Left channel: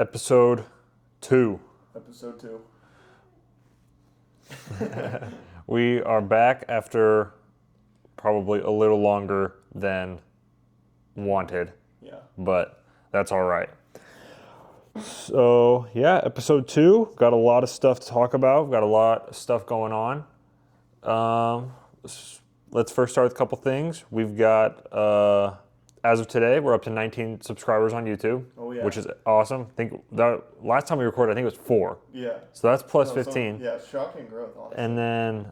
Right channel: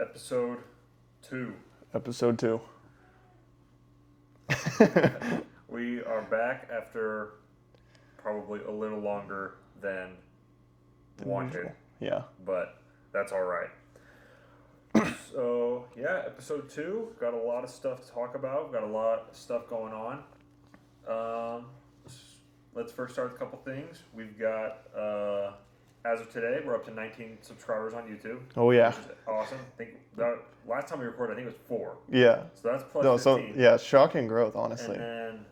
Episode 2. Episode 2. We are back after probably a little longer than wanted, Yeah. but that's all right. So, yeah, episode 2. Got a lot of stuff to talk about. Got a lot of stuff going on. Let's first start with a couple things. We've got, as of today, we're up to 19 subscribers on YouTube. Oh, yeah. Which is awesome. I think the last time we recorded, I think it was 4. Yeah. So that's plus 15. Yeah, shocking growth, honestly. And then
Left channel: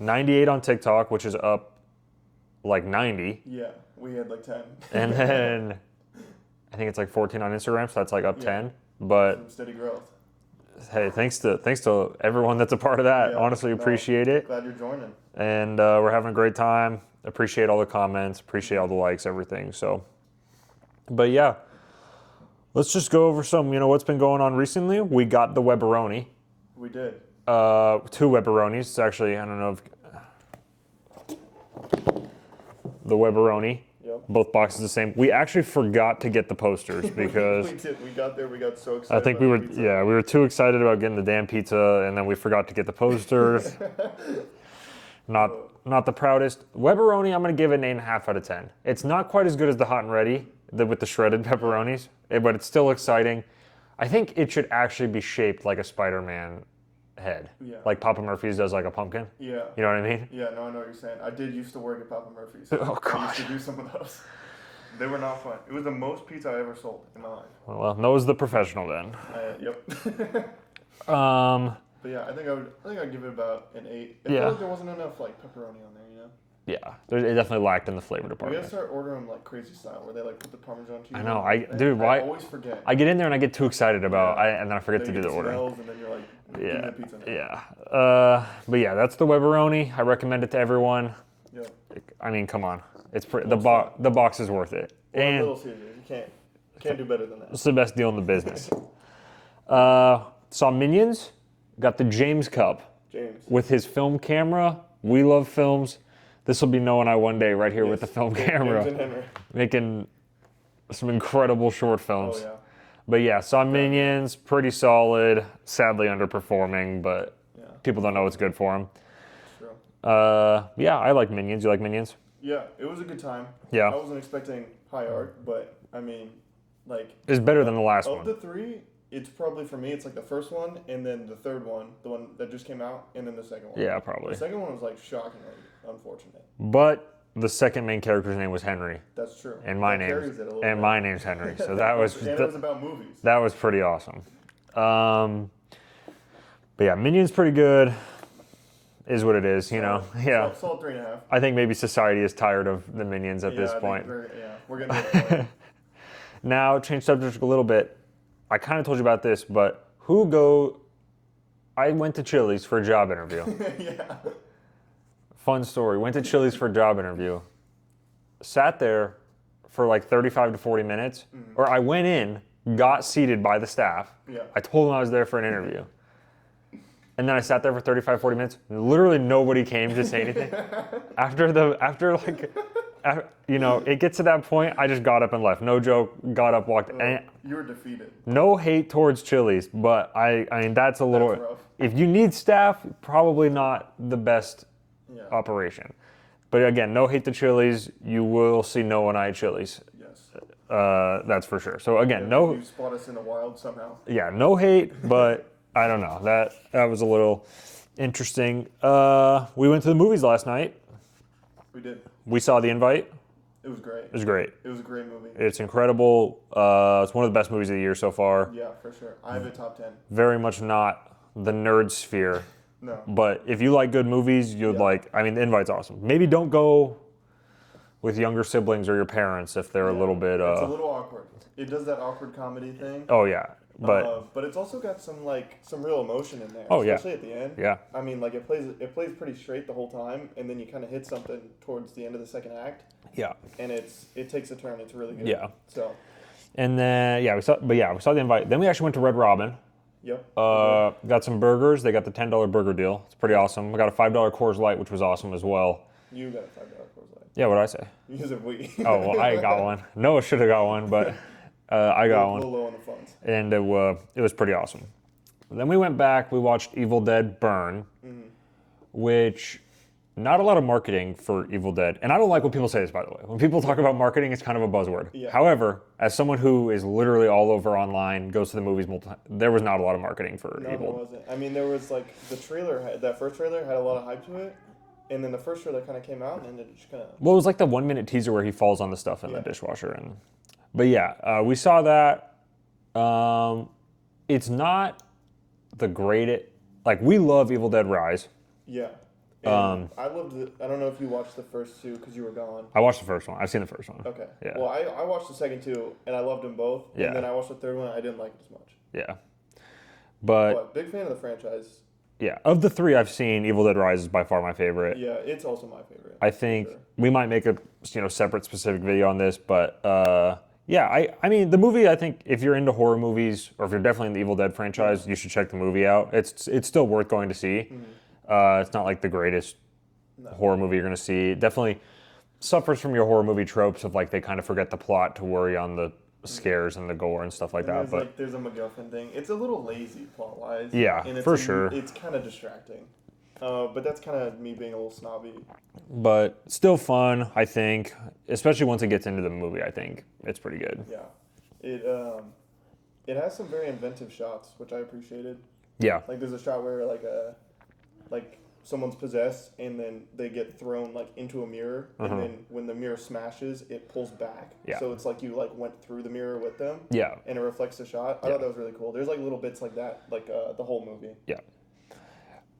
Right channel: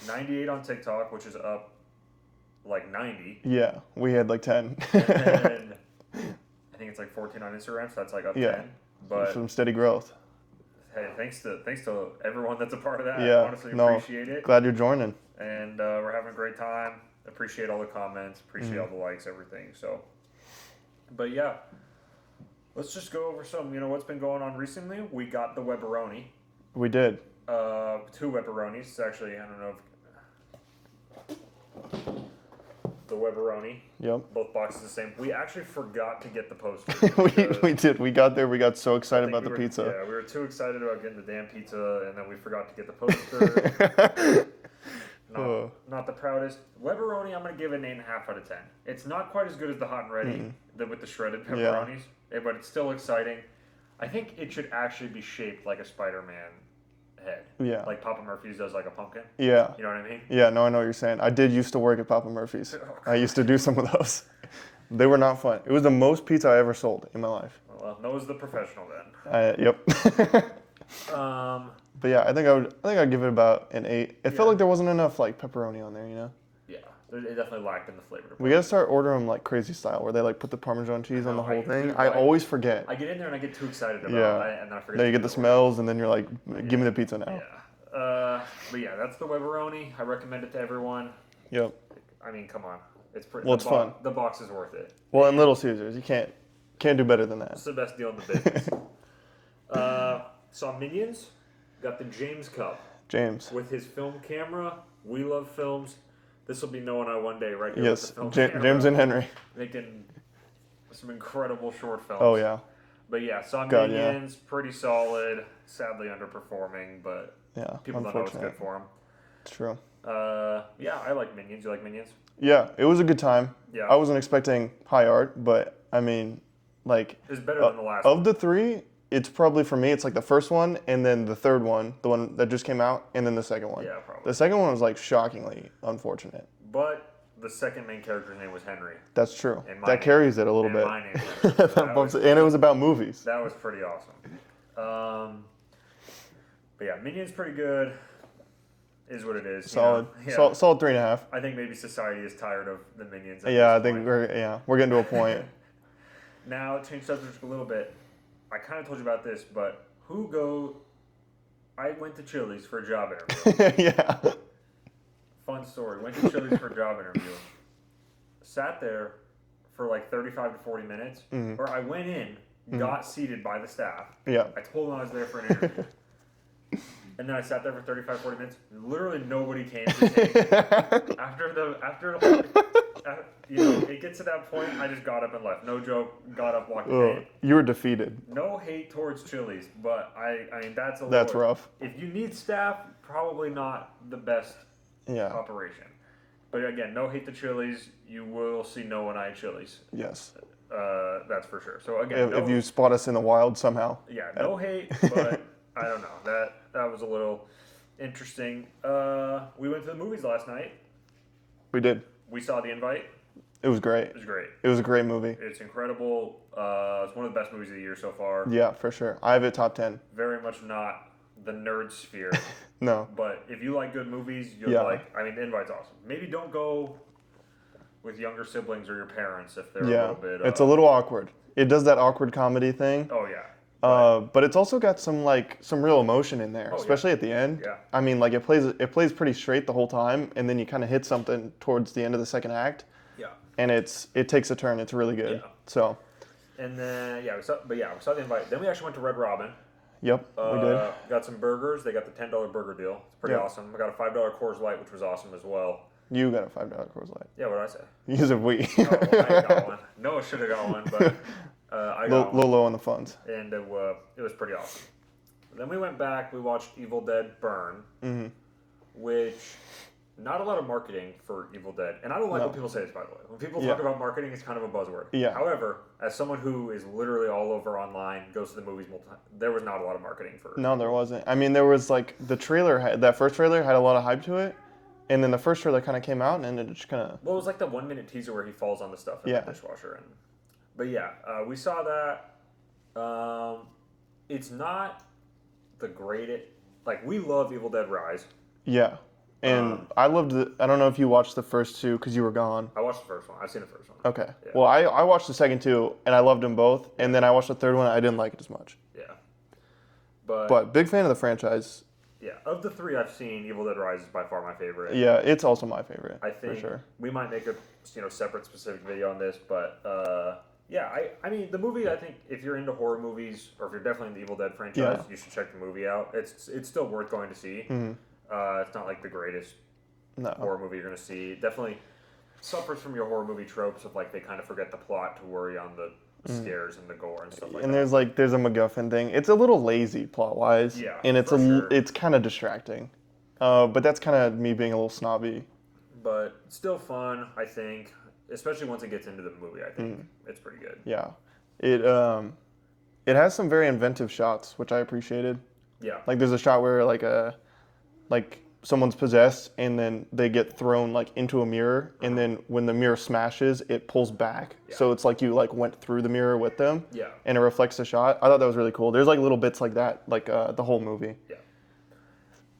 98 on TikTok, which is up like 90. Yeah, we had like 10. And then I think it's like 14 on Instagram, so that's like up 10. But some steady growth. hey, thanks to everyone that's a part of that. Yeah, Honestly, appreciate it. Glad you're joining. And we're having a great time. Appreciate all the comments. Appreciate all the likes, everything. So, but yeah, let's just go over some. What's been going on recently. We got the Webberoni. We did. 2 Webberonis. It's actually, I don't know if the Webberoni. Yep. Both boxes the same. We actually forgot to get the posters because we did. We got there. We got so excited about the pizza. Yeah, we were too excited about getting the damn pizza, and then we forgot to get the posters. Not the proudest. Webberoni, I'm going to give it an 8.5 out of 10. It's not quite as good as the hot and ready with the shredded pepperonis, but it's still exciting. I think it should actually be shaped like a Spider-Man head. Yeah. Like Papa Murphy's does like a pumpkin. Yeah. You know what I mean? Yeah, no, I know what you're saying. I did used to work at Papa Murphy's. Oh, I used to do some of those. They were not fun. It was the most pizza I ever sold in my life. Well, Noah's the professional then. Yep. But yeah, I think I'd give it about an 8. It felt like there wasn't enough like pepperoni on there, you know? Yeah, it definitely lacked in the flavor department. We gotta start ordering them like crazy style, where they like put the Parmesan cheese on the whole thing. Dude, I always forget. I get in there and I get too excited about it, and then I forget then to you do get the order. smells, and then you're like, give me the pizza now. Yeah. But yeah, that's the Webberoni. I recommend it to everyone. Yep. I mean, come on. It's fun. The box is worth it. Well, and and Little Caesars, you can't do better than that. it's the best deal in the business. Saw Minions. Got the James Cup. James. With his film camera. We love films. This will be Noah and I one day right here with the film camera. James and Henry. Making some incredible short films. Oh, yeah. But yeah, saw Minions. Pretty solid. Sadly underperforming, but people don't know what's good for them. It's true. Yeah, I like Minions. You like Minions? Yeah, it was a good time. Yeah. I wasn't expecting high art, but I mean, like... It's better than the last one. Of the 3, it's probably, for me, it's like the first one, and then the third one, the one that just came out, and then the second one. Yeah, probably. The second one was like shockingly unfortunate. But the second main character's name was Henry. That's true. And that carries it a little bit. And my name's Henry. So that was, and it was about movies. That was pretty awesome. But yeah, Minions pretty good. Is what it is, solid, you know. Yeah. Solid 3.5. I think maybe society is tired of the Minions at this point. I think we're getting to a point. Now, change subject a little bit. I kind of told you about this, but I went to Chili's for a job interview. Yeah. Fun story. Went to Chili's for a job interview. Sat there for like 35 to 40 minutes. Or I went in, got seated by the staff. Yeah. I told them I was there for an interview. And then I sat there for 35, 40 minutes. And literally nobody came to say anything. It gets to that point, I just got up and left. No joke, got up, walked. You were defeated. No hate towards Chili's, but I mean, that's rough. If you need staff, probably not the best operation. But again, no hate to Chili's. You will see Noah and I at Chili's. Yes. That's for sure. So again, if you spot us in the wild somehow. Yeah, no hate, but I don't know. That was a little interesting. We went to the movies last night. We did. We saw The Invite. It was great. It was great. It was a great movie. It's incredible. It's one of the best movies of the year so far. Yeah, for sure. I have it top 10. Very much not the nerd sphere. No. But if you like good movies, you'd like... I mean, The Invite's awesome. Maybe don't go with younger siblings or your parents if they're a little bit... it's a little awkward. It does that awkward comedy thing. Oh, yeah. But it's also got some real emotion in there, especially at the end. Yeah. I mean, like it plays pretty straight the whole time, and then you kind of hit something towards the end of the second act. Yeah. And it takes a turn. It's really good. Yeah. So. And then we saw The Invite. Then we actually went to Red Robin. Yep. Got some burgers. They got the $10 burger deal. It's pretty awesome. We got a $5 Coors Light, which was awesome as well. You got a $5 Coors Light. Yeah, what did I say? You said we. Oh, well, I got one. Noah should have got one, but I A got one, little low on the funds. and it was pretty awesome. Then we went back. We watched Evil Dead Burn, which not a lot of marketing for Evil Dead, and I don't like when people say this. By the way, when people talk about marketing, it's kind of a buzzword. Yeah. However, as someone who is literally all over online, goes to the movies multiple times, there was not a lot of marketing for. No, Evil. there wasn't. I mean, there was like the trailer. That first trailer had a lot of hype to it, and then the first trailer kind of came out, and it just kind of. Well, it was like the 1 minute teaser where he falls on the stuff in the dishwasher, but yeah, we saw that. It's not the greatest. Like, we love Evil Dead Rise. Yeah. And I loved it. I don't know if you watched the first two because you were gone. I watched the first one. I've seen the first one. Okay. Yeah. Well, I watched the second two, and I loved them both. Yeah. And then I watched the third one. I didn't like it as much. Yeah. But big fan of the franchise. Yeah, of the three I've seen, Evil Dead Rise is by far my favorite. Yeah, it's also my favorite. I think for sure. we might make a separate specific video on this, but yeah, I mean the movie. I think if you're into horror movies, or if you're definitely in the Evil Dead franchise, you should check the movie out. It's still worth going to see. It's not like the greatest horror movie you're going to see. It definitely suffers from your horror movie tropes of like they kind of forget the plot to worry on the scares and the gore and stuff like And that. there's a MacGuffin thing. It's a little lazy plot wise. Yeah, and it's for sure. It's kind of distracting. But that's kind of me being a little snobby. But still fun, I think, especially once it gets into the movie. I think it's pretty good. Yeah, it has some very inventive shots, which I appreciated. Yeah, Like there's a shot where like someone's possessed and then they get thrown like into a mirror, and then when the mirror smashes, it pulls back. Yeah. So it's like you like went through the mirror with them. Yeah. And it reflects the shot. I thought that was really cool. There's like little bits like that, like the whole movie. yeah.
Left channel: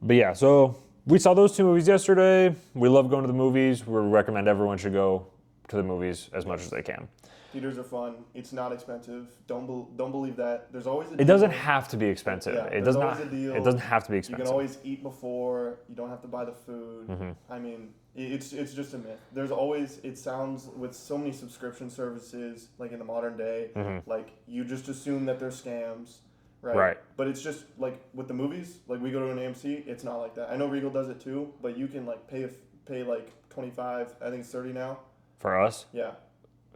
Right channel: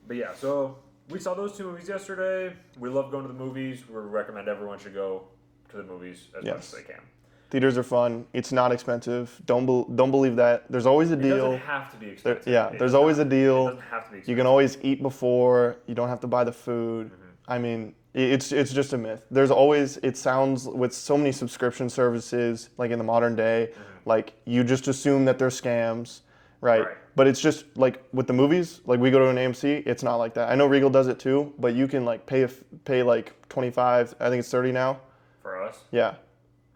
But yeah, so we saw those two movies yesterday. We love going to the movies. We recommend everyone should go to the movies as much as they can. Theaters are fun. It's not expensive. Don't believe that. There's always a deal. It doesn't have to be expensive. Yeah, It there's does always not- a deal. It doesn't have to be You expensive. can always eat before. You don't have to buy the food. I mean, it's just a myth. There's always, it sounds with so many subscription services, like in the modern day, like you just assume that they're scams, right? But it's just like with the movies, like we go to an AMC, it's not like that. I know Regal does it too, but you can like pay like 25, I think it's 30 now. For us, Yeah.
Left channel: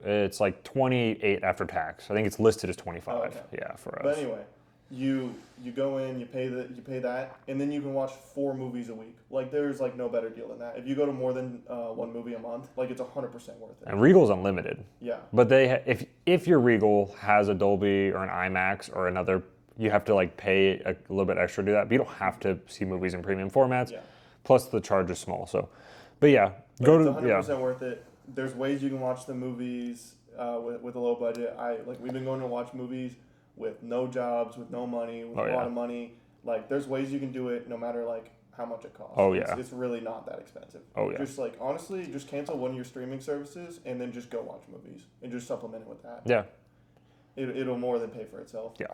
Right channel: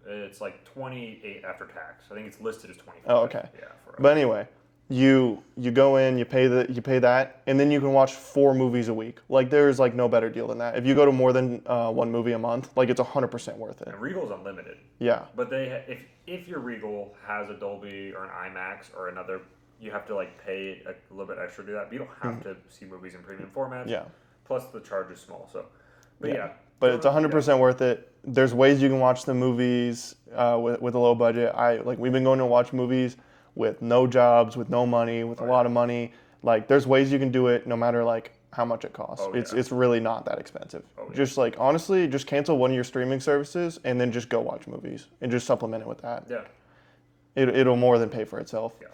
it's like 28 after tax. I think it's listed as 25. Oh, okay. Yeah, for us. But anyway, you go in, you pay that, and then you can watch 4 movies a week. Like there's like no better deal than that. If you go to more than one movie a month, like it's 100% worth it. And Regal's unlimited. Yeah. But if your Regal has a Dolby or an IMAX or another, you have to like pay a little bit extra to do that. But you don't have to see movies in premium formats. Yeah. Plus the charge is small. So, but yeah. But go it's to- 100% worth it. There's ways you can watch the movies with a low budget. We've been going to watch movies with no jobs, with no money, with a lot of money. Like there's ways you can do it no matter like how much it costs. Oh, yeah. It's really not that expensive. Oh, yeah. Just like honestly, just cancel one of your streaming services and then just go watch movies and just supplement it with that. Yeah. It'll more than pay for itself. Yeah.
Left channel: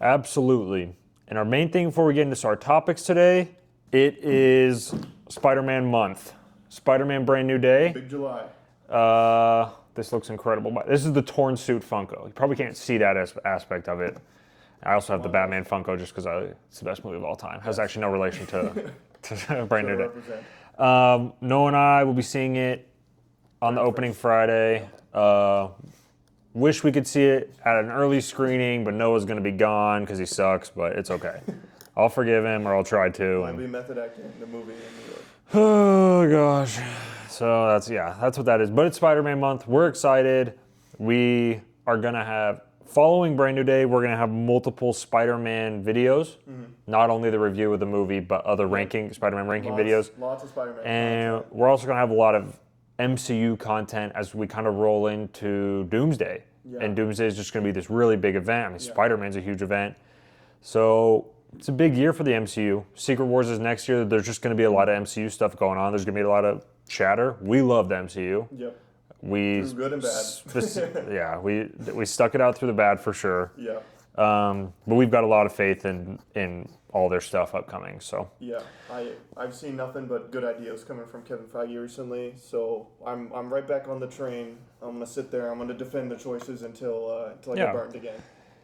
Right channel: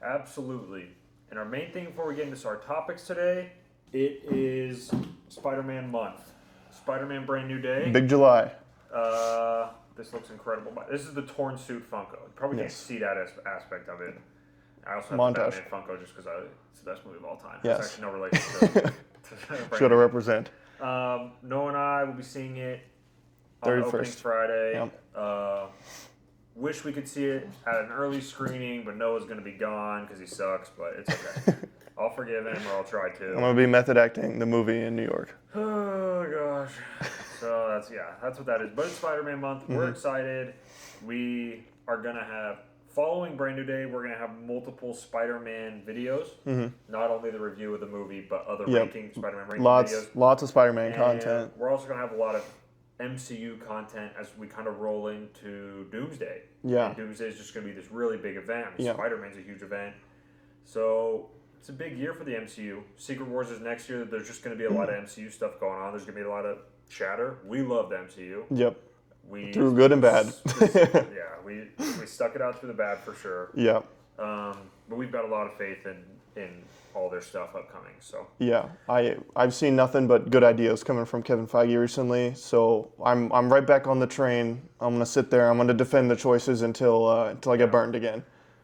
Absolutely. And our main thing before we get into our topics today, it is Spider-Man month. Spider-Man Brand New Day. Big July. This looks incredible. This is the torn suit Funko. You probably can't see that aspect of it. I also have the Batman Funko just because it's the best movie of all time. Has actually no relation to Brand Should New have Day. represent. Noah and I will be seeing it on the 31st. opening Friday. Wish we could see it at an early screening, but Noah's going to be gone because he sucks, but it's okay. I'll forgive him, or I'll try I'm to. gonna be method acting the movie in New York. Oh, gosh. So that's what that is. But it's Spider-Man month. We're excited. We are going to have, following Brand New Day, we're going to have multiple Spider-Man videos. Not only the review of the movie, but other Spider-Man ranking videos. Lots of Spider-Man And content. we're also going to have a lot of MCU content as we kind of roll into Doomsday. Yeah. And Doomsday is just going to be this really big event. I mean, Yeah. Spider-Man's a huge event. So it's a big year for the MCU. Secret Wars is next year. There's just going to be a lot of MCU stuff going on. There's going to be a lot of chatter. We love the MCU. Yep. We Through good and bad. yeah, we stuck it out through the bad for sure. Yep. But we've got a lot of faith in all their stuff upcoming. So Yeah, I've seen nothing but good ideas coming from Kevin Feige recently, so I'm right back on the train. I'm gonna sit there. I'm gonna defend the choices until I get burned again.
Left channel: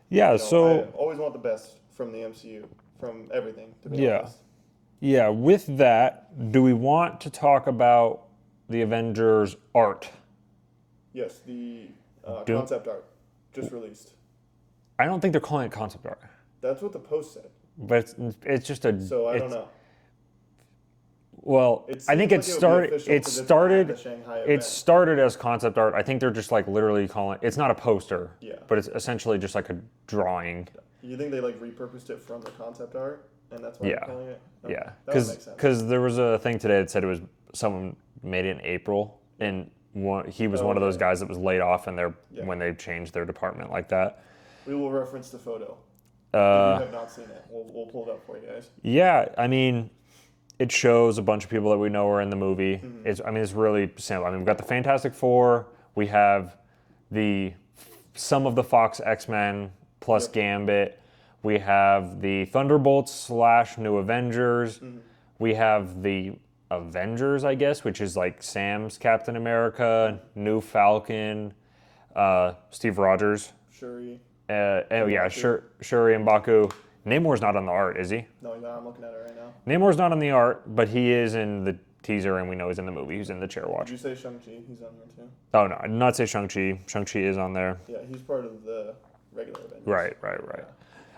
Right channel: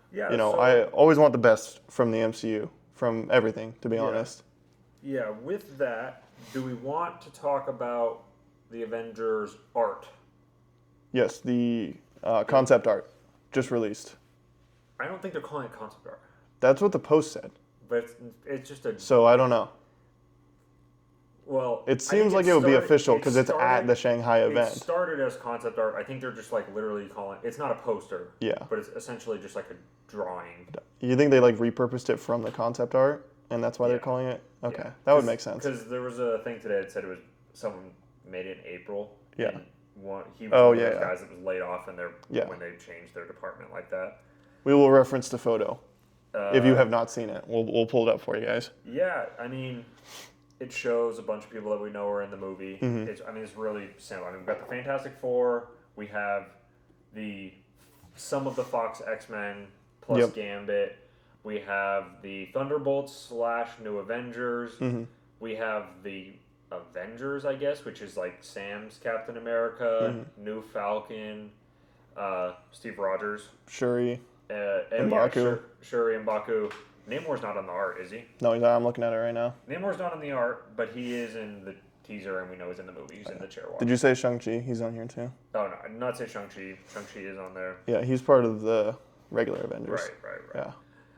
yeah, You know, so I always want the best from the MCU, from everything. To be honest. yeah. With that, do we want to talk about the Avengers art? Yes, the concept art. just released. I don't think they're calling it concept art. That's what the post said. But it's just a... So I don't know. Well, It I seems think like it would be official because it's at the Shanghai event. It started as concept art. I think they're just like literally calling it's not a poster. Yeah. But it's essentially just like a drawing. You think they like repurposed it from the concept art and that's why they're calling it? Okay. Yeah. That would make sense. Because there was a thing today that said it was someone made it in April and he was one of those guys that was laid off and when they changed their department like that. We will reference the photo. If you have not seen it, we'll pull it up for you guys. Yeah, I mean, it shows a bunch of people that we know are in the movie. It's really simple. I mean, we've got the Fantastic Four. We have some of the Fox X-Men plus Gambit. We have the Thunderbolts / New Avengers. We have the Avengers, I guess, which is like Sam's Captain America, New Falcon, Steve Rogers, Shuri. Shuri and Baku. Namor's not on the art, is he? No, he's not. I'm looking at it right now. Namor's not on the art, but he is in the teaser, and we know he's in the movie. He's in the chair watch. Did you say Shang-Chi? He's on here too. Oh no, I did not say Shang-Chi. Shang-Chi is on there. Yeah, he's part of the regular Avengers. Right. Yeah.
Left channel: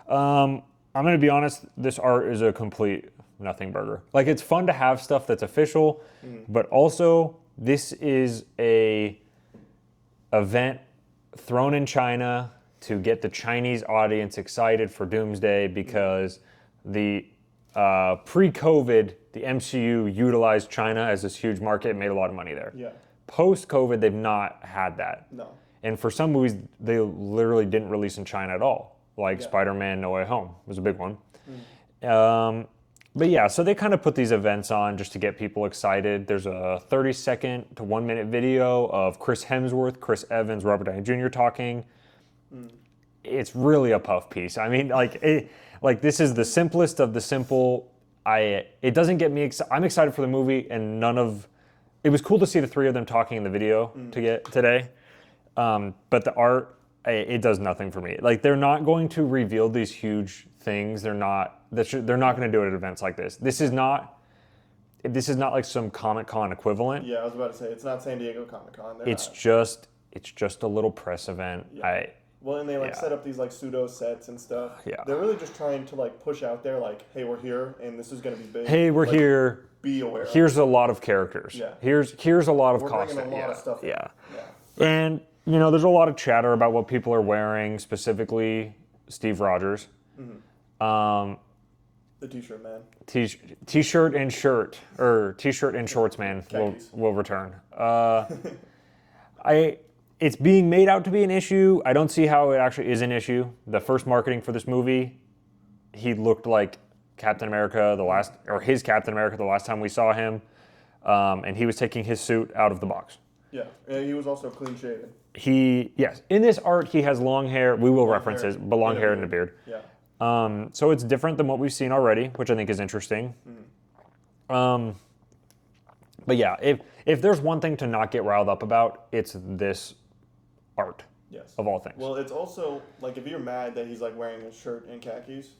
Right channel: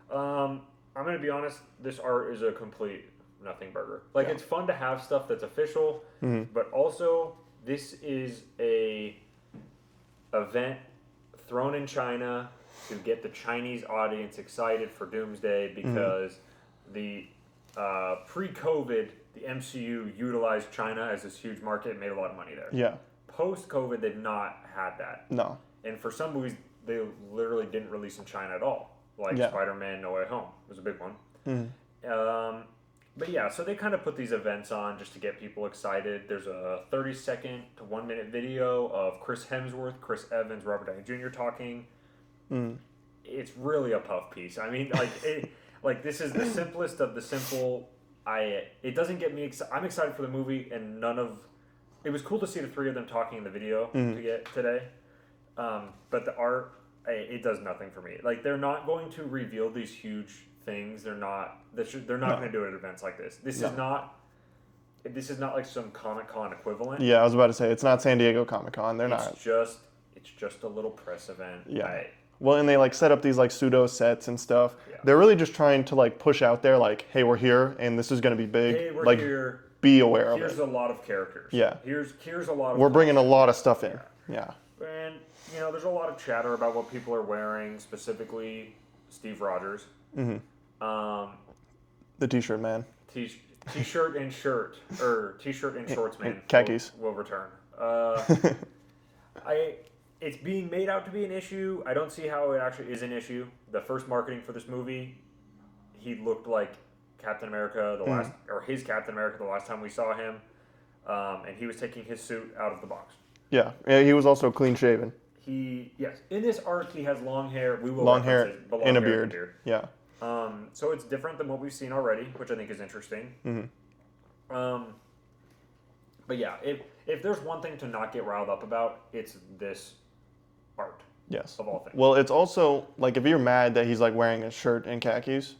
I'm gonna be honest. This art is a complete nothing burger. Like it's fun to have stuff that's official, but also this is a event thrown in China to get the Chinese audience excited for Doomsday because the pre-COVID, the MCU utilized China as this huge market, made a lot of money there. Yeah. Post-COVID, they've not had that. No. And for some movies, they literally didn't release in China at all. Like Spider-Man No Way Home was a big one. But yeah, so they kind of put these events on just to get people excited. There's a 30-second to 1-minute video of Chris Hemsworth, Chris Evans, Robert Downey Jr. talking. It's really a puff piece. I mean, like this is the simplest of the simple. It doesn't get me excited. I'm excited for the movie, and it was cool to see the three of them talking in the video today. But the art, it does nothing for me. Like they're not going to reveal these huge things. They're not going to do it at events like this. This is not like some Comic-Con equivalent. Yeah, I was about to say it's not San Diego Comic-Con. It's just a little press event. Yeah. Well, and they set up these like pseudo sets and stuff. Yeah. They're really just trying to like push out there like, hey, we're here and this is going to be big. Hey, we're here. Be aware. Here's a lot of characters. Yeah. Here's a lot of. We're bringing a lot of stuff in. Yeah. And there's a lot of chatter about what people are wearing, specifically Steve Rogers. The T-shirt man. T-shirt and shirt, or T-shirt and shorts man. Khakis. Will return. It's being made out to be an issue. I don't see how it actually is an issue. The first marketing for this movie, he looked like Captain America his Captain America the last time we saw him, and he was taking his suit out of the box. Yeah, he was also clean shaven. In this art he has long hair. We will reference his long hair and a beard. Yeah. So it's different than what we've seen already, which I think is interesting. But yeah, if there's one thing to not get riled up about, it's this art. Yes. Of all things. Well, it's also like if you're mad that he's like wearing a shirt and khakis,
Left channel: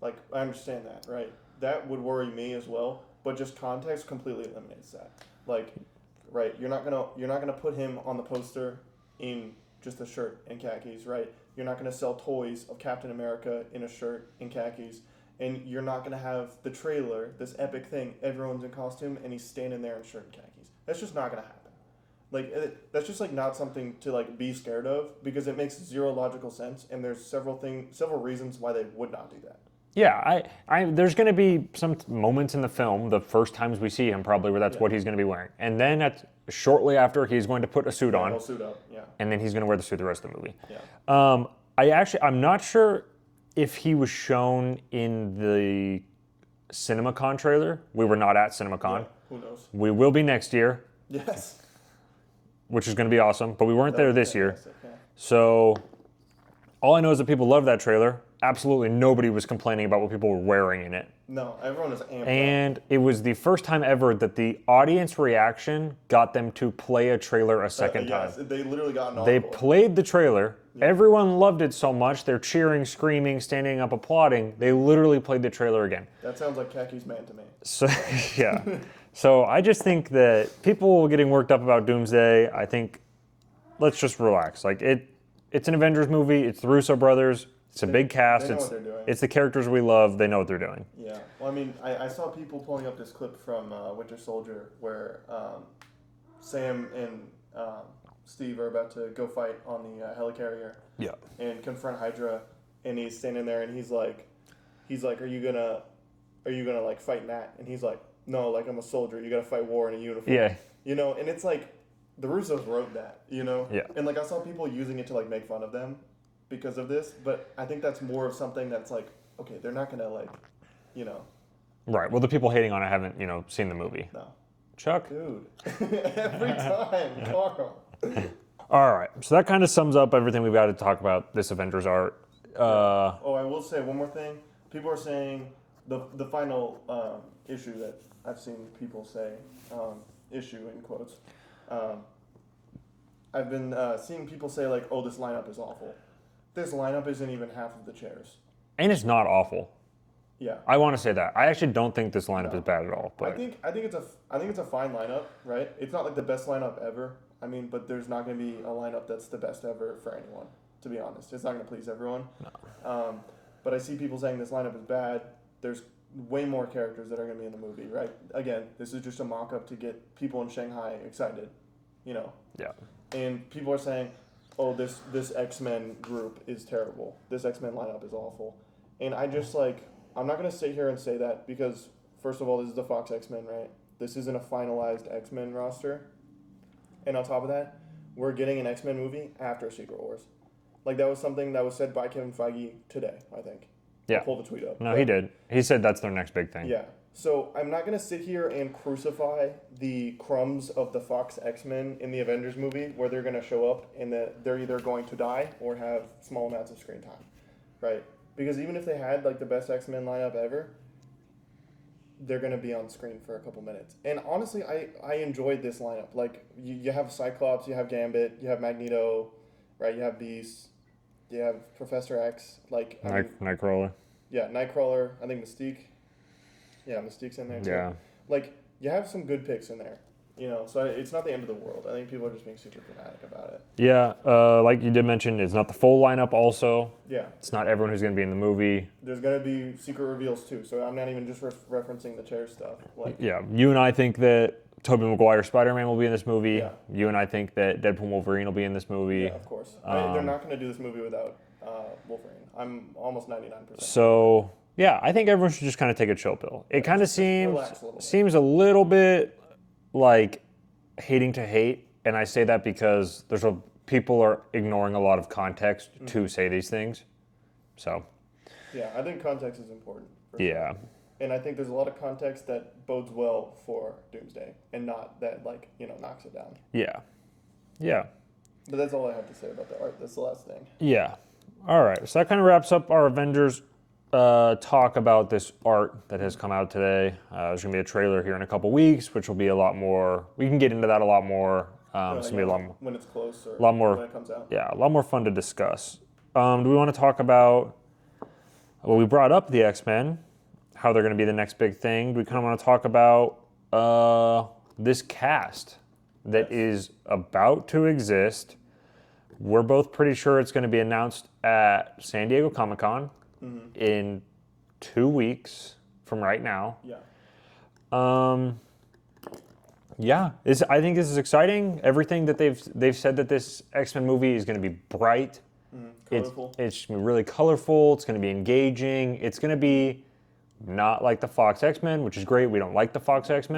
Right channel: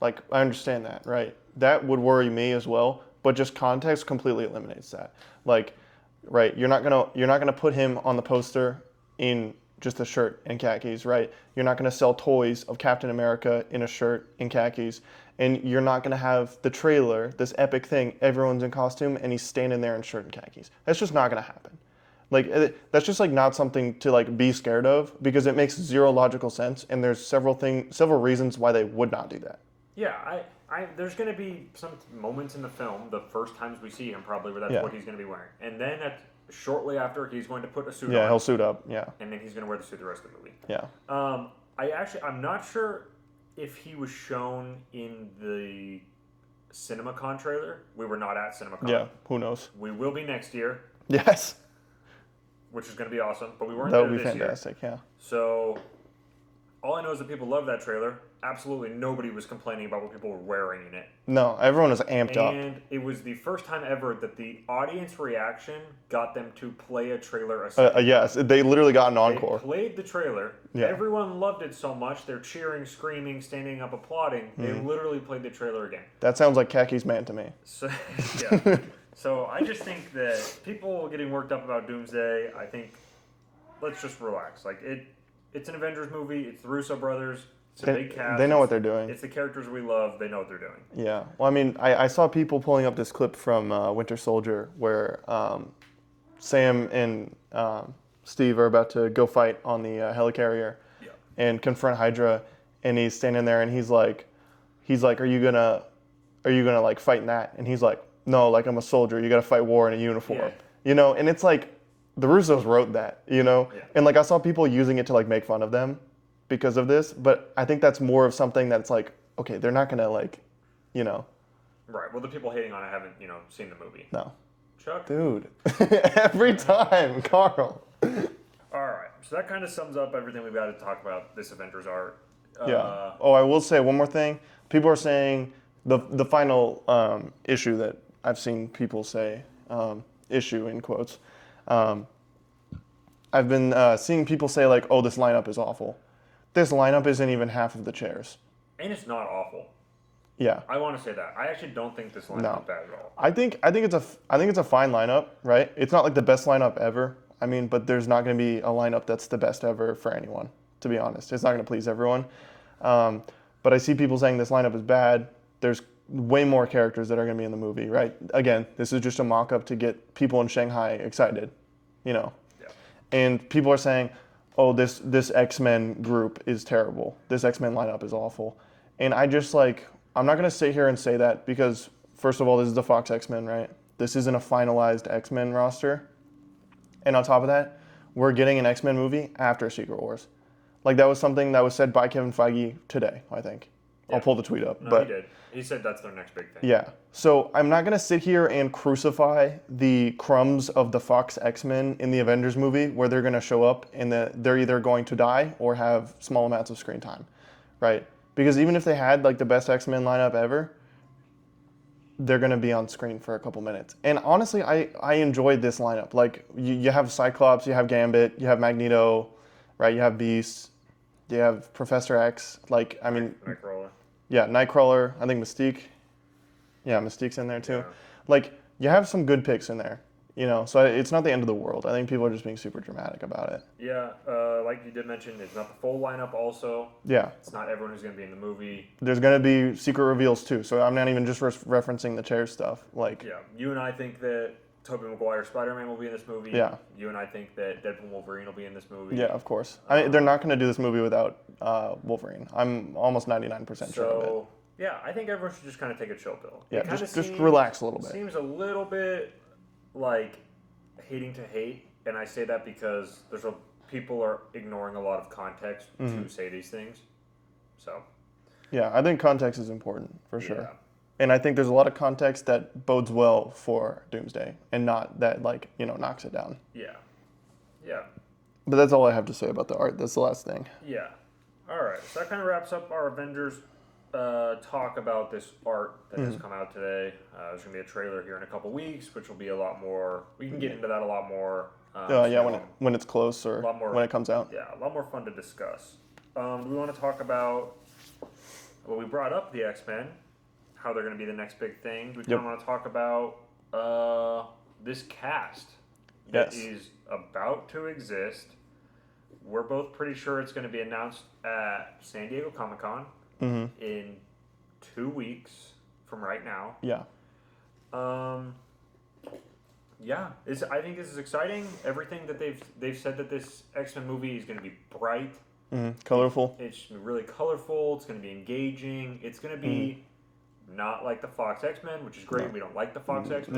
like I understand that, right? That would worry me as well. But just context completely eliminates that. Like, right? You're not gonna put him on the poster in just a shirt and khakis, right? You're not gonna sell toys of Captain America in a shirt and khakis. And you're not going to have the trailer, this epic thing, everyone's in costume, and he's standing there in shirt and khakis. That's just not going to happen. Like, that's just, like, not something to, like, be scared of, because it makes zero logical sense, and there's several reasons why they would not do that. Yeah, there's going to be some moments in the film, the first times we see him probably, where that's what he's going to be wearing. And then shortly after, he's going to put a suit on. Yeah, he'll suit up, And then he's going to wear the suit the rest of the movie. Yeah. I'm not sure if he was shown in the CinemaCon trailer. We were not at CinemaCon. Yeah, who knows? We will be next year. Yes. Which is going to be awesome, but we weren't there this year. Yeah. So all I know is that people love that trailer. Absolutely nobody was complaining about what people were wearing in it. No, everyone was amped up. And it was the first time ever that the audience reaction got them to play a trailer a second time. Yes, they literally got an encore. They played the trailer. Yeah. Everyone loved it so much. They're cheering, screaming, standing up, applauding. They literally played the trailer again. That sounds like Khakis Man to me. So, yeah. So I just think that people getting worked up about Doomsday, I think let's just relax. Like it's an Avengers movie. It's the Russo brothers. It's a big cast. They know It's- what they're doing. It's the characters we love. They know what they're doing. Yeah. Well, I mean, I saw people pulling up this clip from Winter Soldier where Sam and Steve are about to go fight on the helicarrier Yeah. and confront Hydra, and he's standing there and he's like, are you gonna like fight in that? And he's like, no, like I'm a soldier. You gotta fight war in a uniform. Yeah. You know, and it's like the Russos wrote that, you know? Yeah. And like I saw people using it to like make fun of them because of this, but I think that's more of something that's like, okay, they're not gonna like, you know. Right. Well, the people hating on it haven't, seen the movie. No. Chuck? Dude. Every time, Carl. All right. So that kind of sums up everything we've got to talk about this Avengers art. Yeah. Oh, I will say one more thing. People are saying the final issue that I've seen people say, issue in quotes. I've been seeing people say like, oh, this lineup is awful. This lineup isn't even half of the chairs. And it's not awful. Yeah. I want to say that. I actually don't think this lineup No. is bad at all. I think it's a fine lineup, right? It's not like the best lineup ever. I mean, but there's not going to be a lineup that's the best ever for anyone. To be honest, it's not going to please everyone. No. But I see people saying this lineup is bad. There's way more characters that are going to be in the movie, right? Again, this is just a mock-up to get people in Shanghai excited, you know. Yeah. And people are saying, oh, this X-Men group is terrible. This X-Men lineup is awful. And I just like, I'm not going to sit here and say that because, first of all, this is the Fox X-Men, right? This isn't a finalized X-Men roster. And on top of that, we're getting an X-Men movie after Secret Wars. Like, that was something that was said by Kevin Feige today, I think. Yeah. I'll pull the tweet up. No, but, he did. He said that's their next big thing. Yeah. So I'm not going to sit here and crucify the crumbs of the Fox X-Men in the Avengers movie where they're going to show up and they're either going to die or have small amounts of screen time, right? Because even if they had like the best X-Men lineup ever, they're going to be on screen for a couple minutes. And honestly, I enjoyed this lineup. Like, you have Cyclops, you have Gambit, you have Magneto, right? You have Beast, you have Professor X. Like, I mean, Nightcrawler. Yeah, Nightcrawler. I think Mystique. Yeah, Mystique's in there too. Yeah. Like, you have some good picks in there, you know. So it's not the end of the world. I think people are just being super dramatic about it. Yeah, like you did mention, it's not the full lineup also. Yeah. It's not everyone who's going to be in the movie. There's going to be secret reveals too. So I'm not even just referencing the chair stuff. Like, Yeah, you and I think that Tobey Maguire Spider-Man will be in this movie. Yeah. You and I think that Deadpool Wolverine will be in this movie. yeah, of course. I mean, they're not going to do this movie without Wolverine. I'm almost 99% sure. So, yeah, I think everyone should just kind of take a chill pill. Yeah, It kind of just seems relax a little bit. Seems a little bit like hating to hate, and I say that because people are ignoring a lot of context to say these things. So, Yeah, I think context is important for sure. yeah. And I think there's a lot of context that bodes well for Doomsday and not that, like, you know, knocks it down. Yeah. Yeah. But that's all I have to say about the art. That's the last thing. Yeah. All right. So that kind of wraps up our Avengers talk about this art that has come out today. There's going to be a trailer here in a couple weeks, which will be a lot more. We can get into that a lot more. Yeah, when it's close or lot more- when it comes out. Yeah, a lot more fun to discuss. Do we want to talk about? Well, we brought up the X-Men, how they're going to be the next big thing. Do we kind of want to talk about this cast that Yes. is about to exist? We're both pretty sure it's going to be announced at San Diego Comic-Con in 2 weeks from right now. Yeah. Yeah, I think this is exciting. Everything that they've said that this X-Men movie is going to be bright. Colorful. It's going to be really colorful. It's going to be engaging. It's going to be not like the Fox X-Men, which is great. We don't like the Fox X-Men.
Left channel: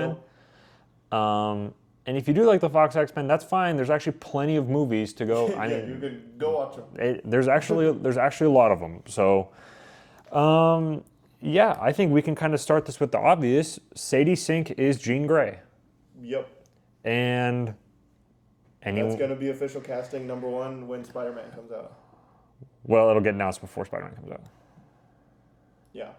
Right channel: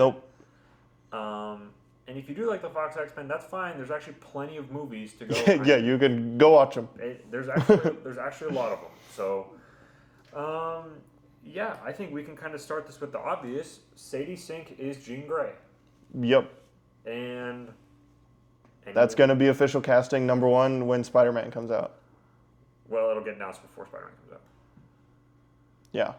Nope. And if you do like the Fox X-Men, that's fine. There's actually plenty of movies to go. Yeah, you can go watch them. There's actually a lot of them. So, yeah, I think we can kind of start this with the obvious. Sadie Sink is Jean Grey, Yep. and That's going to be official casting number 1 when Spider-Man comes out. well, it'll get announced before Spider-Man comes out. Yeah.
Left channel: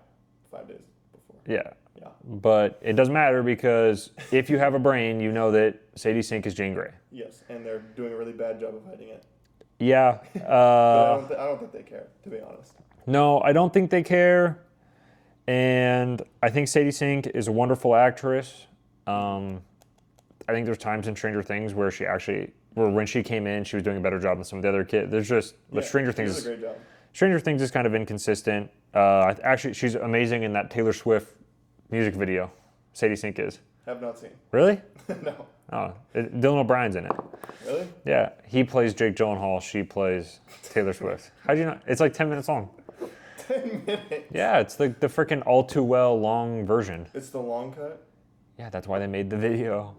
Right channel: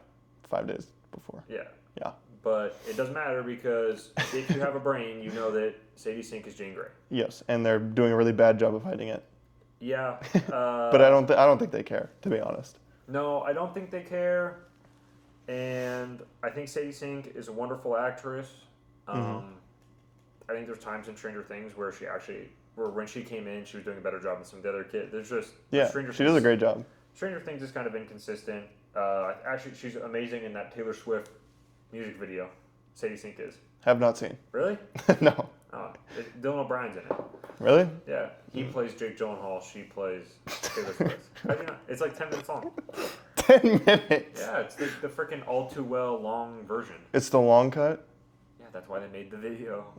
5 days before. Yeah. Yeah. But it doesn't matter because if you have a brain, you know that Sadie Sink is Jean Grey. Yes, and they're doing a really bad job of hiding it. Yeah. But I don't think they care, to be honest. No, I don't think they care. And I think Sadie Sink is a wonderful actress. I think there's times in Stranger Things where she actually, or when she came in, she was doing a better job than some of the other kids. There's just Stranger she Things. does a great job. Stranger Things is kind of inconsistent. Actually, she's amazing in that Taylor Swift music video. Sadie Sink is. Have not seen. Really? No. Oh, Dylan O'Brien's in it. Really? Yeah, he plays Jake Gyllenhaal. She plays Taylor Swift. How'd you not? It's like 10 minutes long. 10 minutes. Yeah, it's the freaking All Too Well long version. It's the long cut. Yeah, that's why they made the video.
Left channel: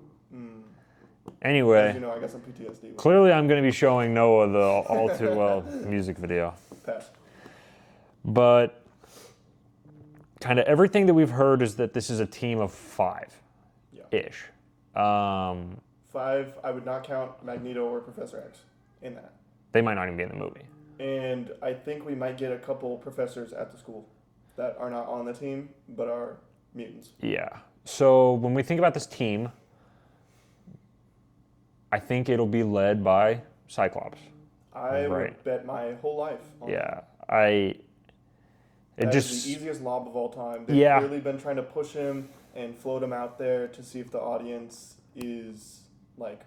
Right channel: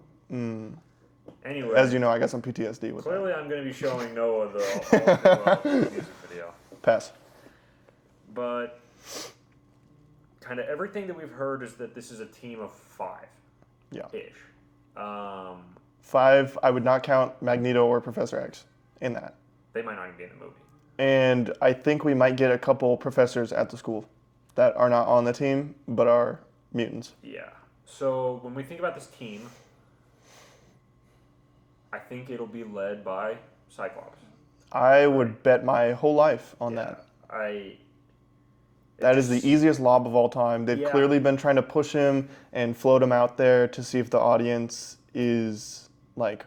Anyway, As you know, I got some PTSD with clearly I'm going to be showing Noah the All Too Well music video. Pass. But kind of everything that we've heard is that this is a team of 5-ish. Yeah. 5, I would not count Magneto or Professor X in that. They might not even be in the movie. And I think we might get a couple professors at the school that are not on the team, but are mutants. Yeah. So when we think about this team, I think it'll be led by Cyclops. I would bet my whole life on that. That is the easiest lob of all time. They've clearly been trying to push him and float him out there to see if the audience is like,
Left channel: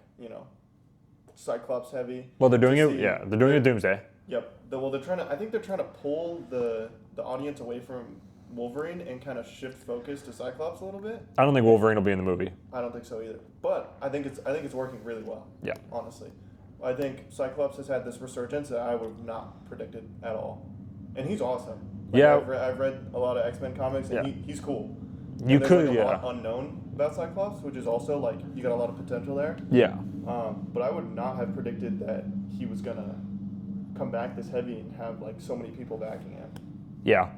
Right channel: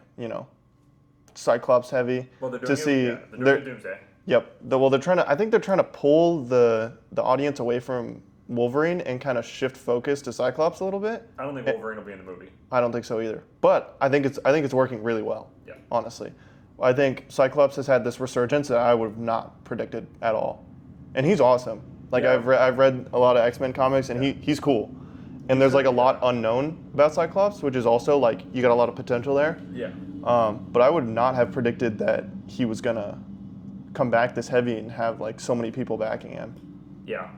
Cyclops heavy. Well, they're doing it. They're doing it Doomsday. Yep. They're trying to. I think they're trying to pull the audience away from Wolverine and kind of shift focus to Cyclops a little bit. I don't think Wolverine will be in the movie. I don't think so either. But I think it's working really well. Yeah. Honestly, I think Cyclops has had this resurgence that I would have not predicted at all, and he's awesome. Like I've read a lot of X-Men comics, and he's cool. And there's like a lot unknown about Cyclops, which is also like you got a lot of potential there. Yeah. But I would not have predicted that he was gonna come back this heavy and have like so many people backing him. Yeah.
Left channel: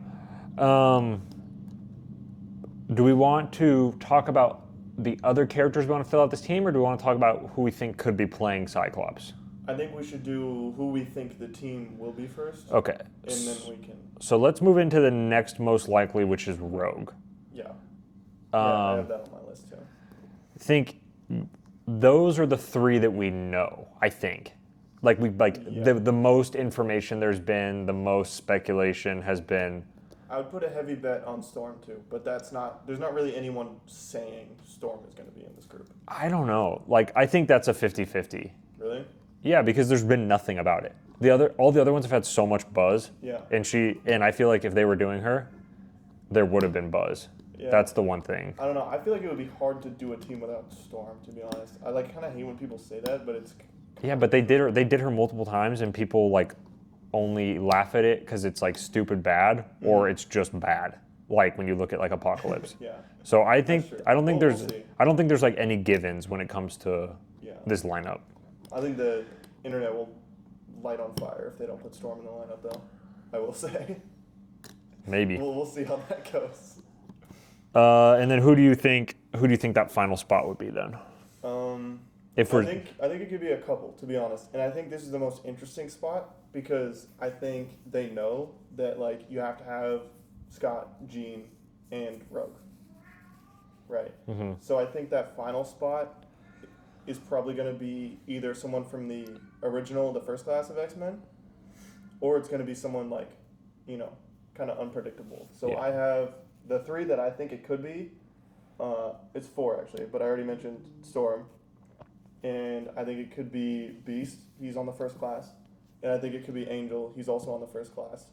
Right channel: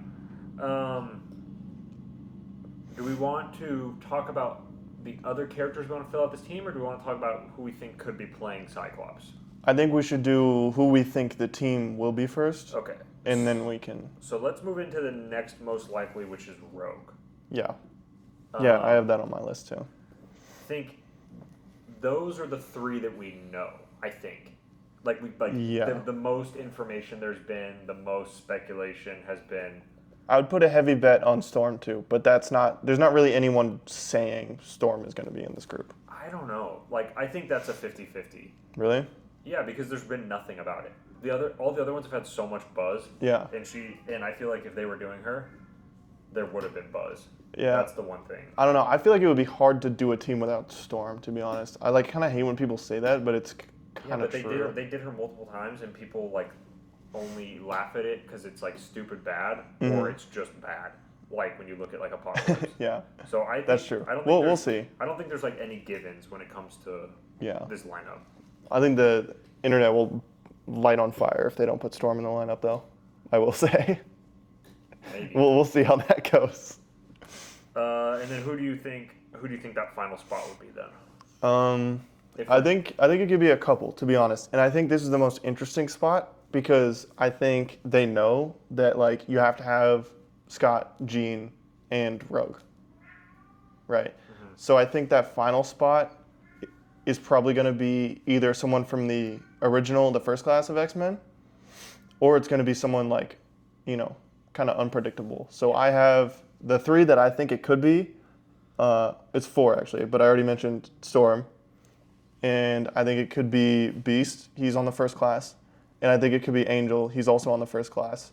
Do we want to talk about the other characters we want to fill out this team, or do we want to talk about who we think could be playing Cyclops? I think we should do who we think the team will be first. Okay. And then we can. So let's move into the next most likely, which is Rogue. Yeah. Yeah, I have that on my list too. I think those are the 3 that we know, I think. The most information there's been, the most speculation has been. I would put a heavy bet on Storm too, but there's not really anyone saying Storm is going to be in this group. I don't know. I think that's a 50-50. Really? Yeah, because there's been nothing about it. All the other ones have had so much buzz. Yeah. And I feel like if they were doing her, there would have been buzz. Yeah. That's the one thing. I don't know. I feel like it would be hard to do a team without Storm, to be honest. I kind of hate when people say that, but it's but they did her multiple times, and people only laugh at it because it's stupid bad, or it's just bad. When you look at Apocalypse. Yeah. So I think that's true. I don't think we'll see. I don't think there's any givens when it comes to this lineup. I think the internet will light on fire if they don't put Storm in the lineup, though. I will say. Maybe. We'll see how that goes. And then who do you think that final spot would be then? I think it could be a couple, to be honest. And I think this is the most interesting spot because I think they know that you have to have Scott, Jean, and Rogue. Right? Mm-hmm. So I think that final spot is probably going to be either someone from the first class of X-Men, or it's going to be someone kind of unpredictable. So I have the 3 that I think it could be. It's 4 actually, but I already mentioned Storm. And I think it could be Beast. He's on the first class. And I think it could be Angel. He's also on the first class.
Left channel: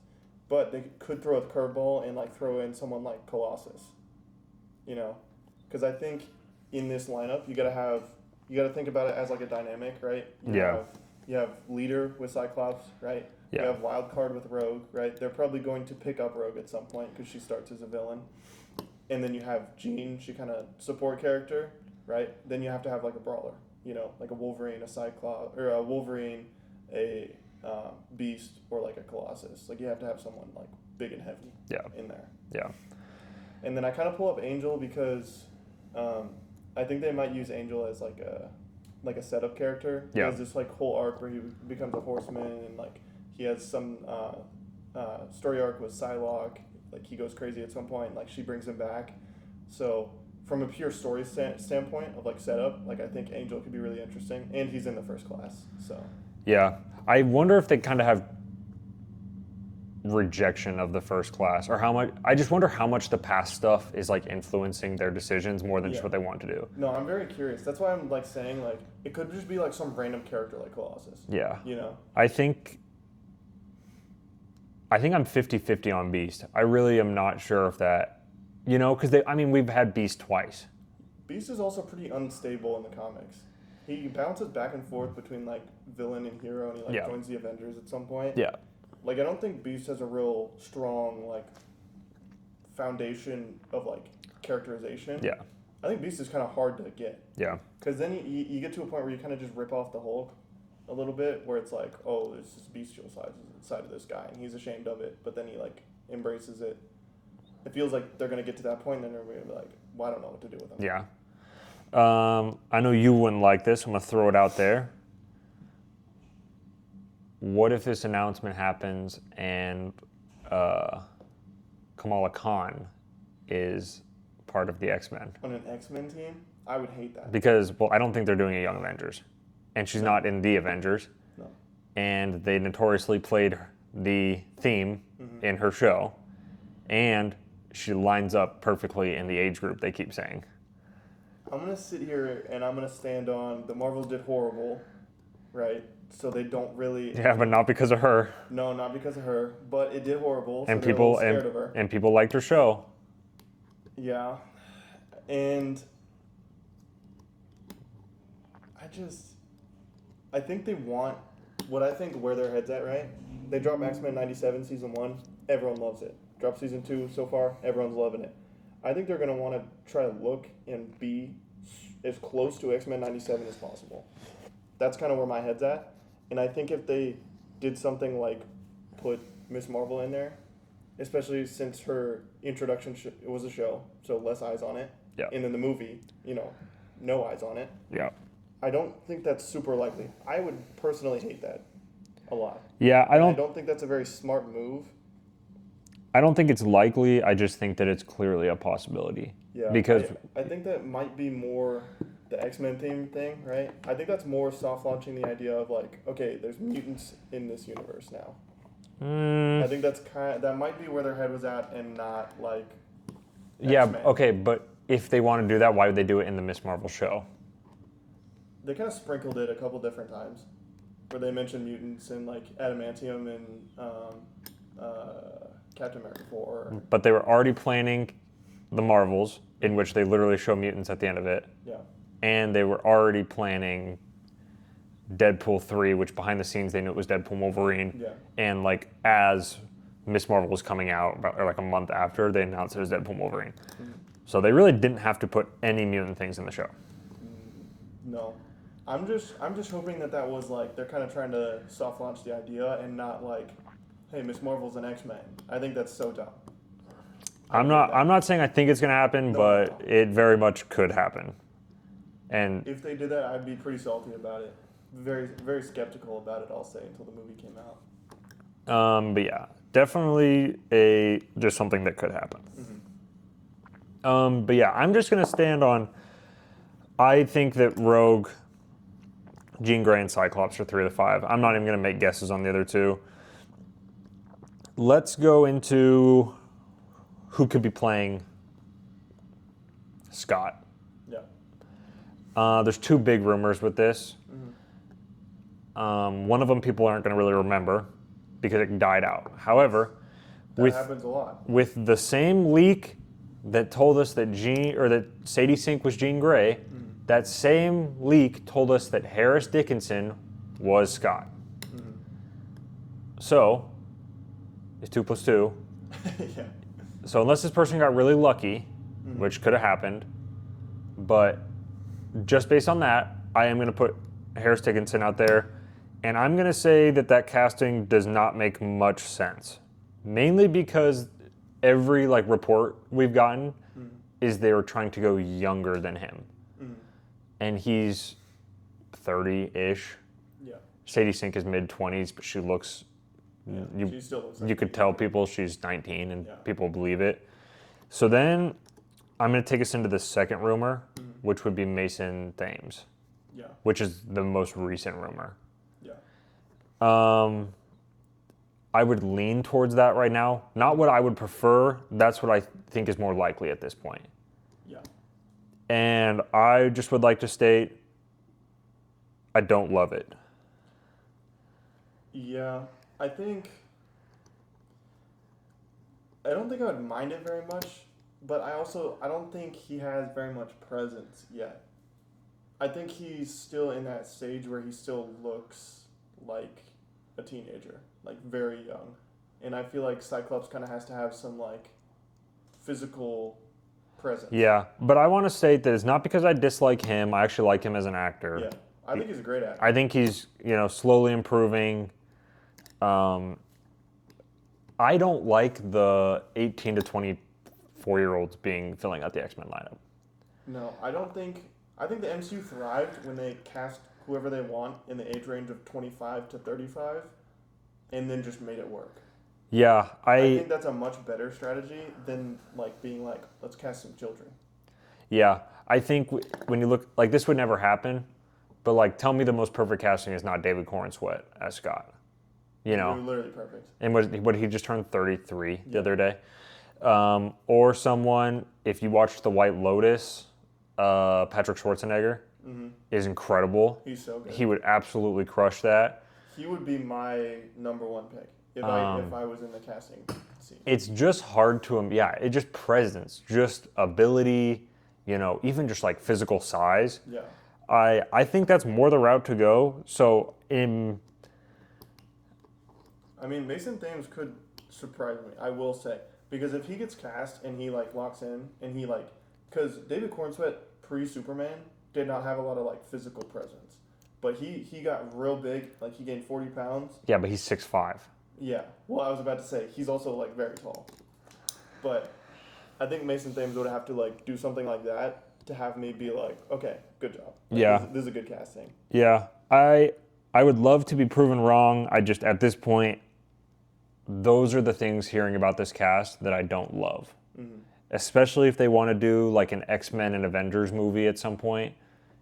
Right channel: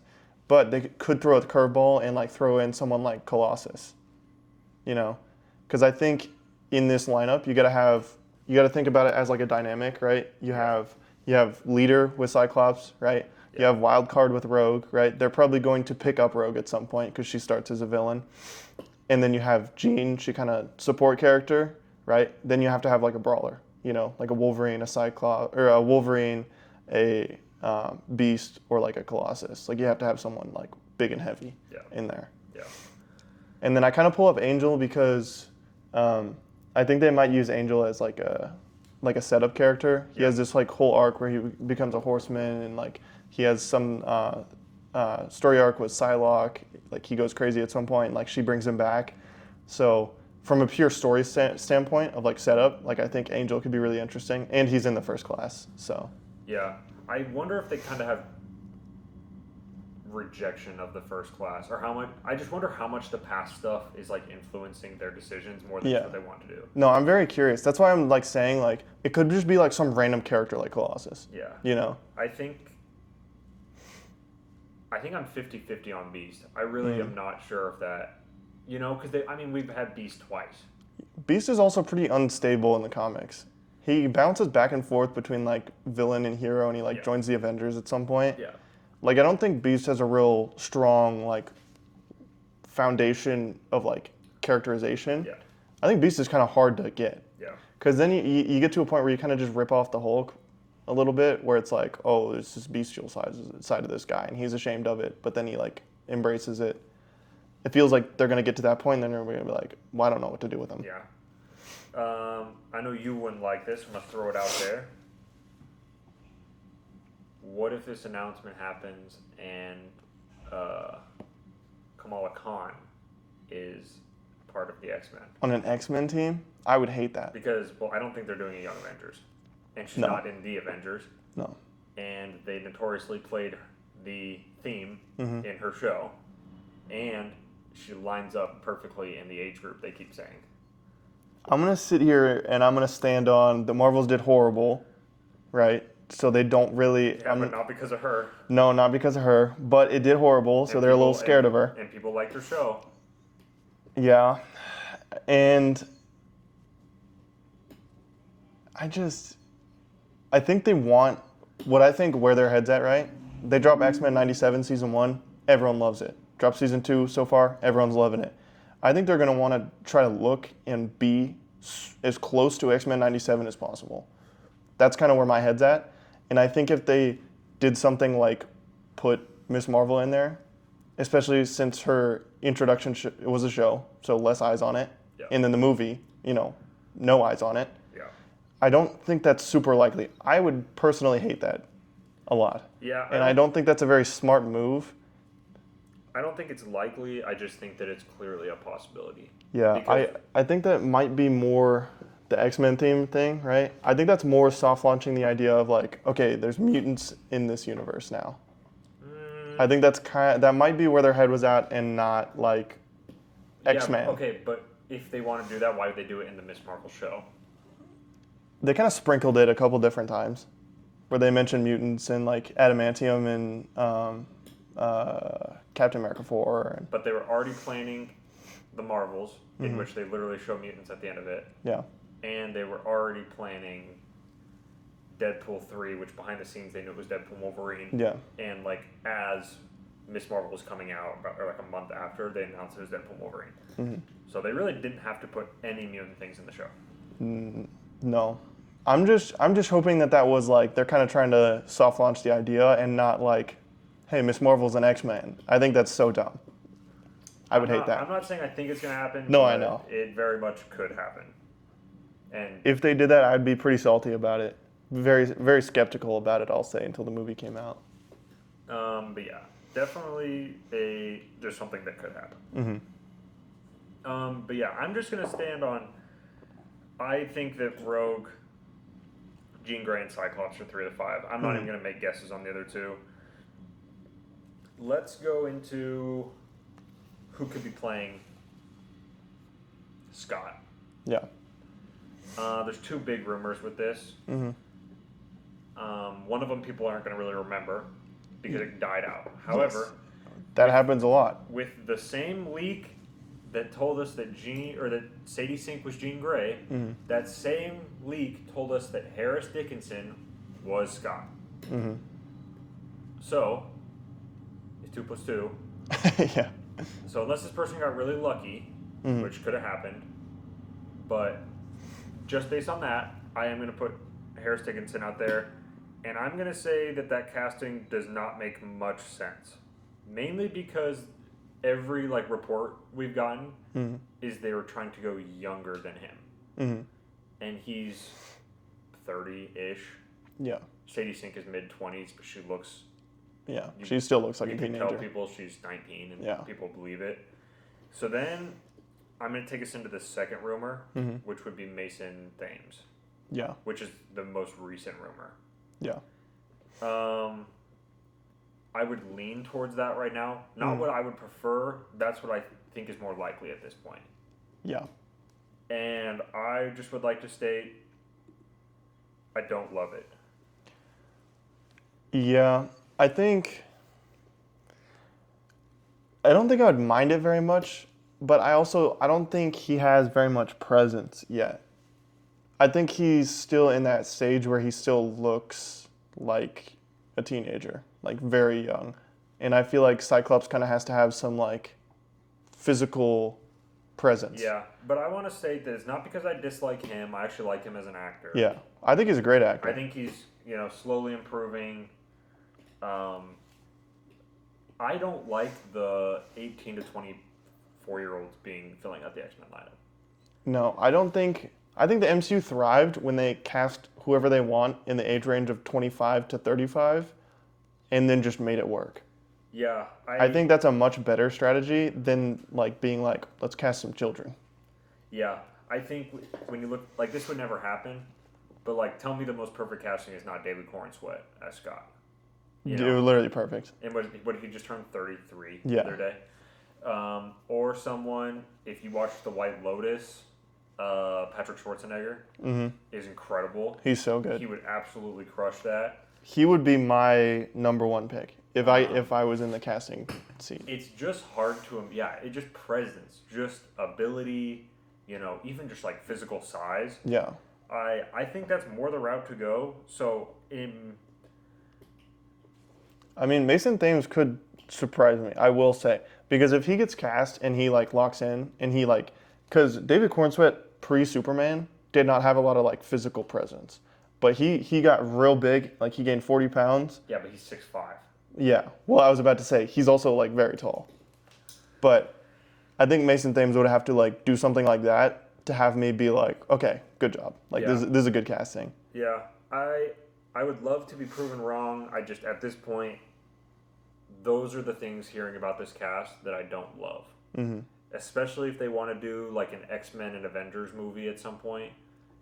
But they could throw a curveball and throw in someone like Colossus. Because I think in this lineup you got to think about it as a dynamic, right? You have leader with Cyclops, right? Yeah. You have wild card with Rogue, right? They're probably going to pick up Rogue at some point because she starts as a villain. And then you have Jean, she kind of support character, right? Then you have to have a brawler, like a Wolverine, a Cyclops, or a Wolverine, a Beast, or a Colossus. You have to have someone big and heavy in there. Yeah. And then I kind of pull up Angel because I think they might use Angel as a setup character. He has this whole arc where he becomes a horseman, and he has some story arc with Psylocke. He goes crazy at some point, and she brings him back. So from a pure story standpoint of setup, I think Angel could be really interesting, and he's in the first class. So yeah, I wonder if they kind of have rejection of the first class, or how much. I just wonder how much the past stuff is like influencing their decisions more than just Yeah. what they want to do. No, I'm very curious. That's why I'm like saying like it could just be like some random character like Colossus. Yeah. You know? I think I'm 50-50 on Beast. I really am not sure if that, because we've had Beast twice. Beast is also pretty unstable in the comics. He bounces back and forth between like villain and hero, and he like Yeah. joins the Avengers at some point. Yeah. Like I don't think Beast has a real strong like foundation of like characterization. Yeah. I think Beast is kind of hard to get. Yeah. Because then you get to a point where you kind of just rip off the Hulk a little bit, where it's like, oh, there's this bestial side of this guy, and he's ashamed of it, but then he like embraces it. It feels like they're gonna get to that point, and then they're gonna be like, well, I don't know what to do with him. Yeah. I know you wouldn't like this. I'm gonna throw it out there. What if this announcement happens and Kamala Khan is part of the X-Men? On an X-Men team, I would hate that. Because, I don't think they're doing a Young Avengers. And she's not in the Avengers. No. And they notoriously played the theme in her show. And she lines up perfectly in the age group they keep saying. I'm gonna sit here and I'm gonna stand on the Marvels did horrible, right? So they don't really. Yeah, but not because of her. No, not because of her, but it did horrible, so And they're a little scared of her. And people liked her show. Yeah, and I think they want what I think where their head's at, right? They drop X-Men 97 season 1, everyone loves it. Drop season 2 so far, everyone's loving it. I think they're going to want to try to look and be as close to X-Men 97 as possible. That's kind of where my head's at. And I think if they did something like put Miss Marvel in there, especially since her introduction was a show, so less eyes on it. Yeah. And then the movie, no eyes on it. Yeah. I don't think that's super likely. I would personally hate that a lot. Yeah, I don't think that's a very smart move. I don't think it's likely. I just think that it's clearly a possibility. Yeah, Because I think that might be more the X-Men theme thing, right? I think that's more soft launching the idea of like, okay, there's mutants in this universe now. I think that might be where their head was at, and not like X-Men. Yeah, okay, but if they want to do that, why would they do it in the Miss Marvel show? They kind of sprinkled it a couple different times, where they mentioned mutants and like adamantium and Captain America 4. But they were already planning the Marvels, in which they literally show mutants at the end of it. Yeah. And they were already planning Deadpool 3, which behind the scenes they knew it was Deadpool Wolverine. Yeah. And like as Miss Marvel was coming out, or like a month after, they announced it was Deadpool Wolverine. So they really didn't have to put any mutant things in the show. No. I'm just hoping that was like they're kind of trying to soft launch the idea and not like, hey, Miss Marvel's an X-Men. I think that's so dumb. I would hate that. I'm not saying I think it's going to happen, No, I but know. it very much could happen. And If they did that, I'd be pretty salty about it. Very, very skeptical about it, I'll say, until the movie came out. but yeah, definitely just something that could happen. But yeah, I'm just going to stand on, I think that Rogue, Jean Grey, and Cyclops are 3 of the 5. I'm not even going to make guesses on the other 2. Let's go into who could be playing Scott. Yeah. There's 2 big rumors with this. One of them people aren't going to really remember because it died out. However, That happens a lot. with the same leak that told us that Sadie Sink was Jean Grey, that same leak told us that Harris Dickinson was Scott. So, it's 2 + 2. Yeah. So unless this person got really lucky, which could have happened, but just based on that, I am going to put Harris Dickinson out there, and I'm going to say that casting does not make much sense, mainly because every report we've gotten is they were trying to go younger than him, and he's 30-ish. Yeah. Sadie Sink is mid-20s, but she looks. Yeah. She still looks like You a could tell teenager. people she's 19 and Yeah. people believe it. So then I'm going to take us into the second rumor, which would be Mason Thames, Yeah. which is the most recent rumor. Yeah. I would lean towards that right now. Not what I would prefer. That's what I think is more likely at this point. Yeah. And I just would like to state, I don't love it. Yeah, I don't think I would mind it very much, but I don't think he has very much presence yet. I think he's still in that stage where he still looks like a teenager, like very young. And I feel like Cyclops kind of has to have some like physical presence. Yeah, but I want to state that it's not because I dislike him. I actually like him as an actor. Yeah. I think he's a great actor. I think he's, slowly improving. I don't like the 18 to 24-year-olds filling out the X-Men lineup. No, I think the MCU thrived when they cast whoever they want in the age range of 25 to 35 and then just made it work. Yeah, I think that's a much better strategy than like being like, let's cast some children. Yeah, I think when you look, like, this would never happen, but like, tell me the most perfect casting is not David Cornsweet as Scott. It was literally perfect. And what he just turned 33 Yeah. the other day. Or someone, if you watch The White Lotus, Patrick Schwarzenegger is incredible. He's so good. He would absolutely crush that. He would be my number one pick if I was in the casting scene. It's just hard to it just presence, just ability, even just like physical size. Yeah. I think that's more the route to go. So Mason Thames could surprise me, I will say. Because if he gets cast and he like locks in and he like, because David Cornsweet pre-Superman did not have a lot of like physical presence. But he got real big, like he gained 40 pounds. Yeah, but he's 6'5". Yeah. Well, I was about to say, he's also like very tall. But I think Mason Thames would have to like do something like that to have me be like, okay, good job. Like Yeah. this is a good casting. Yeah, I would love to be proven wrong. I just, at this point, those are the things hearing about this cast that I don't love. Mm-hmm. Especially if they want to do like an X-Men and Avengers movie at some point,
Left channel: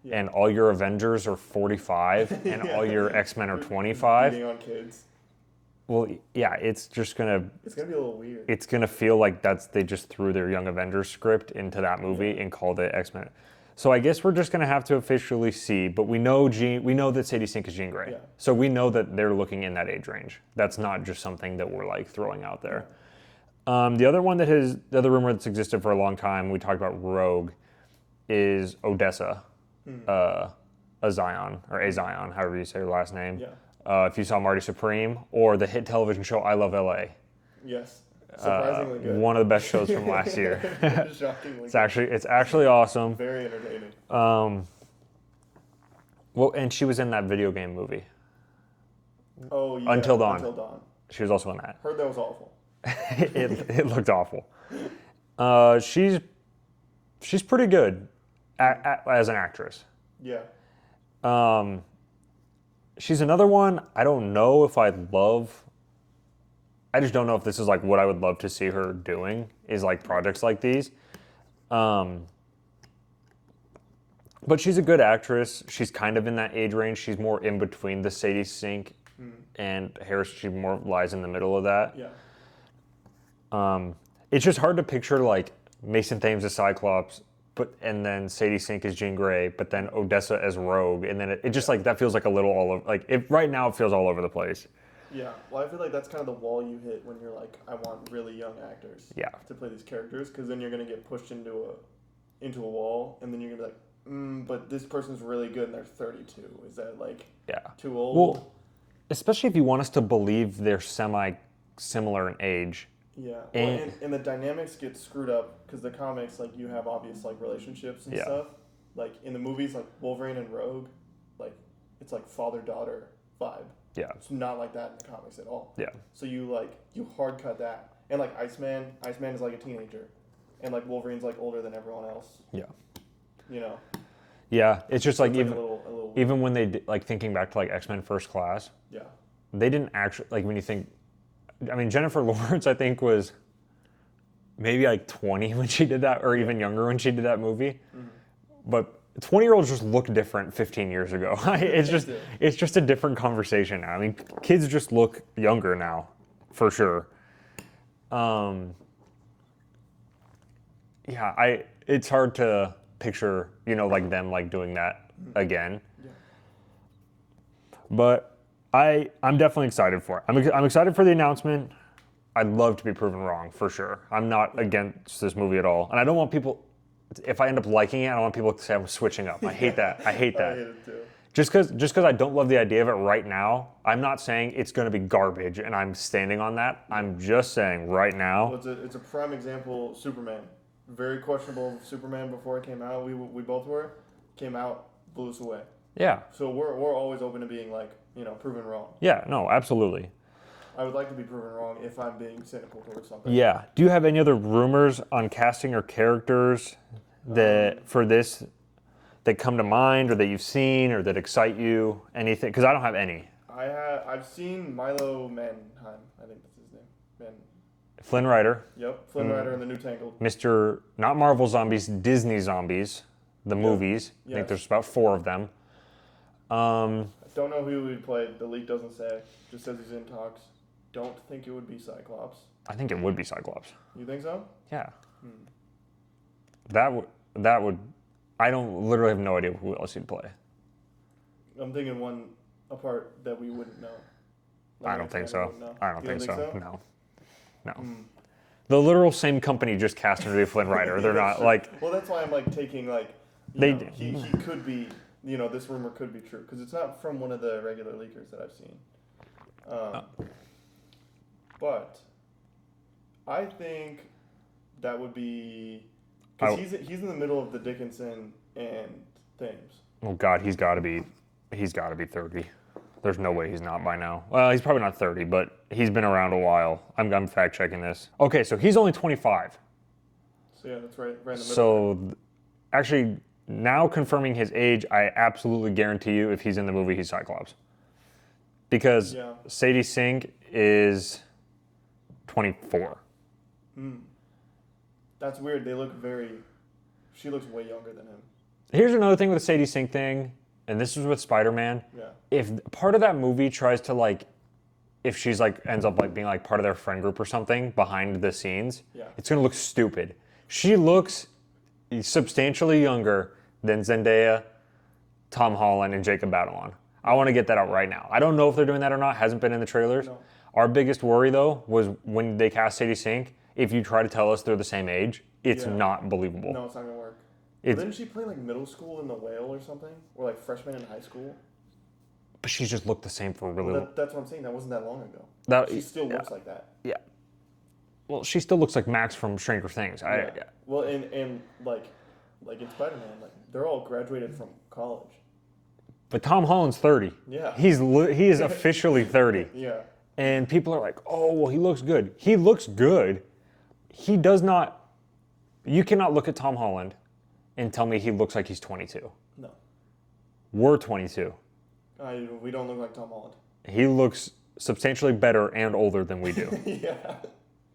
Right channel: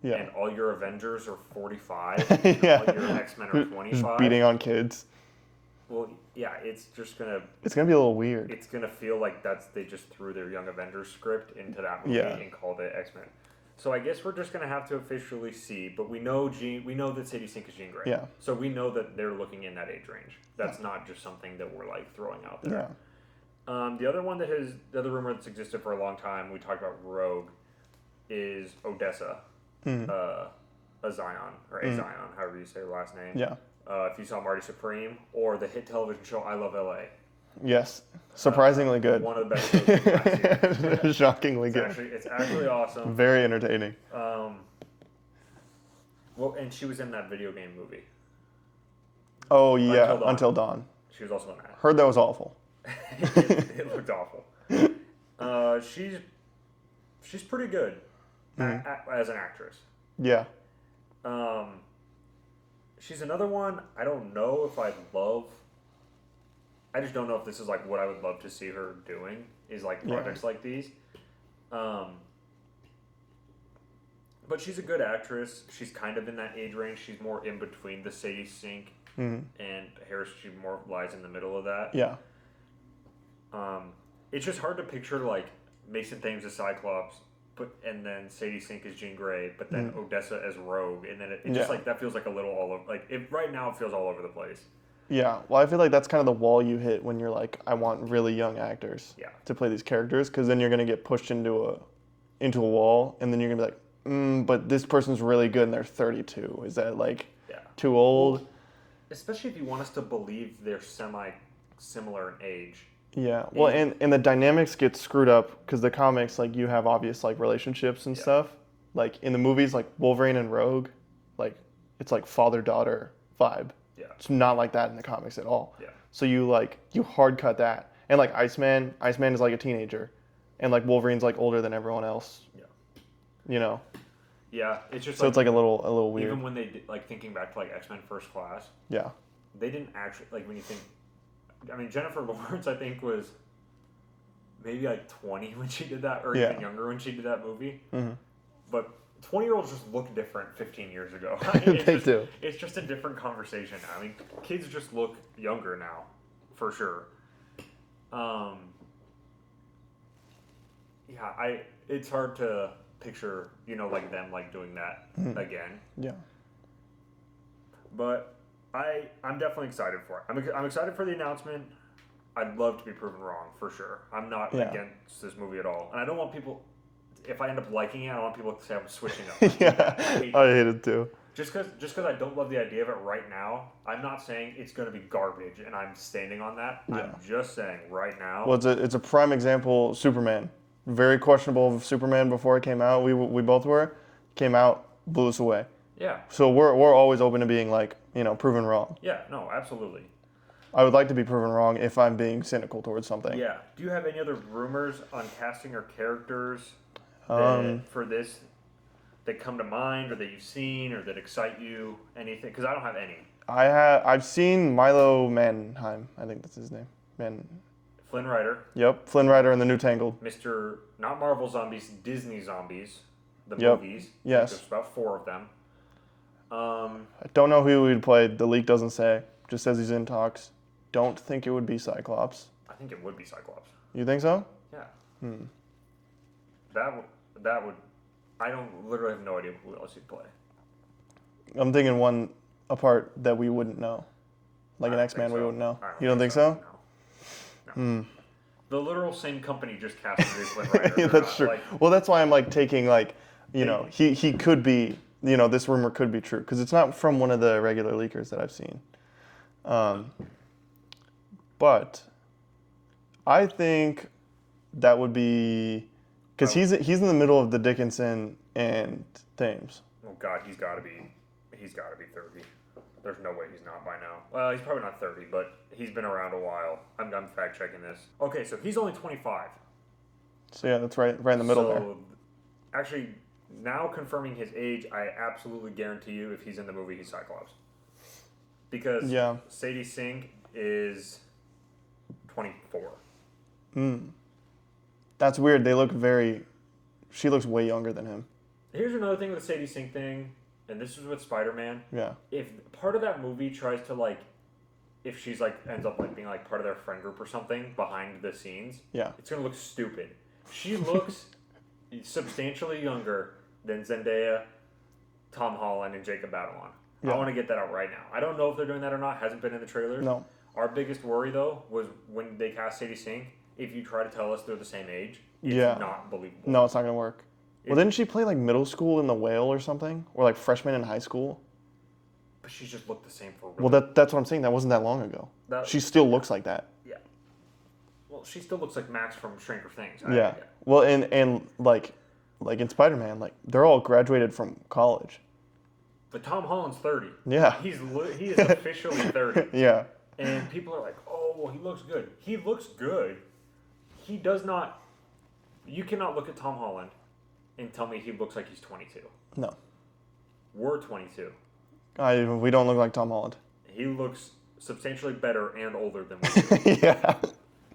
and all your Avengers are 45 and all your X-Men are 25. Beating on kids. Well, yeah, it's be a little weird. It's gonna feel like they just threw their Young Avengers script into that movie and called it X-Men. So I guess we're just gonna have to officially see, but we know that Sadie Sink is Jean Grey. Yeah. So we know that they're looking in that age range. That's not just something that we're like throwing out there. Yeah. The other rumor that's existed for a long time, we talked about Rogue, is Odessa, a Zion, or Zion, however you say her last name. Yeah. If you saw Marty Supreme, or the hit television show I Love L.A. Yes. Surprisingly good. One of the best shows from last year. Shockingly good. It's actually awesome. Very entertaining. Well, and she was in that video game movie. Oh yeah. Until Dawn. Until Dawn. She was also in that. Heard that was awful. It looked awful. She's pretty good as an actress. Yeah. She's another one. I don't know if I love. I just don't know if this is like what I would love to see her doing. Is like projects like these. But she's a good actress. She's kind of in that age range. She's more in between the Sadie Sink and Harris. She more lies in the middle of that. Yeah. It's just hard to picture like Mason Thames as Cyclops, and then Sadie Sink as Jean Grey, but then Odessa as Rogue, and then it just like that feels like a little all over. Like right now it feels all over the place. Yeah. Well, I feel like that's kind of the wall you hit when you're like, I want really young actors. To play these characters, because then you're gonna get pushed into a wall, and then you're gonna be like, but this person's really good and they're 32. Is that like too old? Well, especially if you want us to believe they're semi-similar in age. Yeah, well, and the dynamics get screwed up because the comics, like, you have obvious, like, relationships and stuff. Like, in the movies, like, Wolverine and Rogue, like, it's like father-daughter vibe. Yeah. It's not like that in the comics at all. Yeah. So you hard cut that. And, like, Iceman is, like, a teenager. And, like, Wolverine's, like, older than everyone else. Yeah. You know? Yeah, it's just So like... it's, like, a little weird. Even when they, like, thinking back to, like, X-Men First Class. Yeah. They didn't actually... Like, when you think... I mean, Jennifer Lawrence, I think, was maybe like 20 when she did that, or even younger when she did that movie. Mm-hmm. But 20-year-olds just look different 15 years ago. It's just a different conversation now. I mean, kids just look younger now. for sure. It's hard to picture, like them like doing that again. Yeah. But I'm definitely excited for it. I'm excited for the announcement. I'd love to be proven wrong, for sure. I'm not against this movie at all. And I don't want people, if I end up liking it, I don't want people to say I'm switching up. I hate that. I hate that. I hate it too. Just because I don't love the idea of it right now, I'm not saying it's going to be garbage and I'm standing on that. Yeah. I'm just saying right now. Well, it's a prime example, Superman. Very questionable of Superman before it came out. We both were. Came out, blew us away. Yeah. So we're always open to being like, proven wrong. Yeah, no, absolutely. I would like to be proven wrong if I'm being cynical towards something. Yeah. Do you have any other rumors on casting or characters for this that come to mind or that you've seen or that excite you? Anything? Because I don't have any. I've seen Milo Manheim. I think that's his name. Flynn Rider. Yep, Flynn Rider in the New Tangled. Mr. Not Marvel Zombies, Disney Zombies, the movies. Yes. I think there's about 4 of them. I don't know who he'd play. The leak doesn't say. Just says he's in talks. Don't think it would be Cyclops. I think it would be Cyclops. You think so? Yeah. That would. I don't literally have no idea who else he'd play. I'm thinking a part that we wouldn't know, like an X-Man we wouldn't know. You don't think so? No. The literal same company just cast him to be Flynn Rider. They're not true. like. Well, that's why I'm like taking like, he could be. This rumor could be true because it's not from one of the regular leakers that I've seen. But I think that would be because he's in the middle of the Dickinson and Thames. Oh God, he's got to be 30. There's no way he's not by now. Well, he's probably not 30, but he's been around a while. I'm fact checking this. Okay, so he's only 25. So yeah, that's right in the middle. So actually, now confirming his age, I absolutely guarantee you, if he's in the movie, he's Cyclops. Because Sadie Sink is 24. That's weird. She looks way younger than him. Here's another thing with the Sadie Sink thing, and this was with Spider-Man. Yeah. If part of that movie tries to if she's ends up being part of their friend group or something behind the scenes, it's gonna look stupid. She looks substantially younger than Zendaya, Tom Holland, and Jacob Batalon. I want to get that out right now. I don't know if they're doing that or not. Hasn't been in the trailers. No. Our biggest worry, though, was when they cast Sadie Sink, if you try to tell us they're the same age, it's not believable. No, it's not going to work. Well, didn't she play middle school in The Whale or something? Or freshman in high school? But she just looked the same for really... Well, that's what I'm saying. That wasn't that long ago. She still looks like that. Yeah. Well, she still looks like Max from Stranger Things. Well, and in Spider-Man, they're all graduated from college. But Tom Holland's 30. Yeah. He is officially 30. Yeah. And people are like, oh, well, he looks good. He looks good. He does not... You cannot look at Tom Holland and tell me he looks like he's 22. No. We're 22. We don't look like Tom Holland. He looks substantially better and older than we do. Yeah.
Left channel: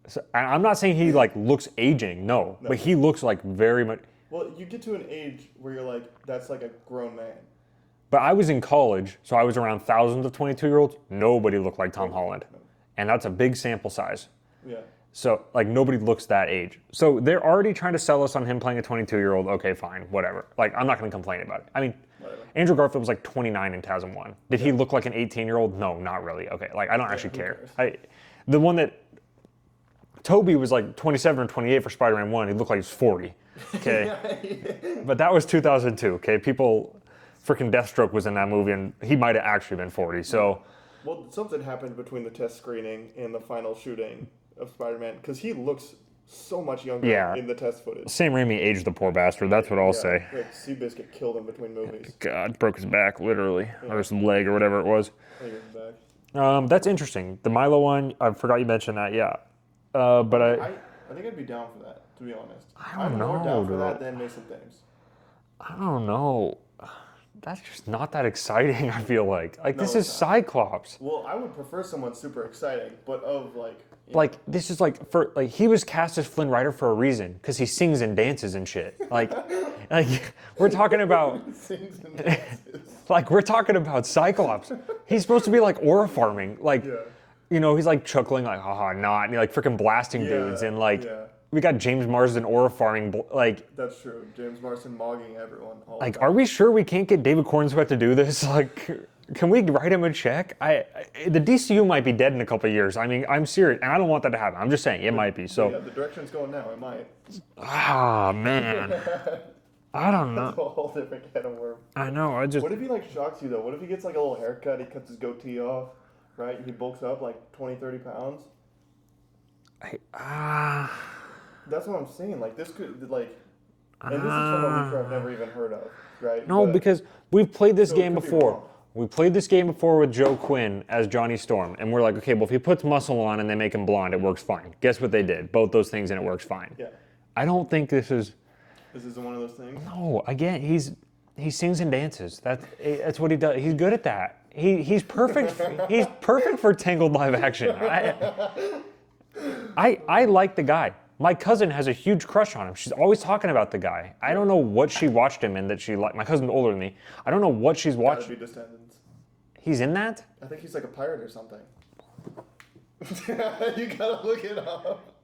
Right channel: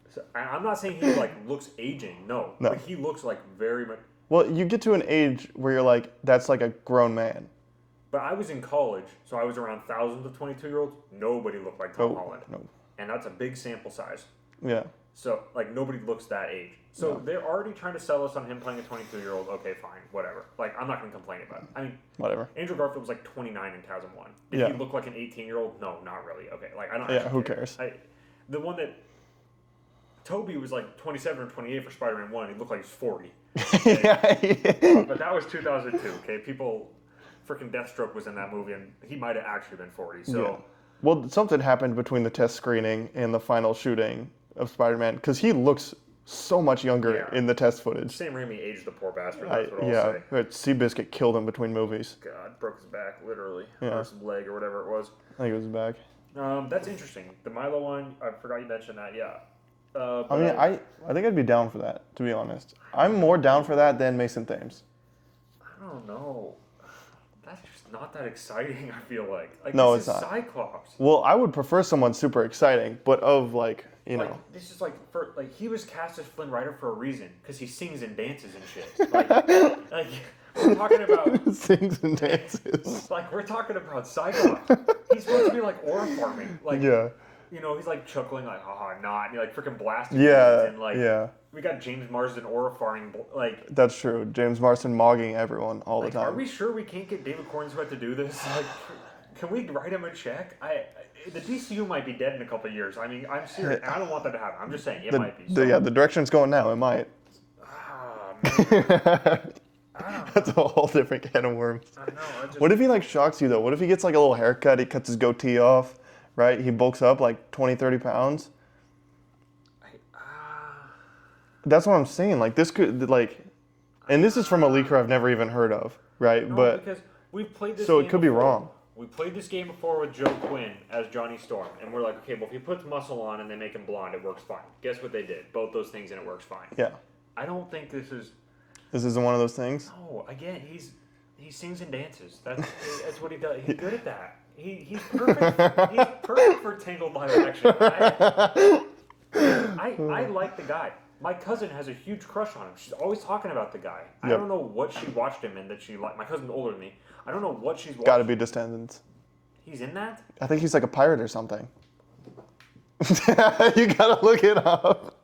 So, I'm not saying he looks aging, no. But he looks very much... Well, you get to an age where you're that's a grown man. But I was in college, so I was around thousands of 22-year-olds. Nobody looked like Tom Holland. No. And that's a big sample size. Yeah. So, nobody looks that age. So, they're already trying to sell us on him playing a 22-year-old. Okay, fine, whatever. I'm not going to complain about it. I mean, whatever. Andrew Garfield was 29 in TASM 1. Did he look like an 18-year-old? No, not really. Okay, I don't actually care. Who cares? The one that... Toby was 27 or 28 for Spider-Man 1. He looked like he was 40. Okay? But that was 2002, okay? People... Freaking Deathstroke was in that movie, and he might have actually been 40. So, yeah. Well, something happened between the test screening and the final shooting of Spider-Man because he looks so much younger in the test footage. Sam Raimi aged the poor bastard. That's what I'll say. Right. Seabiscuit killed him between movies. God, broke his back literally, or his leg, or whatever it was. I think it was his back. That's interesting. The Milo one, I forgot you mentioned that. Yeah, but I think I'd be down for that. To be honest, I'm more down for that than Mason Thames. I don't know. That's just not that exciting, I feel like. No, this is Cyclops. Well, I would prefer someone super exciting, but of this is he was cast as Flynn Rider for a reason, because he sings and dances and shit. We're talking about... sings and dances. We're talking about Cyclops. He's supposed to be aura farming. you know, he's like chuckling like, haha, not, and he like freaking blasting Yeah, dudes, and like, yeah. we got James Marsden aura-farming, like, That's true. James Marsden mogging everyone all the like, time. are we sure we can't get David Cornswet to do this? Like, can we write him a check? The DCU might be dead in a couple of years. I mean, I'm serious, and I don't want that to happen. I'm just saying, it might be. So, Yeah, the direction it's going now, it might. man. I don't That's know. a whole different can of worms. I know. What if he like shocks you though? What if he gets like a little haircut, he cuts his goatee off, right? He bulks up like 20, 30 pounds. That's what I'm saying. Like this could like, and this is from a leaker I've never even heard of, right? No, because we've played this So it game could be before. wrong. We played this game before with Joe Quinn as Johnny Storm, and we're like, okay, well, if he puts muscle on and they make him blonde, it works fine. Guess what they did? Both those things, and it works fine. Yeah. I don't think this is. This isn't one of those things. No, again, he sings and dances. That's what he does. He's good at that. He's perfect. He's perfect for Tangled live action. I like the guy. My cousin has a huge crush on him. She's always talking about the guy. I don't know what she watched him in that she liked. My cousin's older than me. I don't know what she's watched. Gotta be Descendants. He's in that? I think he's like a pirate or something. You gotta look it up.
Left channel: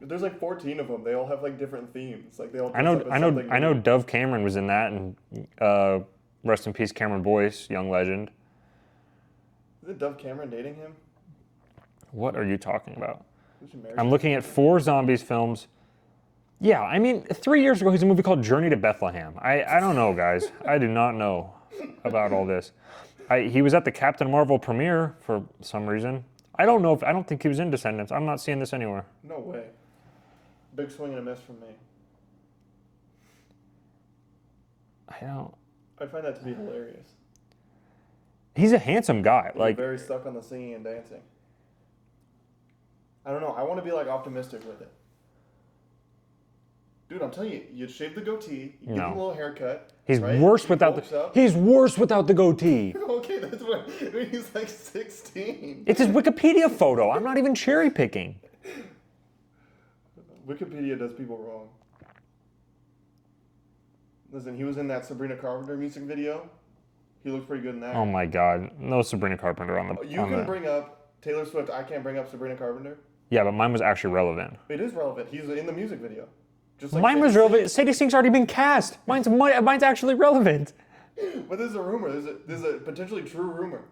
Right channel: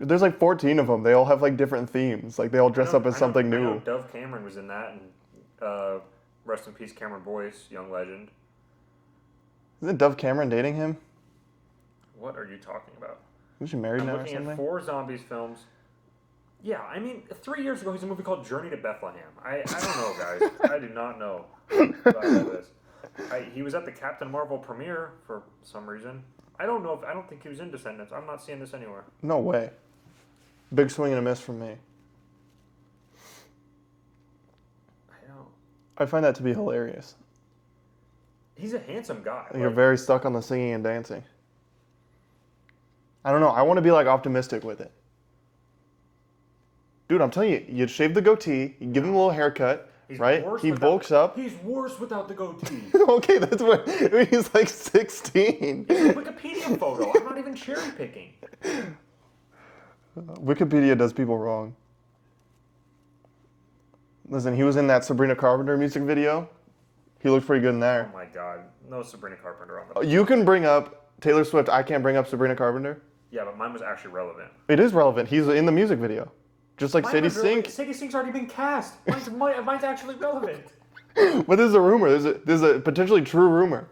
There's like 14 of them. They all have like different themes. Like they all dress up as something new. I know Dove Cameron was in that, and rest in peace, Cameron Boyce, young legend. Isn't Dove Cameron dating him? What are you talking about? Was she married? I'm looking at 4 zombies films. Yeah, I mean, 3 years ago, he's a movie called Journey to Bethlehem. I don't know, guys. I do not know about all this. He was at the Captain Marvel premiere for some reason. I don't know. I don't think he was in Descendants. I'm not seeing this anywhere. No way. Big swing and a miss from me. I don't. I find that to be hilarious. He's a handsome guy. You're Like, very stuck on the singing and dancing. I don't know. I want to be like optimistic with it. Dude, I'm telling you, you shave the goatee, you give him a little haircut. he's right? worse he without. bulks up. He's worse without the goatee. Okay, that's what he's like 16. It's his Wikipedia photo. I'm not even cherry picking. Wikipedia does people wrong. Listen, he was in that Sabrina Carpenter music video. He looked pretty good in there. Oh my God, no Sabrina Carpenter on the. You on can the- bring up Taylor Swift. I can't bring up Sabrina Carpenter. Yeah, but mine was actually relevant. It is relevant. He's in the music video. Just like Mine Sadie was relevant. Sink. Sadie Sink's already been cast. Mine's actually relevant. But this is a rumor. This is a potentially true rumor.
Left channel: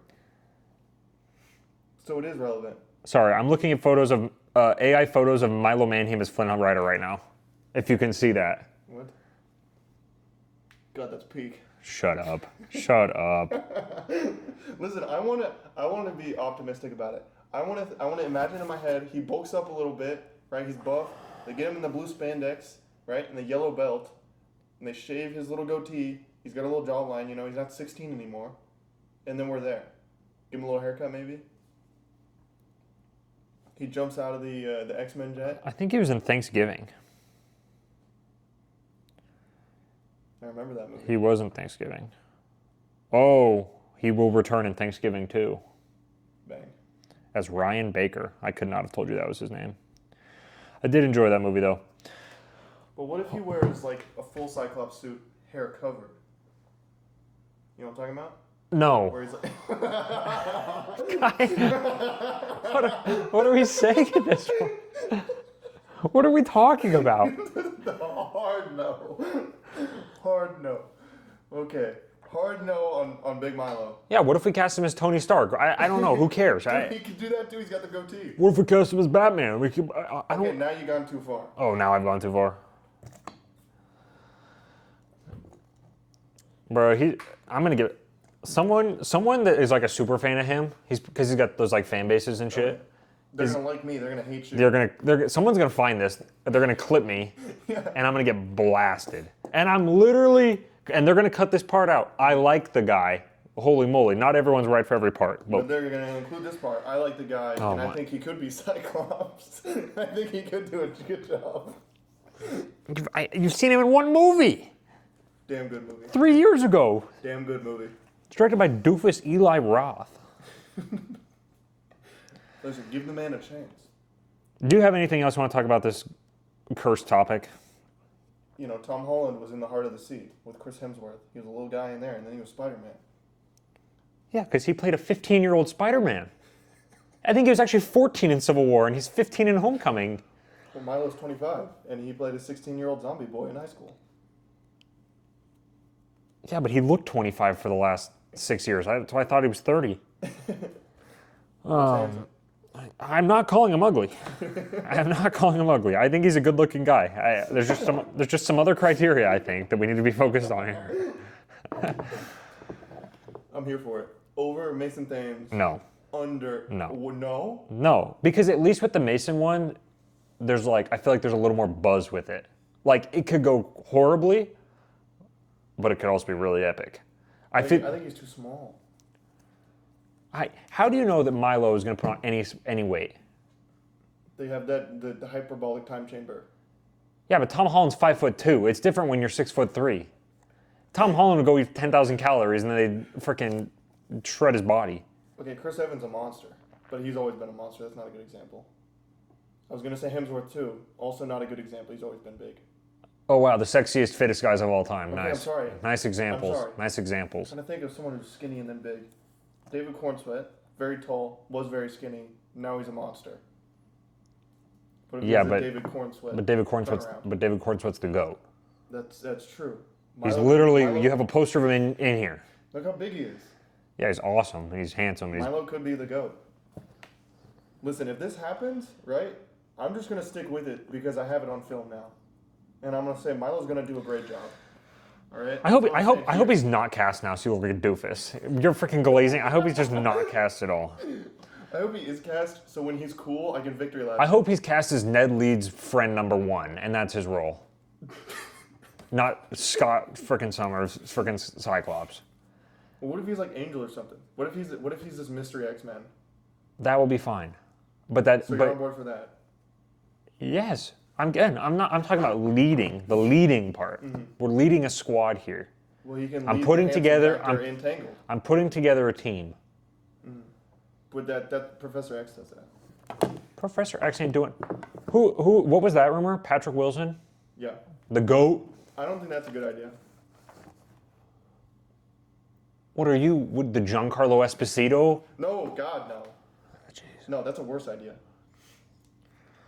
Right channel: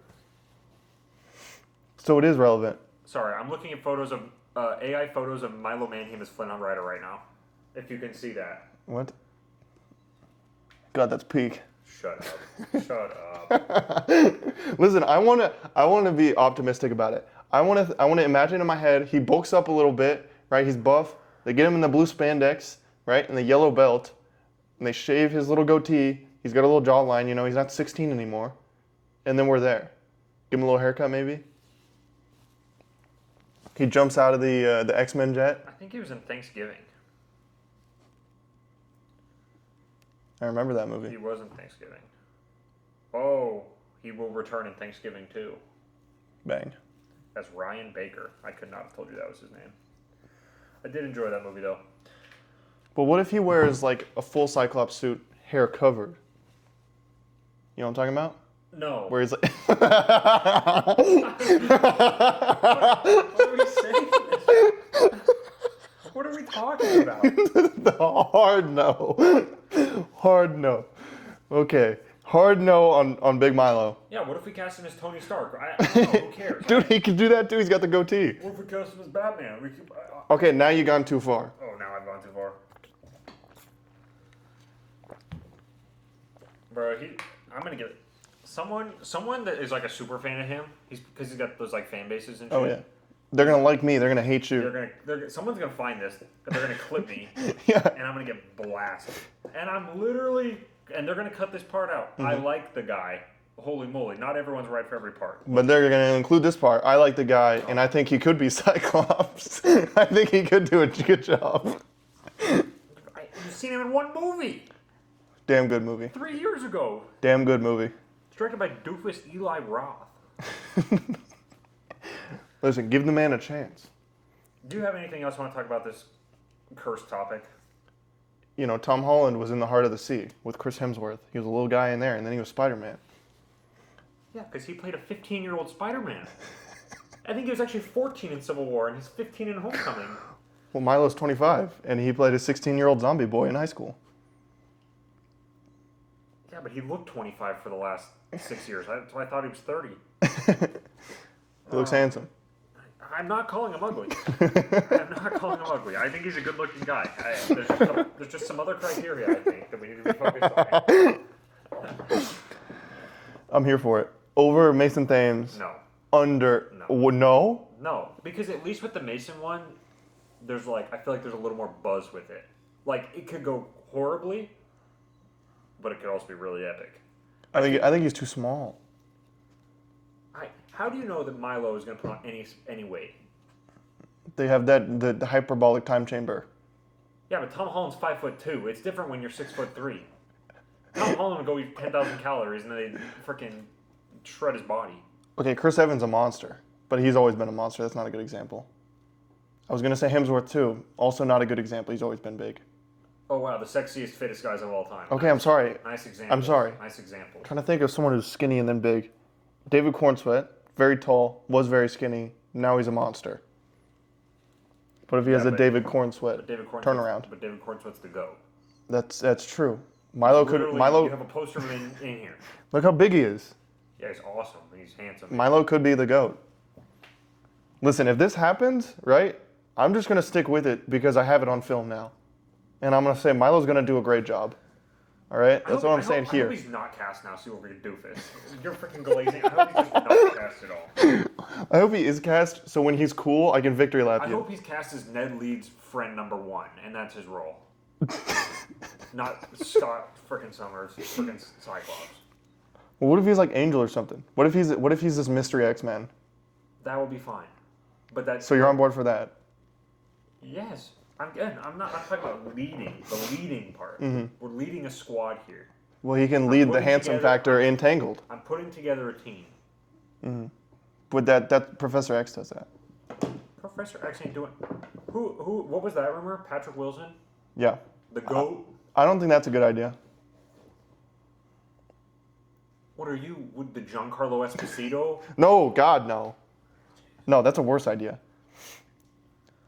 So it is relevant. Sorry, I'm looking at photos of AI photos of Milo Manheim as Flint Rider right now. If you can see that. What? God, that's peak. Shut up. Shut up. Listen, I wanna be optimistic about it. I wanna imagine in my head he bulks up a little bit, right? He's buff. They get him in the blue spandex, right, and the yellow belt, and they shave his little goatee. He's got a little jawline, you know. He's not 16 anymore, and then we're there. Give him a little haircut, maybe. He jumps out of the X-Men jet. I think he was in Thanksgiving. I remember that movie. He was in Thanksgiving. Oh, he will return in Thanksgiving too. Bang. As Ryan Baker. I could not have told you that was his name. I did enjoy that movie though. But what if he wears like a full Cyclops suit, hair covered? You know what I'm talking about? No. Where he's like, What are we saying this? What are we talking about? the hard no. Hard no. Okay. Hard no on Big Milo. Yeah, what if we cast him as Tony Stark? I don't know. Who cares? Dude, he could do that too. He's got the goatee. What if we cast him as Batman? We could, Okay, now you've gone too far. Oh, now I've gone too far. Bro, I'm gonna give someone that is like a super fan of him. Because he's got those like fan bases and shit. Oh, yeah. They're gonna like me. They're gonna hate you. Someone's gonna find this. They're gonna clip me, Yeah. and I'm gonna get blasted. And and they're gonna cut this part out. I like the guy. Holy moly! Not everyone's right for every part. But they're gonna include this part. I like the guy, and I think he could be Cyclops. I think he could do a good job. You've seen him in one movie Damn good movie. 3 years ago. Damn good movie. It's directed by doofus Eli Roth. Listen, give the man a chance. Do you have anything else you want to talk about this cursed topic? You know, Tom Holland was in the heart of the sea with Chris Hemsworth. He was a little guy in there, and then he was Spider-Man. Yeah, because he played a 15-year-old Spider-Man. I think he was actually 14 in Civil War, and he's 15 in Homecoming. Well, Milo's 25, and he played a 16-year-old zombie boy in high school. Yeah, but he looked 25 for the last 6 years. So I thought he was 30. Looks handsome. I'm not calling him ugly. I'm not calling him ugly. I think he's a good-looking guy. There's just some other criteria, I think, that we need to be focused on here. I'm here for it. Over Mason Thames. No. Under. No. No? No, because at least with the Mason one, there's I feel like there's a little more buzz with it. Like, it could go horribly, but it could also be really epic. I think he's too small. How do you know that Milo is going to put on any weight? They have the hyperbolic time chamber. Yeah, but Tom Holland's 5'2". It's different when you're 6'3". Tom Holland would go eat 10,000 calories and then they freaking shred his body. Okay, Chris Evans a monster, but he's always been a monster. That's not a good example. I was going to say Hemsworth too. Also not a good example. He's always been big. Oh, wow, the sexiest, fittest guys of all time. Okay, nice. I'm sorry. Nice examples. I'm sorry. Nice examples. I'm trying to think of someone who's skinny and then big. David Cornsweet, very tall, was very skinny. Now he's a monster. What if he has a David Cornsweet turnaround? But David Cornsweet's the GOAT. That's true. Milo, you have a poster of him in here. Look how big he is. Yeah, he's awesome. He's handsome. Milo could be the GOAT. Listen, if this happens, right, I'm just going to stick with it because I have it on film now. And I'm going to say Milo's going to do a great job. All right? I hope he's not cast now so you look like a doofus. You're freaking glazing. I hope he's just not cast at all. I hope he is cast so when he's cool, I can victory lap I him. hope he's cast as Ned Leeds' friend number 1, and that's his role. Not Scott freaking Summers, freaking Cyclops. Well, what if he's like Angel or something? What if he's this mystery X-Men? That will be fine. So you're on board for that? Yes. I'm talking about the leading part. Mm-hmm. We're leading a squad here. Well, he can lead the handsome factor in Tangled. I'm putting together a team. Mm-hmm. But that Professor X does that. Professor X ain't doing. What was that rumor? Patrick Wilson? Yeah. The GOAT? I don't think that's a good idea. What are you, the Giancarlo Esposito? No, God, no. Jeez. No, that's a worse idea.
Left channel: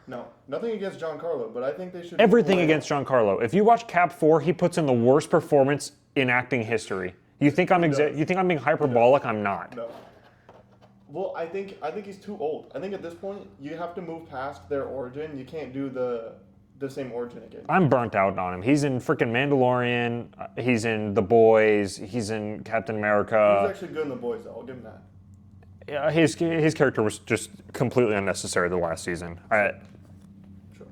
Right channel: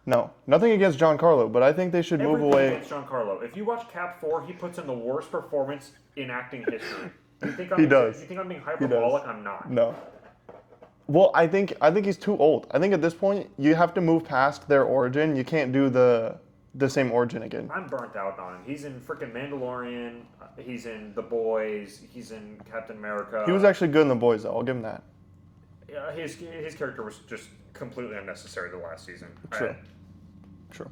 No, nothing against Giancarlo, but I think they should Everything move away. against Giancarlo. If you watch Cap 4, he puts in the worst performance in acting history. You think I'm being hyperbolic? I'm not. No. Well, I think he's too old. I think at this point you have to move past their origin. You can't do the same origin again. I'm burnt out on him. He's in freaking Mandalorian. He's in The Boys. He's in Captain America. He was actually good in The Boys, though. I'll give him that. Yeah, his character was just completely unnecessary the last season. True.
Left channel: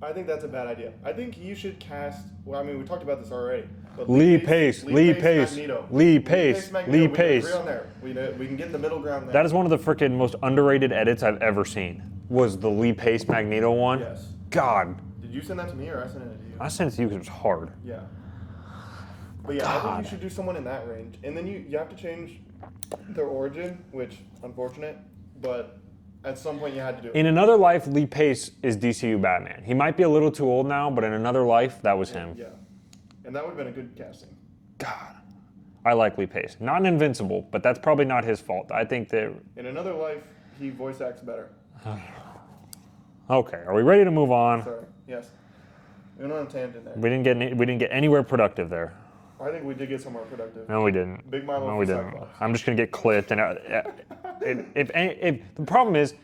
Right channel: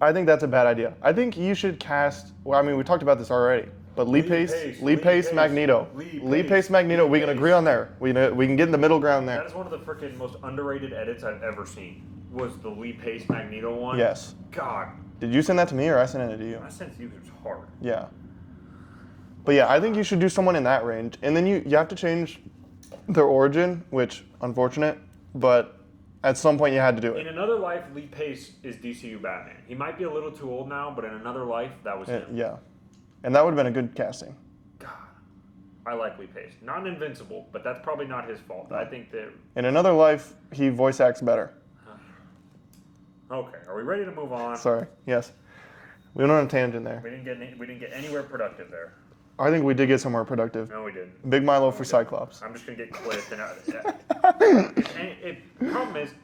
I think that's a bad idea. I think you should cast. Well, I mean, we talked about this already. But Lee Pace, Magneto. Lee Pace, Magneto. We can agree on there. We can get in the middle ground there. That is one of the freaking most underrated edits I've ever seen. Was the Lee Pace Magneto one? Yes. God. Did you send that to me or I sent it to you? I sent it to you because it was hard. Yeah. But yeah, God. I think you should do someone in that range, and then you have to change their origin, which unfortunate, but at some point you had to do it. In another life, Lee Pace is DCU Batman. He might be a little too old now, but in another life, that was him. Yeah. And that would have been a good casting. God. I like Lee Pace. Not an Invincible, but that's probably not his fault. I think that... In another life, he voice acts better. Okay, are we ready to move on? Sorry. Yes. We went on a tangent there. We didn't get anywhere productive there. I think we did get somewhere productive. No, we didn't. Big Milo for Cyclops. I'm just gonna get clipped. And if the problem is,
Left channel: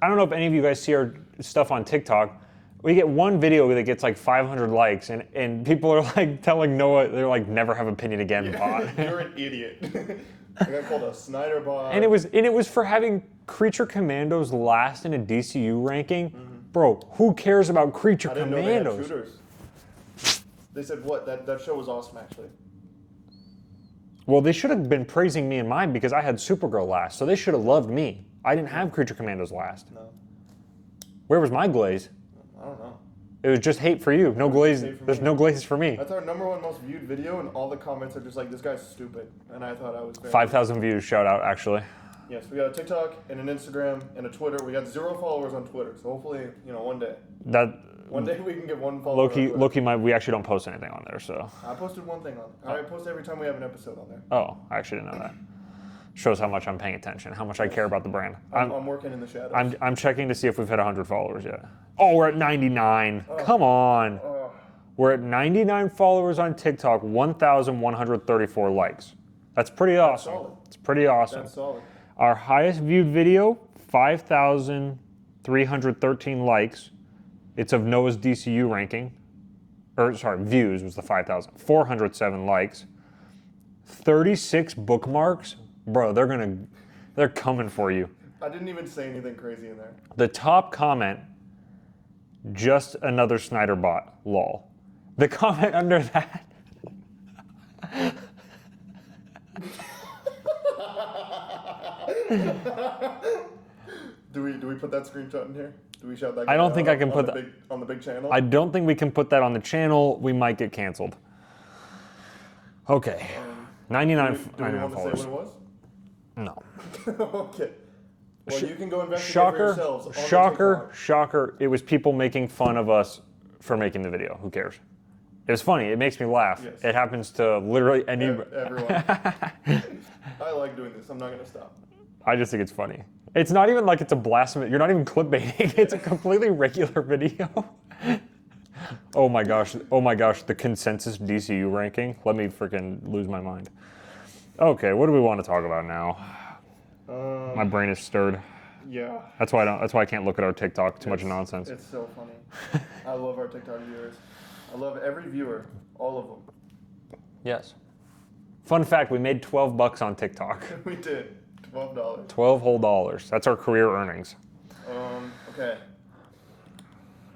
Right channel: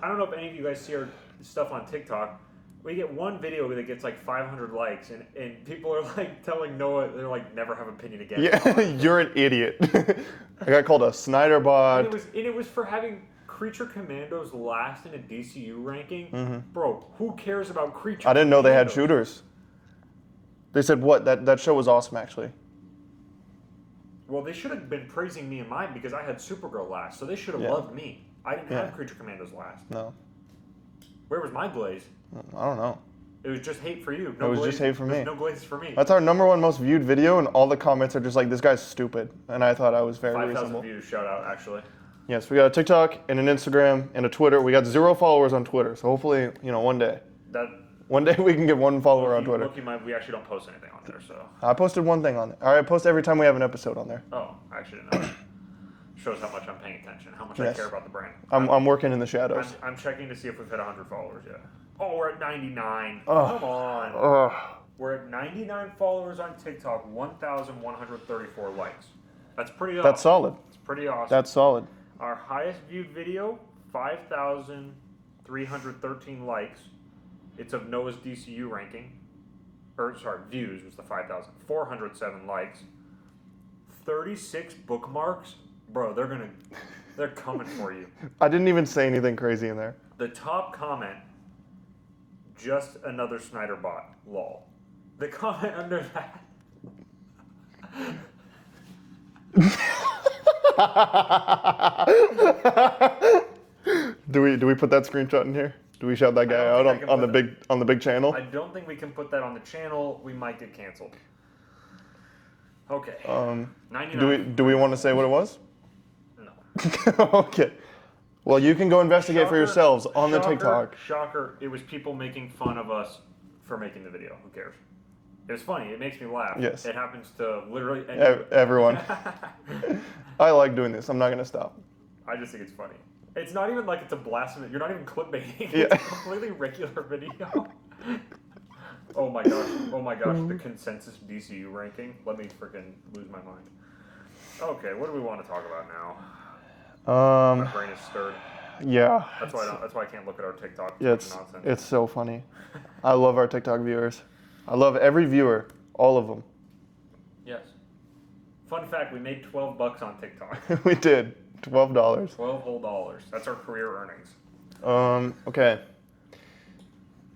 I don't know if any of you guys see our stuff on TikTok. We get one video that gets like 500 likes, and people are like telling Noah they're like never have opinion again. Yeah, you're an idiot. I got called a Snyder bot. And it was for having Creature Commandos last in a DCU ranking. Mm-hmm. Bro, who cares about Creature Commandos? I didn't know they had shooters. They said what? That show was awesome, actually. Well, they should have been praising me and mine because I had Supergirl last, so they should have loved me. I didn't have Creature Commandos last. No. Where was my glaze? I don't know. It was just hate for you. No glaze. Hate for me. There's no glaze for me. That's our #1 most viewed video, and all the comments are just like, "This guy's stupid," and I thought I was very. 5,000 views. Shout out, actually. Yes, we got a TikTok and an Instagram and a Twitter. We got 0 followers on Twitter, so hopefully, one day. One day we can get one follower on Twitter. Loki, we actually don't post anything on there, so. I posted one thing on there. I post every time we have an episode on there. Oh, I actually didn't know that. Shows how much I'm paying attention, how much I care about the brand. I'm working in the shadows. I'm checking to see if we've hit 100 followers yet. Oh, we're at 99. Come on. We're at 99 followers on TikTok, 1,134 likes. That's pretty awesome. That's solid. It's pretty awesome. That's solid. Our highest viewed video, 5,313 likes. It's of Noah's DCU ranking. Views was the 5,000. 407 likes. 36 bookmarks. Bro, they're coming for you. I didn't even say anything crazy in there. The top comment, just another Snyder bot, lol. The comment under that. Do we put that screenshot in here? Do we shout that guy I don't think out I can on put the big channel? I don't think we can put that on the channel. We might get canceled. Okay. 99. Do we want to say what it was? No. Okay. Well, you can go investigate for yourselves on the TikTok. Shocker. It was people making fun of us for making the video. Who cares? It was funny. It makes me laugh. Yes. It happens to literally everyone. I like doing this. I'm not going to stop. I just think it's funny. It's not even like it's a blasphemy. You're not even clickbaiting. It's a completely regular video. Oh my gosh. The consensus DCU ranking. Let me freaking lose my mind. Okay, what do we want to talk about now? My brain is stirred. Yeah. That's why I can't look at our TikTok. Too much nonsense. It's so funny. I love our TikTok viewers. I love every viewer, all of them. Yes. Fun fact: we made $12 on TikTok. We did. $12. 12 whole dollars. That's our career earnings. Okay.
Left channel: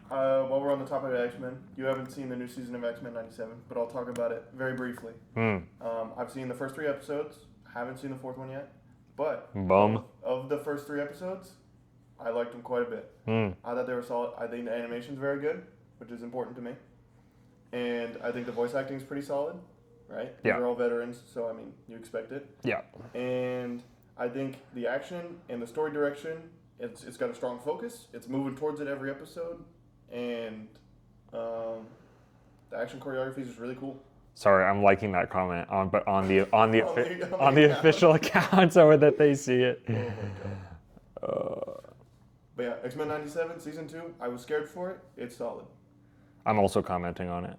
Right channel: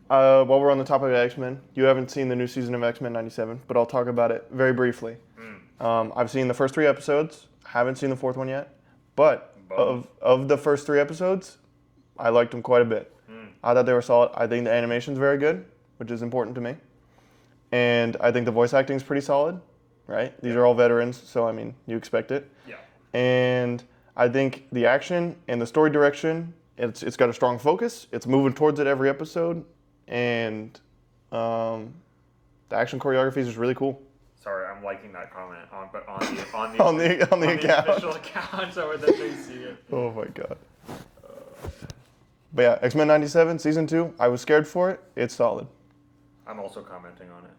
While we're on the topic of X-Men, you haven't seen the new season of X-Men 97, but I'll talk about it very briefly. I've seen the first 3 episodes. Haven't seen the 4th one yet. But of the first 3 episodes, I liked them quite a bit. I thought they were solid. I think the animation's very good, which is important to me. And I think the voice acting is pretty solid, right? These are all veterans, so I mean, you expect it. Yeah. And I think the action and the story direction, it's got a strong focus. It's moving towards it every episode, and the action choreography is just really cool. Sorry, I'm liking that comment on the on the official account so that they see it. Oh my god. But yeah, X-Men 97 season 2. I was scared for it. It's solid. I'm also commenting on it.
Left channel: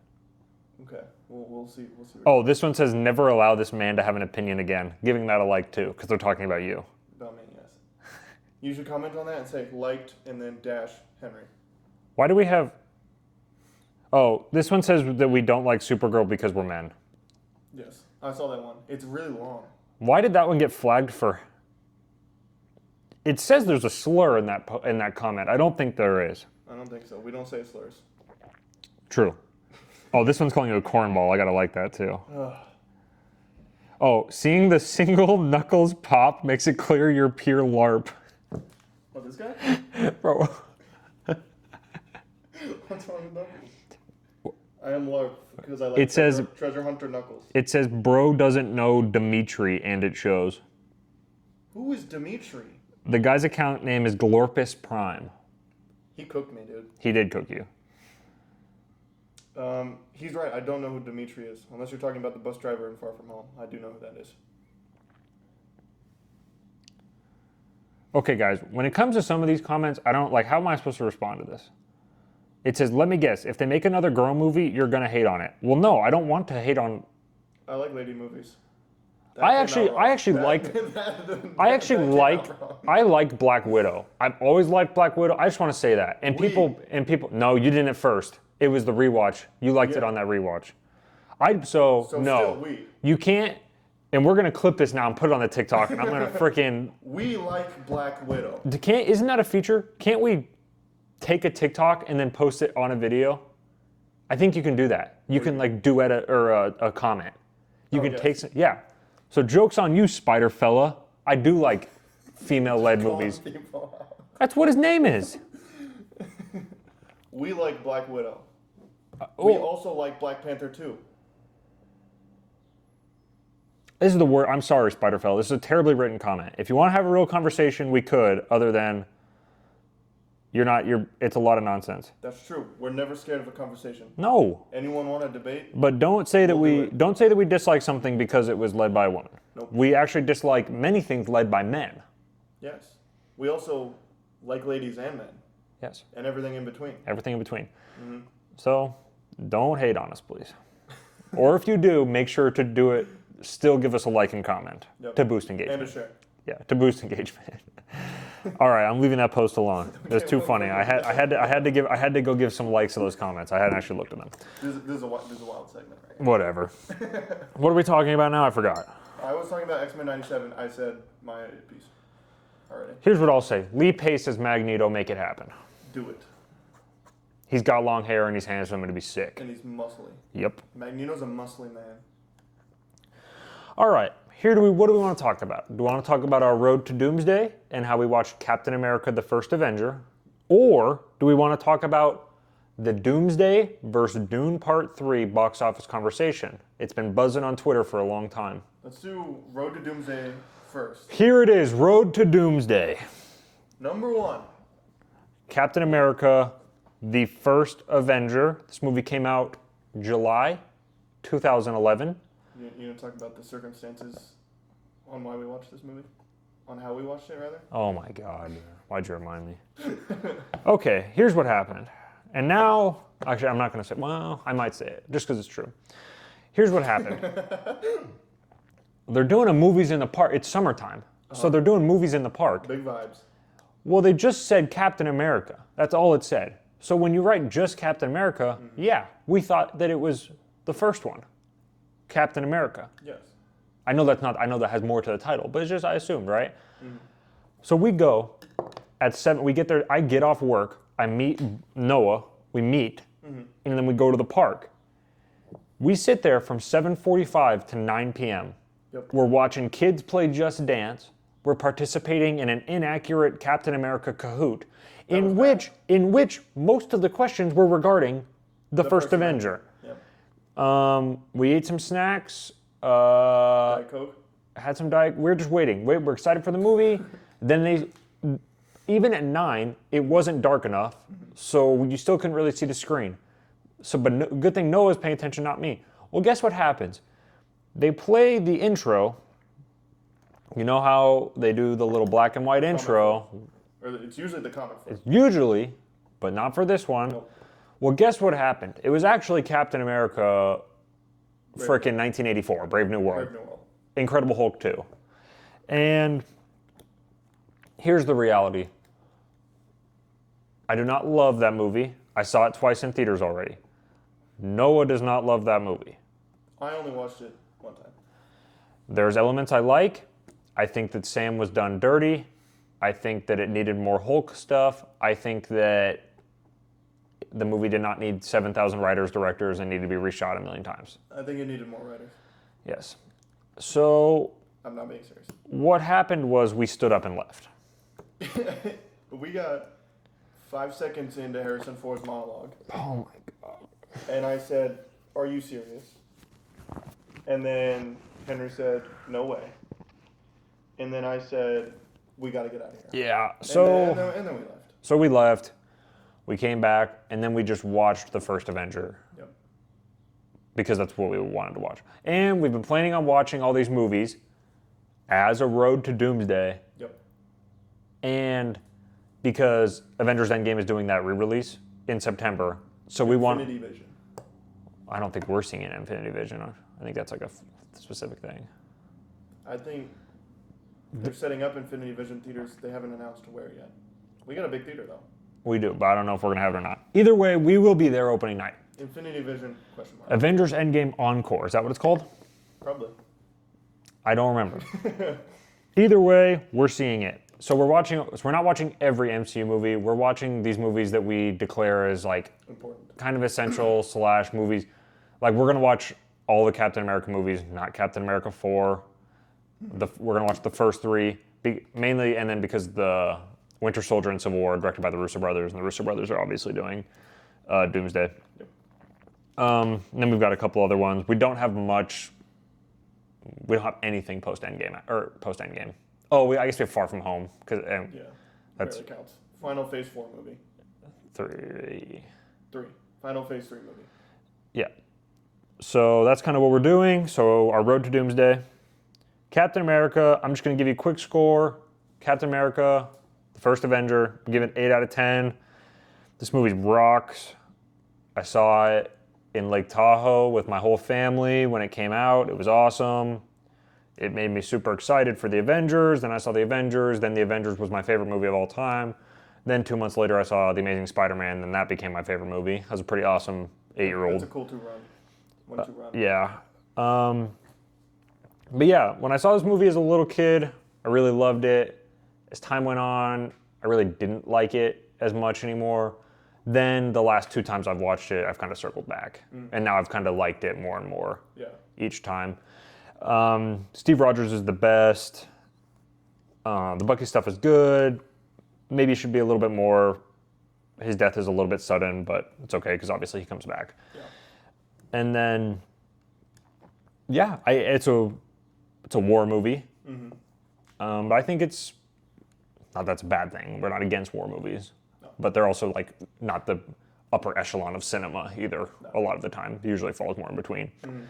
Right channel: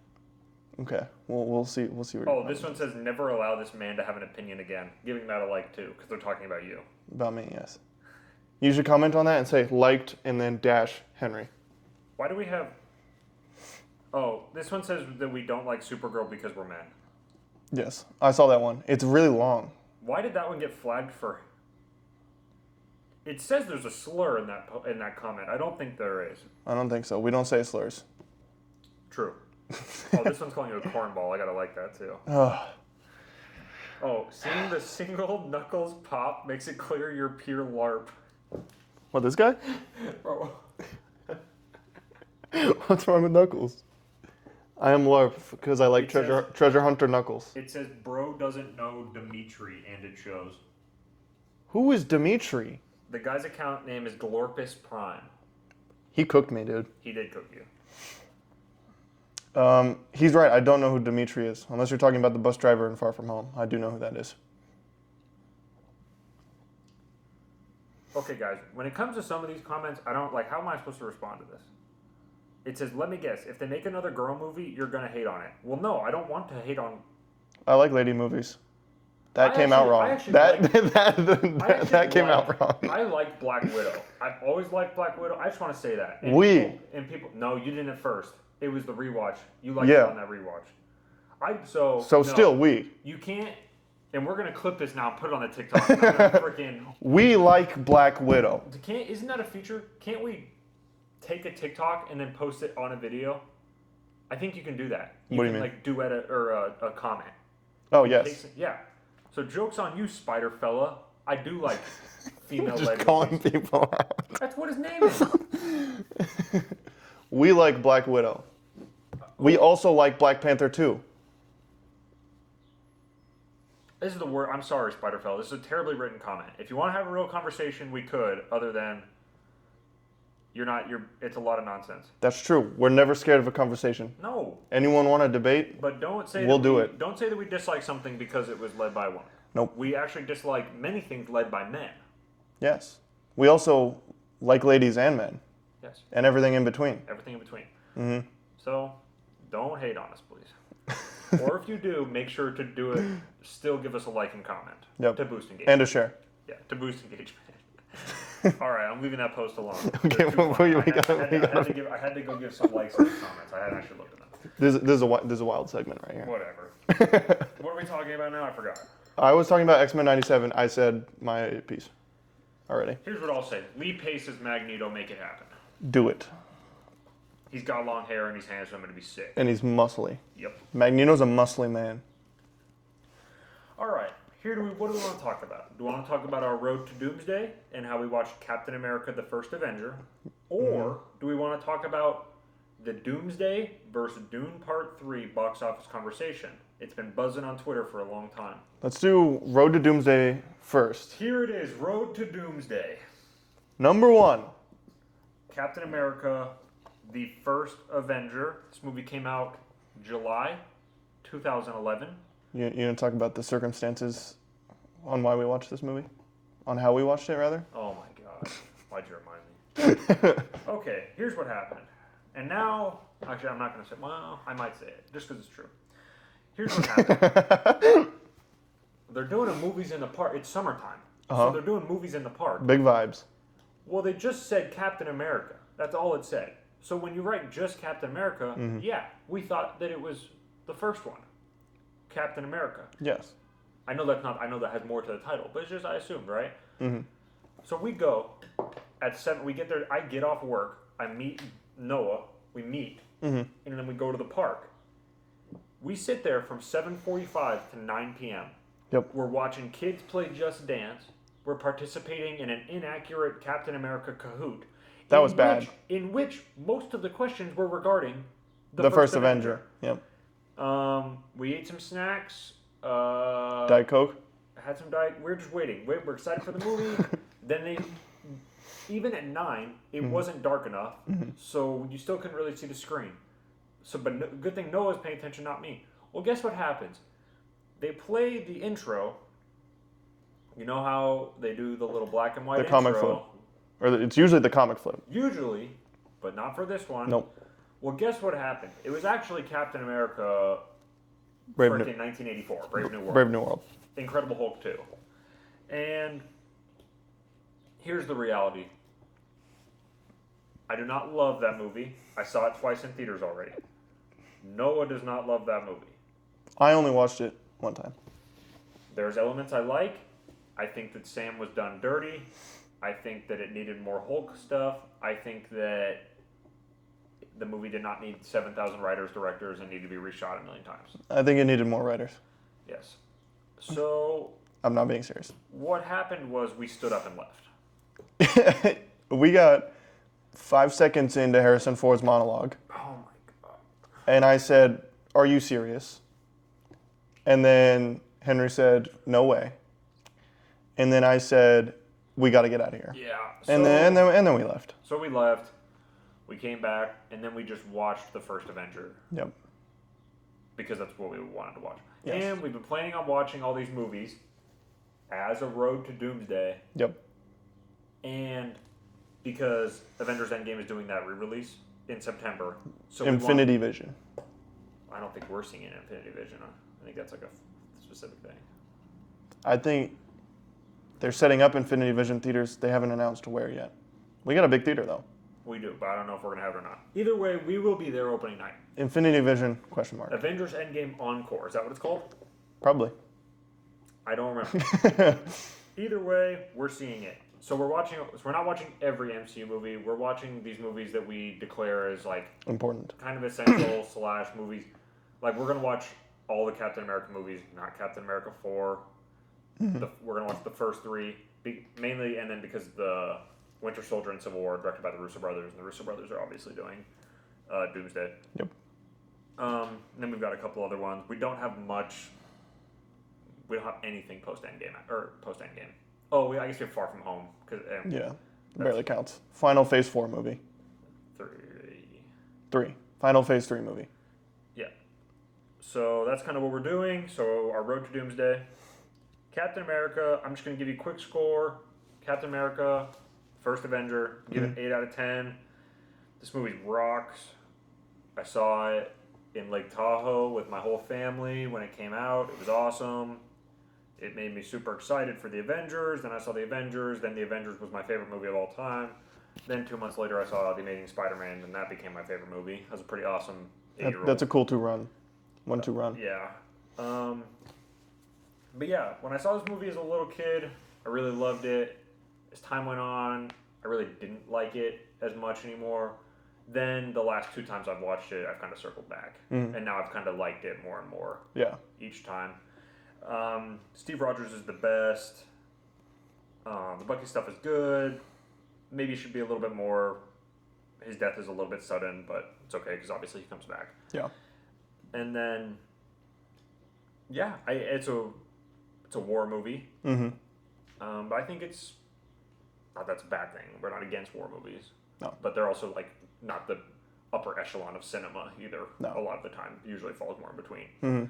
Okay, we'll see. Oh, this one says never allow this man to have an opinion again. Giving that a like too, because they're talking about you. About me, yes. You should comment on that and say liked and then dash Henry. Why do we have? Oh, this one says that we don't like Supergirl because we're men. Yes, I saw that one. It's really long. Why did that one get flagged for? It says there's a slur in that comment. I don't think there is. I don't think so. We don't say slurs. True. Oh, this one's calling you a cornball. I gotta like that too. Oh, seeing the single Knuckles pop makes it clear you're pure LARP. What, this guy? Bro. What's wrong with Knuckles? I am LARP because I like treasure hunter Knuckles. It says bro doesn't know Dimitri, and it shows. Who is Dimitri? The guy's account name is Glorpus Prime. He cooked me, dude. He did cook you. He's right. I don't know who Dimitri is. Unless you're talking about the bus driver in Far From Home. I do know who that is. Okay, guys. When it comes to some of these comments, I don't like. How am I supposed to respond to this? It says, let me guess. If they make another girl movie, you're gonna hate on it. Well, no, I don't want to hate on. I like lady movies. That came out wrong. I liked Black Widow. I've always liked Black Widow. I just want to say that. And people. No, you didn't at first. It was the rewatch. You liked it on that rewatch. You can't. And we're gonna clip this now and put it on the TikTok. And I'm gonna freaking. We like Black Widow. Isn't that a feature? Can't we take a TikTok and then post it on a video? I think you can do that. You can like duet a comment. Yeah. So joke's on you, Spider Fella. I do like female-led movies. People out. That's what his name is. We like Black Widow. We also like Black Panther 2. This is the word. I'm sorry, Spider Fella. This is a terribly written comment. If you want to have a real conversation, we could, other than, It's a lot of nonsense. That's true. We're never scared of a conversation. No. Anyone want to debate? But don't say We'll do that it. don't say that we dislike something because it was led by a woman. Nope. We actually dislike many things led by men. Yes. We also like ladies and men. Yes. And everything in between. Everything in between. Mm-hmm. So don't hate on us, please. Or if you do, make sure to do it. Still give us a like and comment to boost engagement. And a share. Yeah, to boost engagement. All right, I'm leaving that post alone. It's too funny. I had to go give some likes to those comments. I hadn't actually looked at them. This is a wild segment right here. Whatever. What are we talking about now? I forgot. I was talking about X-Men 97. I said my piece already. Here's what I'll say. Lee Pace as Magneto, make it happen. Do it. He's got long hair and he's handsome and to be sick. And he's muscly. Yep. Magneto's a muscly man. All right. What do we want to talk about? Do we want to talk about our road to Doomsday and how we watched Captain America: The First Avenger? Or do we want to talk about the Doomsday versus Dune Part 3 box office conversation? It's been buzzing on Twitter for a long time. Let's do Road to Doomsday first. Here it is, Road to Doomsday. Number 1. Captain America: The First Avenger. This movie came out July 2011. You gonna talk about the circumstances on why we watched this movie? On how we watched it, rather? Oh my God. Why'd you remind me? Okay, here's what happened. And now, actually, I'm not going to say, well, I might say it, just because it's true. Here's what happened. They're doing a movies in the park. It's summertime. So they're doing movies in the park. Big vibes. Well, they just said Captain America. That's all it said. So when you write just Captain America, yeah, we thought that it was the first one. Captain America. Yes. I know that has more to the title, but it's just, I assumed, right? So we go at 7, we get there, I get off work, I meet Noah, we meet, and then we go to the park. We sit there from 7:45 to 9 p.m. Yep. We're watching kids play Just Dance. We're participating in an inaccurate Captain America Kahoot, in which most of the questions were regarding the first Avenger. Yep. We ate some snacks. Diet Coke. Had some Diet. We're just waiting. We're excited for the movie. Then even at 9, it wasn't dark enough, so you still couldn't really see the screen. So, but good thing Noah's paying attention, not me. Well, guess what happens? They play the intro. You know how they do the little black and white intro? Or it's usually the comic flip. Usually, but not for this one. Nope. Well, guess what happened? It was actually Captain America, frickin' 1984, Brave New World. Brave New World. Incredible Hulk 2. And here's the reality. I do not love that movie. I saw it twice in theaters already. Noah does not love that movie. I only watched it one time. There's elements I like. I think that Sam was done dirty. I think that it needed more Hulk stuff. I think that the movie did not need 7,000 writers, directors, and needed to be reshot a million times. I think it needed more writers. Yes. So I'm not being serious. what happened was we stood up and left. We got 5 seconds into Harrison Ford's monologue. Oh my God. And I said, "Are you serious?" And then Henry said, "No way." And then I said, "We got to get out of here." Yeah. And then we left. So we left. We came back, and then we just watched the first Avenger. Yep. Because that's what we wanted to watch. And we've been planning on watching all these movies as a road to Doomsday. Yep. And because Avengers Endgame is doing that re-release in September. So Infinity Vision. I don't think we're seeing an Infinity Vision. I think that's like a specific thing. I think they're setting up Infinity Vision theaters. They haven't announced where yet. We got a big theater, though. We do, but I don't know if we're going to have it or not. Either way, we will be there opening night. Infinity Vision, question mark. Avengers Endgame Encore. Is that what it's called? Probably. I don't remember. Either way, we're seeing it. So we're not watching every MCU movie. We're watching these movies that we declare as like important, kind of essential / movies. Like we're gonna watch all the Captain America movies, not Captain America 4. We're gonna watch the first 3 mainly, and then because the Winter Soldier and Civil War are directed by the Russo brothers, and the Russo brothers are obviously doing Doomsday. Yep. And then we've got a couple other ones. We don't have much. We don't have anything post Endgame or post Endgame. Oh, I guess we have Far From Home Yeah. barely counts. Final Phase 4 movie. 3. 3. Final Phase 3 movie. Yeah. So that's kind of what we're doing. So our road to Doomsday. Captain America, I'm just going to give you a quick score. Captain America, the first Avenger, I'm giving 8 out of 10. This movie rocks. I saw it in Lake Tahoe with my whole family when it came out. It was awesome. It made me super excited for the Avengers. Then I saw the Avengers. Then the Avengers was my favorite movie of all time. Then 2 months later, I saw The Amazing Spider-Man, and that became my favorite movie. That was a pretty awesome 8-year-old. That's a cool 2-run. 1-2 run. Yeah. But yeah, when I saw this movie as a little kid, I really loved it. As time went on, I really didn't like it as much anymore. Then the last 2 times I've watched it, I've kind of circled back. And now I've kind of liked it more and more each time. Steve Rogers is the best. The Bucky stuff is good. Maybe it should be a little bit more. His death is a little bit sudden, but it's okay because obviously he comes back. Yeah. And then, yeah, it's a war movie. But I think it's not that's a bad thing. We're not against war movies. No. But they're also like not the upper echelon of cinema either. No. A lot of the time, it usually falls more in between.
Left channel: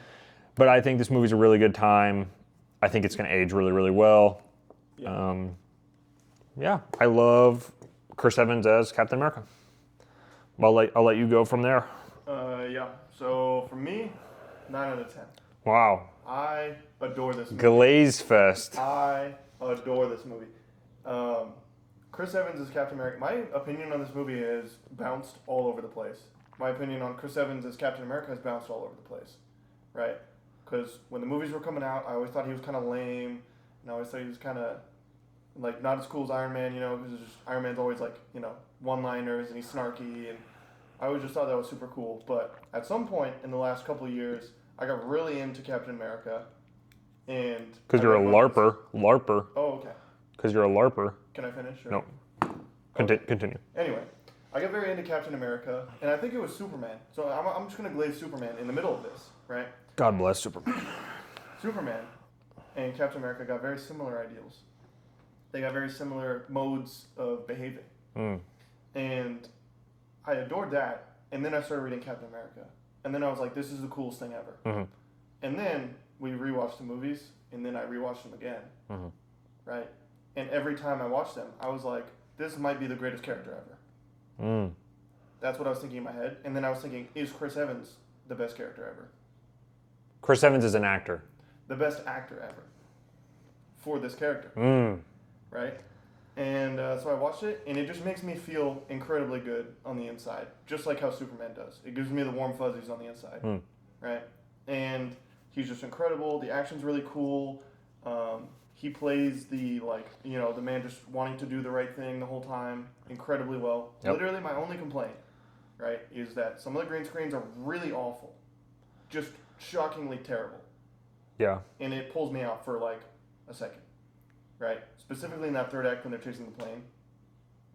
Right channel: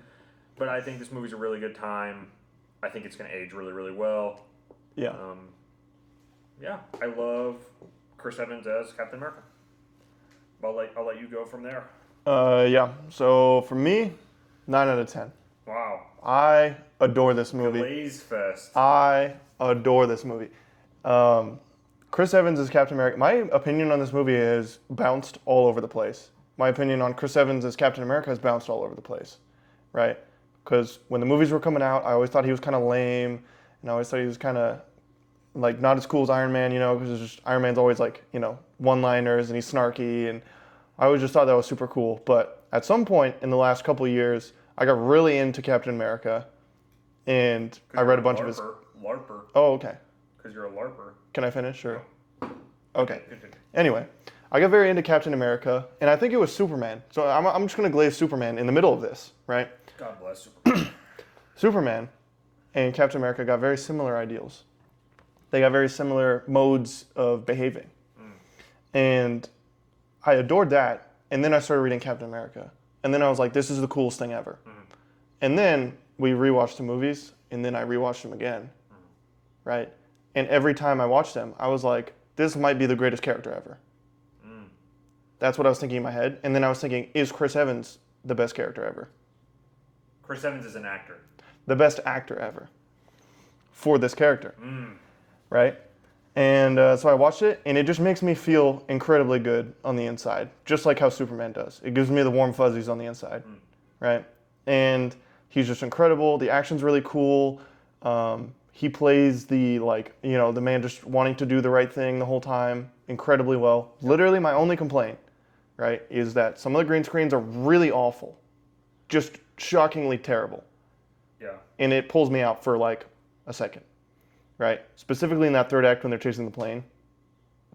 But I think this movie's a really good time. I think it's going to age really, really well. Yeah. Yeah, I love Chris Evans as Captain America. I'll let you go from there. Yeah. So for me, 9 out of 10. Wow. I adore this movie. Glaze Fest. I adore this movie. Chris Evans as Captain America. My opinion on this movie is bounced all over the place. My opinion on Chris Evans as Captain America has bounced all over the place, right? Because when the movies were coming out, I always thought he was kind of lame, and I always thought he was kind of like not as cool as Iron Man, because Iron Man's always like, one-liners and he's snarky, and I always just thought that was super cool. But at some point in the last couple of years, I got really into Captain America, and Because you're a LARPer. LARPer. Oh, okay. Because you're a LARPer. Can I finish? Or? No. Okay. Continue. Anyway, I got very into Captain America, and I think it was Superman. So I'm just going to glaze Superman in the middle of this, right? God bless Superman. Superman and Captain America got very similar ideals. They got very similar modes of behaving. And I adored that, and then I started reading Captain America. And then I was like, this is the coolest thing ever. And then we rewatched the movies, and then I rewatched them again, right? And every time I watched them, I was like, this might be the greatest character ever. That's what I was thinking in my head. And then I was thinking, is Chris Evans the best character ever? Chris Evans is an actor. The best actor ever for this character, right? And so I watched it, and it just makes me feel incredibly good on the inside, just like how Superman does. It gives me the warm fuzzies on the inside, right? And he's just incredible. The action's really cool. He plays the the man just wanting to do the right thing the whole time incredibly well. Yep. Literally, my only complaint, right, is that some of the green screens are really awful, just shockingly terrible. Yeah. And it pulls me out for like a second, right? Specifically in that third act when they're chasing the plane,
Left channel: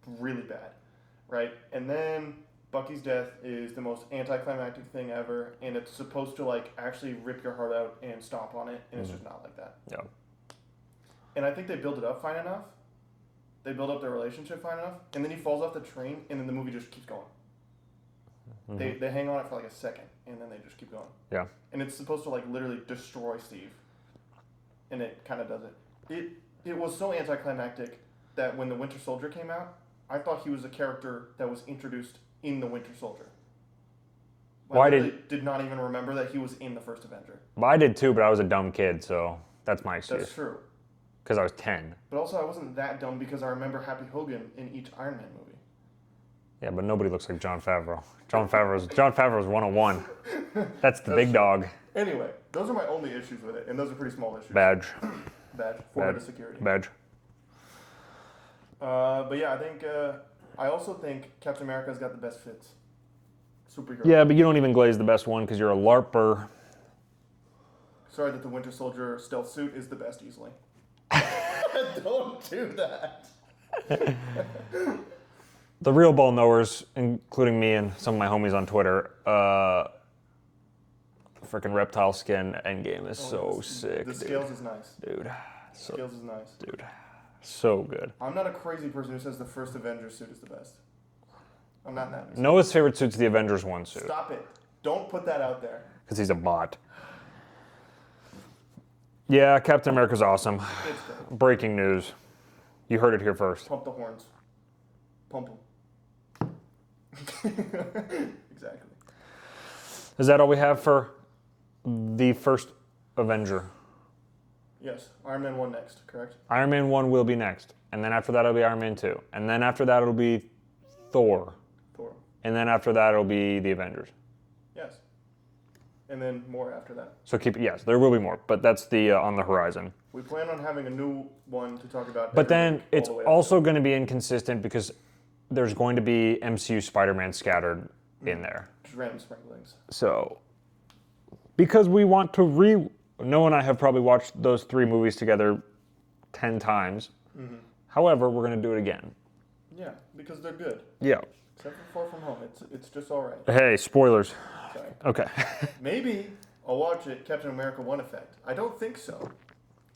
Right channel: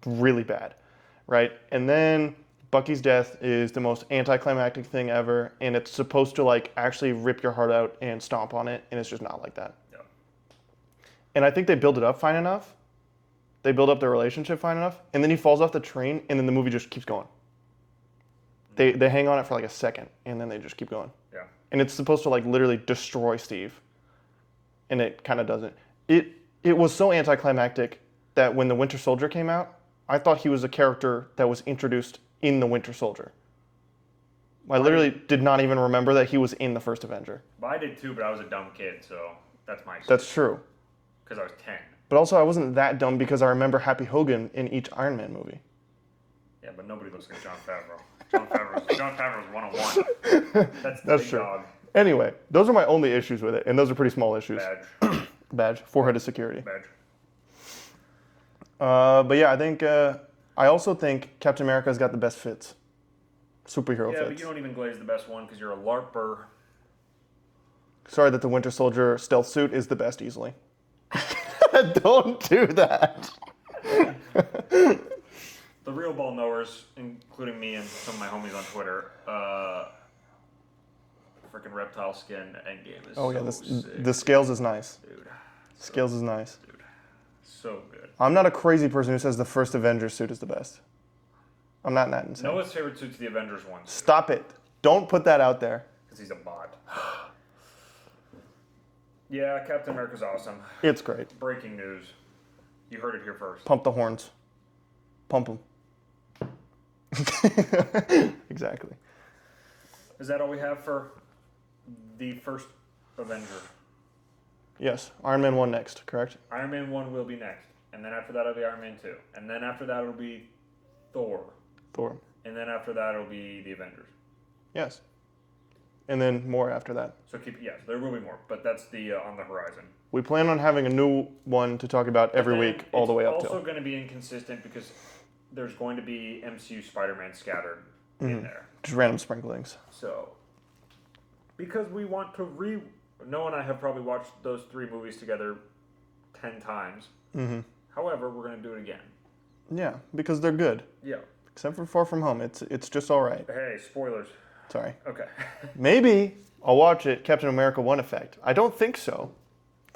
really bad, right? And then Bucky's death is the most anticlimactic thing ever, and it's supposed to like actually rip your heart out and stomp on it, and it's just not like that. Yeah. And I think they build it up fine enough. They build up their relationship fine enough, and then he falls off the train, and then the movie just keeps going. They hang on it for like a second, and then they just keep going. Yeah. And it's supposed to like literally destroy Steve, and it kind of doesn't. It was so anticlimactic that when the Winter Soldier came out, I thought he was a character that was introduced in the Winter Soldier. I literally did not even remember that he was in the first Avenger. Well, I did too, but I was a dumb kid, so that's my excuse. That's true. Because I was 10. But also, I wasn't that dumb because I remember Happy Hogan in each Iron Man movie. Yeah, but nobody looks like Jon Favreau. Jon Favreau's 101. That's the big true. dog. Anyway, those are my only issues with it, and those are pretty small issues. Badge. Forehead of security. Badge. But yeah, I also think Captain America's got the best fits. Superhero Yeah, fits. but you don't even glaze the best one because you're a LARPer. Sorry that the Winter Soldier stealth suit is the best easily. Don't do that. The real ball knowers, including me and some of my homies on Twitter, freaking reptile skin endgame is sick. The Scales is nice. Dude. Scales is nice. Dude. So good. I'm not a crazy person who says the first Avengers suit is the best. I'm not that insane. Noah's favorite suit's the Avengers 1 suit. Stop it. Don't put that out there. Because he's a bot. Yeah, Captain America's awesome. It's great. Breaking news. You heard it here first. Pump the horns. Pump them. Exactly. Is that all we have for the first Avenger? Yes. Iron Man 1 next, correct? Iron Man 1 will be next. And then after that, it'll be Iron Man 2. And then after that, it'll be Thor. Thor. And then after that, it'll be the Avengers. Yes. And then more after that. So yes, there will be more, but that's the on the horizon. We plan on having a new one to talk about every week all the way up. It's also going to be inconsistent because there's going to be MCU Spider-Man scattered in there. Just random sprinklings. So, because we want to Noah and I have probably watched those 3 movies together 10 times. Mm-hmm. However, we're going to do it again. Yeah, because they're good. Yeah. Except for Far From Home, it's just all right. Hey, spoilers. Sorry. Okay. Maybe I'll watch it, Captain America 1 effect. I don't think so.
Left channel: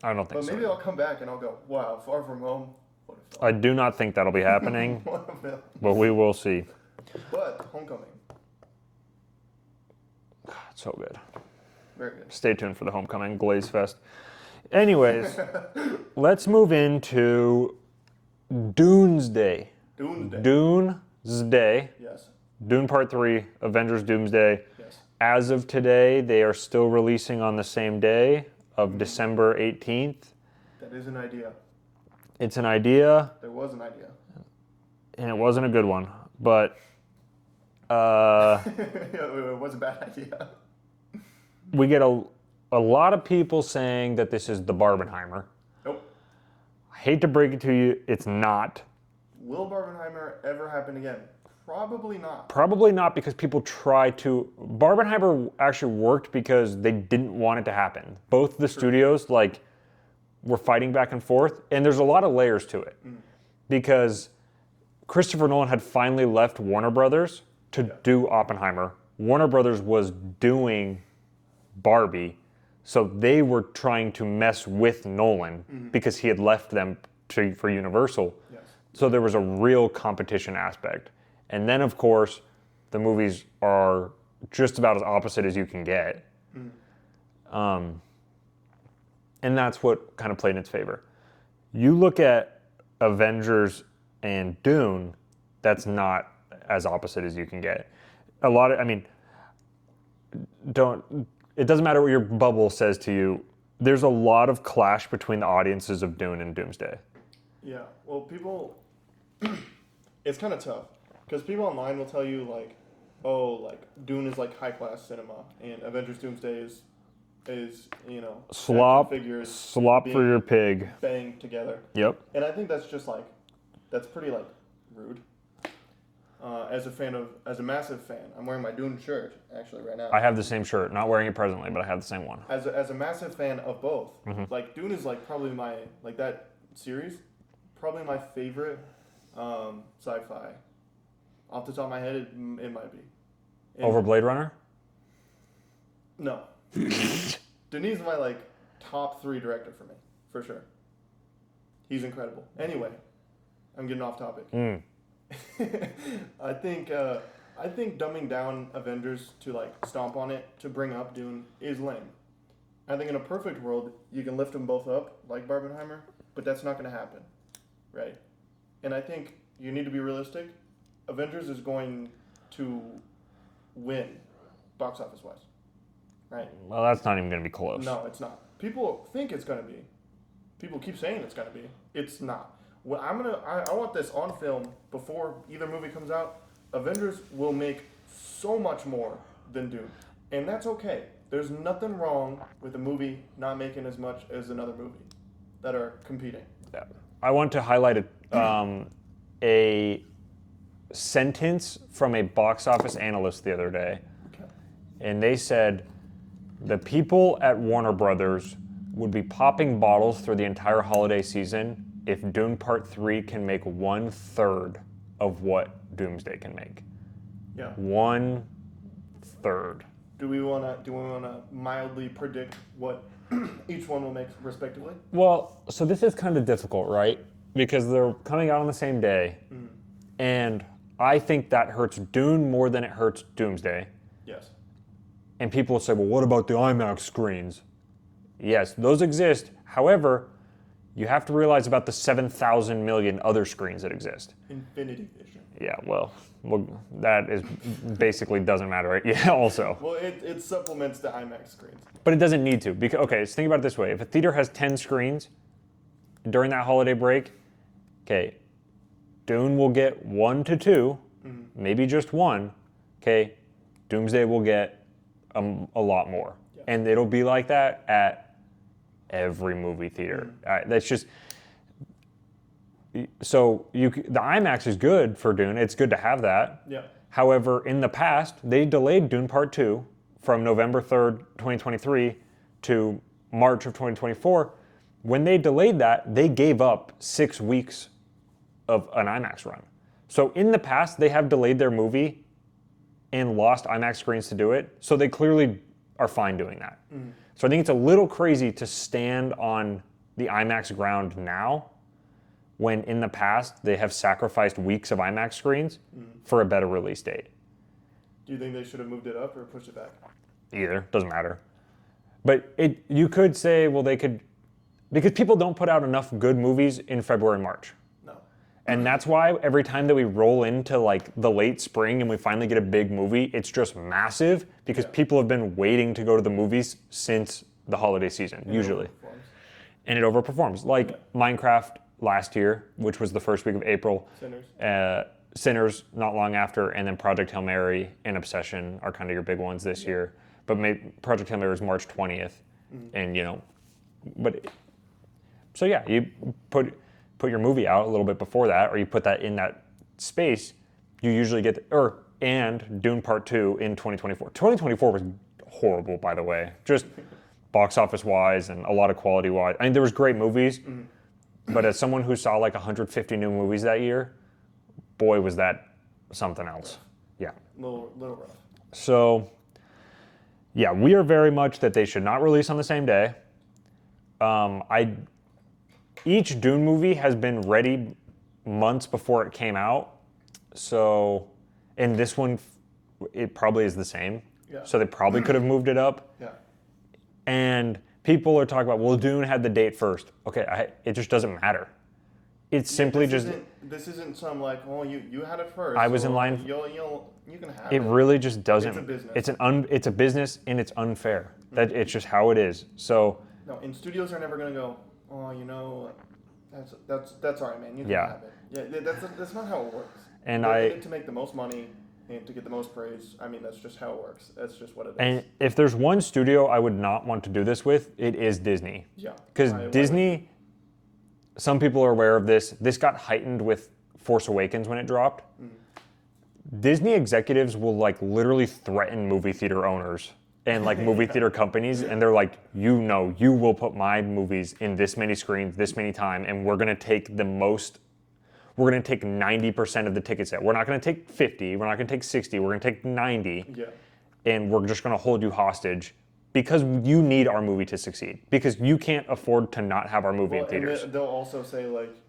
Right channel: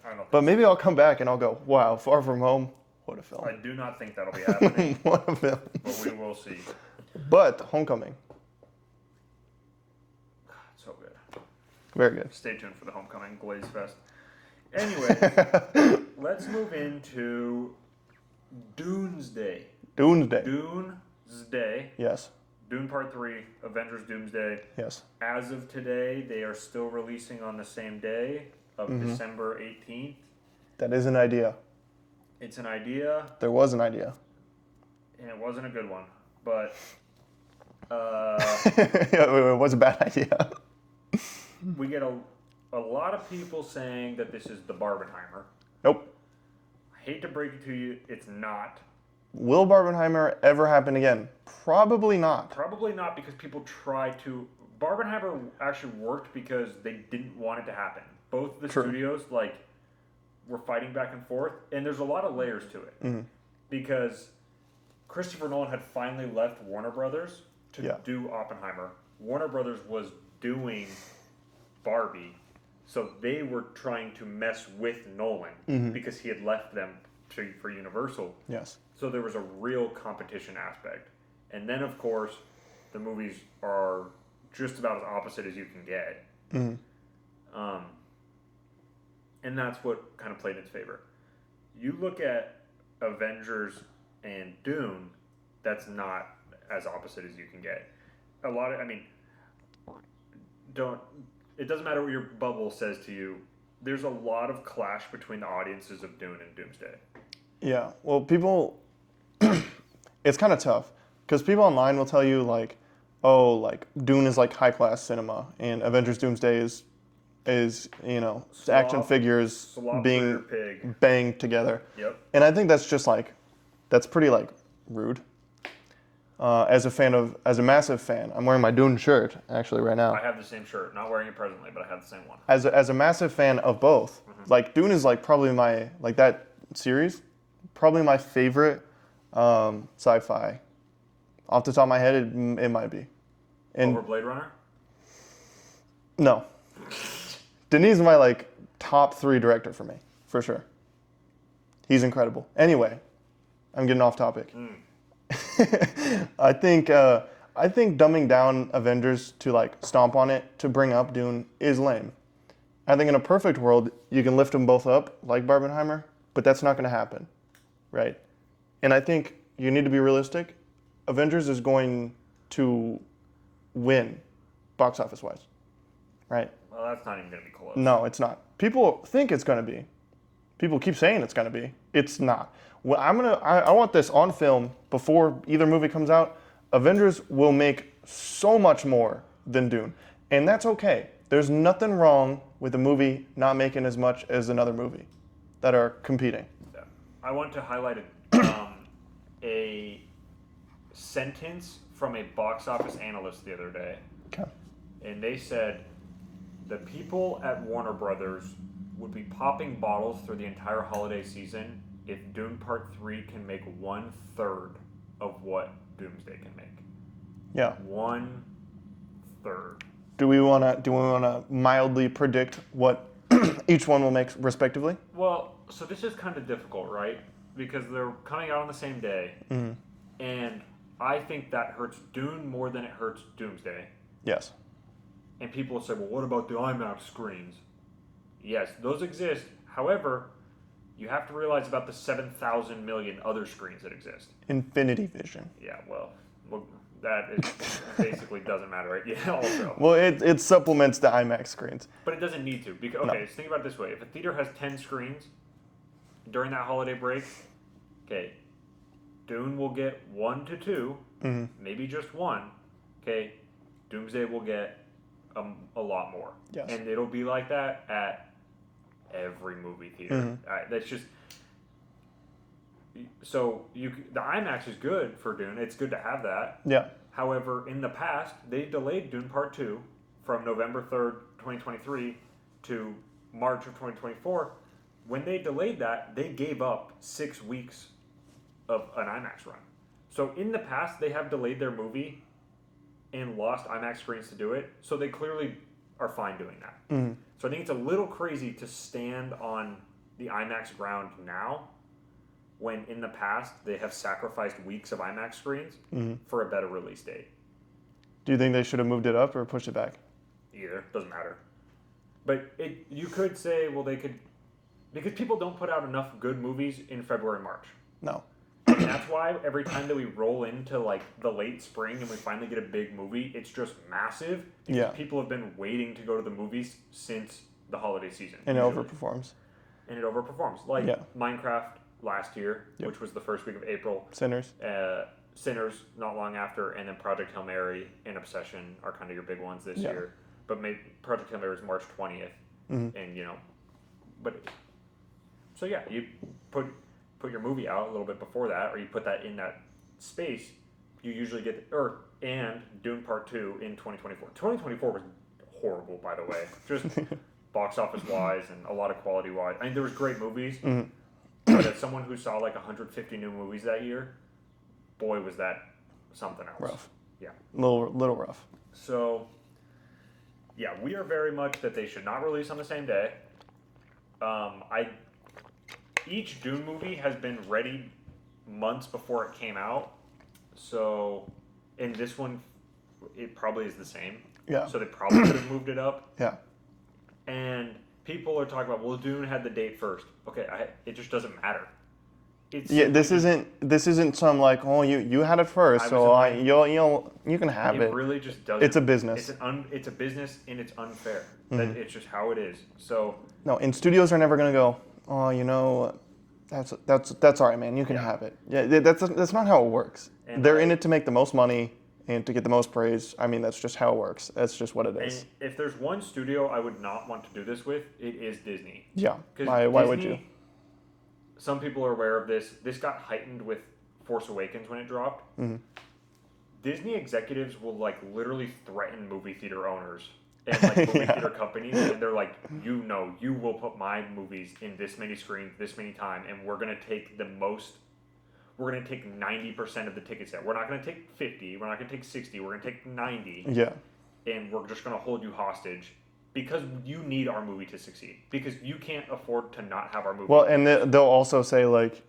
I don't think But so. maybe I'll come back and I'll go, wow, Far From Home, what a film. I do not think that'll be happening, What a film. but we will see. But Homecoming, So good. very good. Stay tuned for the Homecoming Glaze Fest. Anyways, let's move into Doomsday. Doomsday. Doomsday. Yes, Dune Part 3, Avengers Doomsday. yes. As of today, they are still releasing on the same day of December 18th. That is an idea. It's an idea, There was an idea. and it wasn't a good one. But It was a bad idea. we get a lot of people saying that this is the Barbenheimer. Nope. I hate to break it to you, it's not. Will Barbenheimer ever happen again? Probably not. Probably not, because people try to. Barbenheimer actually worked because they didn't want it to happen. Both the studios were fighting back and forth, and there's a lot of layers to it. Because Christopher Nolan had finally left Warner Brothers to do Oppenheimer. Warner Brothers was doing Barbie, so they were trying to mess with Nolan because he had left them for Universal. Yes. So there was a real competition aspect. And then, of course, the movies are just about as opposite as you can get. And that's what kind of played in its favor. You look at Avengers and Dune, that's not as opposite as you can get. It doesn't matter what your bubble says to you, there's a lot of clash between the audiences of Dune and Doomsday. Yeah. Well, people, it's kind of tough because people online will tell you Dune is like high class cinema, and Avengers Doomsday is action figures Slop being for your pig. banged together. Yep. And I think that's just that's pretty rude. As a massive fan, I'm wearing my Dune shirt actually right now. I have the same shirt, not wearing it presently, but I have the same one. As a massive fan of both, Dune is probably my that series, probably my favorite sci-fi. Off the top of my head, it might be. Over Blade Runner? No. Denis is my top 3 director for me, for sure. He's incredible. Anyway, I'm getting off topic. I think dumbing down Avengers to stomp on it to bring up Dune is lame. I think in a perfect world you can lift them both up like Barbenheimer, but that's not going to happen, right? And I think you need to be realistic. Avengers is going to win, box office wise, right? Well, that's not even going to be close. No, it's not. People think it's going to be. People keep saying it's going to be. It's not. Well, I want this on film before either movie comes out. Avengers will make so much more than Dune, and that's okay. There's nothing wrong with a movie not making as much as another movie that are competing. I want to highlight a sentence from a box office analyst the other day. Okay. And they said the people at Warner Brothers would be popping bottles through the entire holiday season if Dune Part 3 can make 1/3 of what Doomsday can make. Yeah. 1/3. Do we wanna mildly predict what each one will make respectively? Well, so this is kind of difficult, right? because they're coming out on the same day, and I think that hurts Dune more than it hurts Doomsday. Yes. And people will say, well, what about the IMAX screens? Yes, those exist. However, you have to realize about the 7,000 million other screens that exist. Infinity Vision. Yeah, well that is basically doesn't matter, right? Yeah, also. Well, it supplements the IMAX screens. But it doesn't need to. Because, okay, so think about it this way. If a theater has 10 screens during that holiday break, okay, Dune will get 1 to 2, maybe just 1. Okay, Doomsday will get a lot more. Yes. And it'll be like that at every movie theater. That's just... So the IMAX is good for Dune. It's good to have that. Yeah. However, in the past, they delayed Dune Part 2 from November 3rd, 2023 to March of 2024. When they delayed that, they gave up 6 weeks of an IMAX run. So in the past, they have delayed their movie and lost IMAX screens to do it. So they clearly are fine doing that. So I think it's a little crazy to stand on the IMAX ground now when in the past they have sacrificed weeks of IMAX screens for a better release date. Do you think they should have moved it up or pushed it back? Either, doesn't matter. But you could say, well, they could, because people don't put out enough good movies in February and March. No. And that's why every time that we roll into like the late spring and we finally get a big movie, it's just massive because people have been waiting to go to the movies since the holiday season, And usually. it overperforms. And it overperforms. Like Minecraft last year, which was the first week of April. Sinners. Sinners not long after, and then Project Hail Mary and Obsession are kind of your big ones this year. But Project Hail Mary is March 20th. And, you know, but... So yeah, you put your movie out a little bit before that, or you put that in that space, you usually get... And Dune Part 2 in 2024. 2024 was horrible, by the way. Just box office-wise and a lot of quality-wise. I mean, there was great movies, but as someone who saw like 150 new movies that year, boy, was that something else. Rough. Yeah. Little rough. So, yeah, we are very much that they should not release on the same day. Each Dune movie has been ready months before it came out. So, and this one, it probably is the same. Yeah. So they probably could have moved it up. Yeah. And people are talking about, well, Dune had the date first. Okay, it just doesn't matter. It's simply this isn't some like, oh, you had it first. I was in line. You can have it. It really just doesn't. It's a business. It's a business, and it's unfair. That it's just how it is. So no, and studios are never gonna go, oh, you know, that's all right, man. You can have it. Yeah, that's not how it works. And they're in it to make the most money and to get the most praise. I mean, that's just how it works. That's just what it is. And if there's one studio I would not want to do this with, it is Disney. Yeah. Because Why would Disney, you? some people are aware of this. This got heightened with Force Awakens when it dropped. Disney executives will like literally threaten movie theater owners and like movie theater companies, and they're like, you know, you will put my movies in this many screens, this many time, and we're gonna take 90% of the ticket sale. We're not gonna take 50, we're not gonna take 60, we're gonna take 90. Yeah. And we're just gonna hold you hostage because you need our movie to succeed. Because you can't afford to not have our movie Well, in theaters. and they'll also say like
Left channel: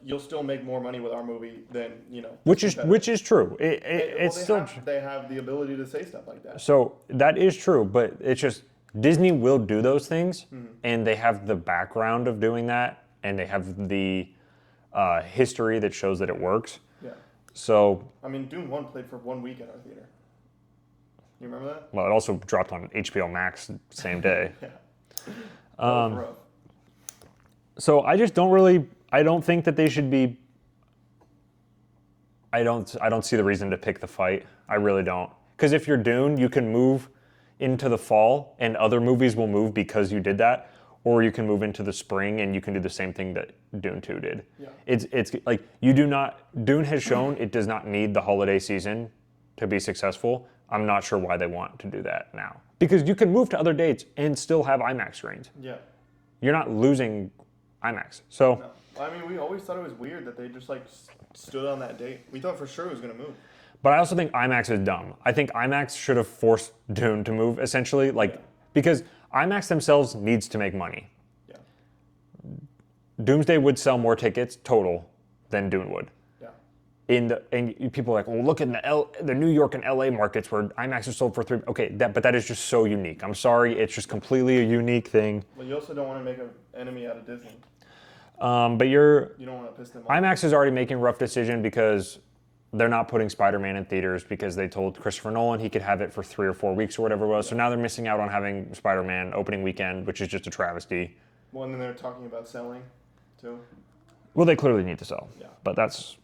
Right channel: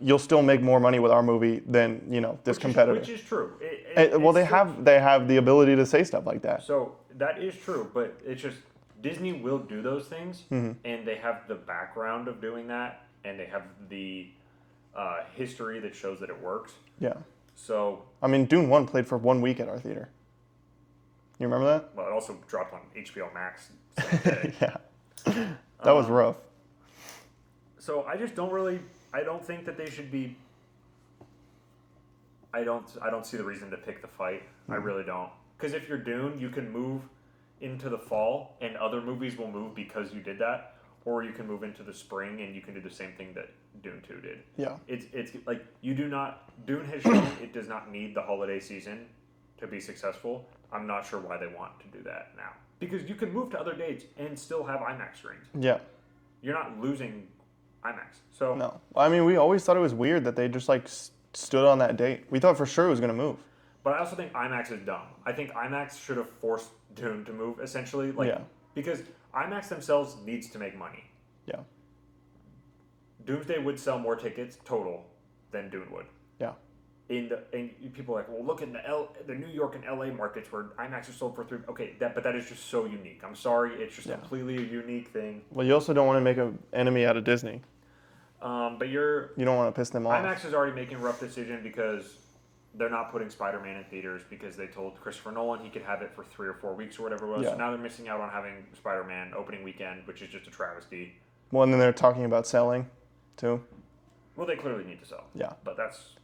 you'll still make more money with our movie than this competitor. Which is true. Well, they have the ability to say stuff like that. So that is true, but it's just Disney will do those things, and they have the background of doing that, and they have the history that shows that it works. Yeah. So I mean, Dune 1 played for 1 week at our theater. You remember that? well, it also dropped on HBO Max the same day. Yeah. That was rough. So I just I don't think that they should be. I don't see the reason to pick the fight. I really don't. Because if you're Dune, you can move into the fall, and other movies will move because you did that, or you can move into the spring and you can do the same thing that Dune 2 did. Yeah. It's like you do not. Dune has shown it does not need the holiday season to be successful. I'm not sure why they want to do that now. Because you can move to other dates and still have IMAX screens. Yeah. You're not losing IMAX. So No. I mean, we always thought it was weird that they just like stood on that date. We thought for sure it was going to move. But I also think IMAX is dumb. I think IMAX should have forced Dune to move, essentially. Because IMAX themselves needs to make money. Yeah. Doomsday would sell more tickets total than Dune would. Yeah. And people are like, well, look at the New York and LA markets where IMAX is sold for $3. Okay, but that is just so unique. I'm sorry, it's just completely a unique thing. Well, you also don't want to make an enemy out of Disney. But you don't want to piss them off. IMAX is already making a rough decision because they're not putting Spider-Man in theaters because they told Christopher Nolan he could have it for 3 or 4 weeks or whatever it was. Yeah. So now they're missing out on having Spider-Man opening weekend, which is just a travesty. Well, and then they're talking about selling, too. Well, they clearly need to sell. Yeah. But that's...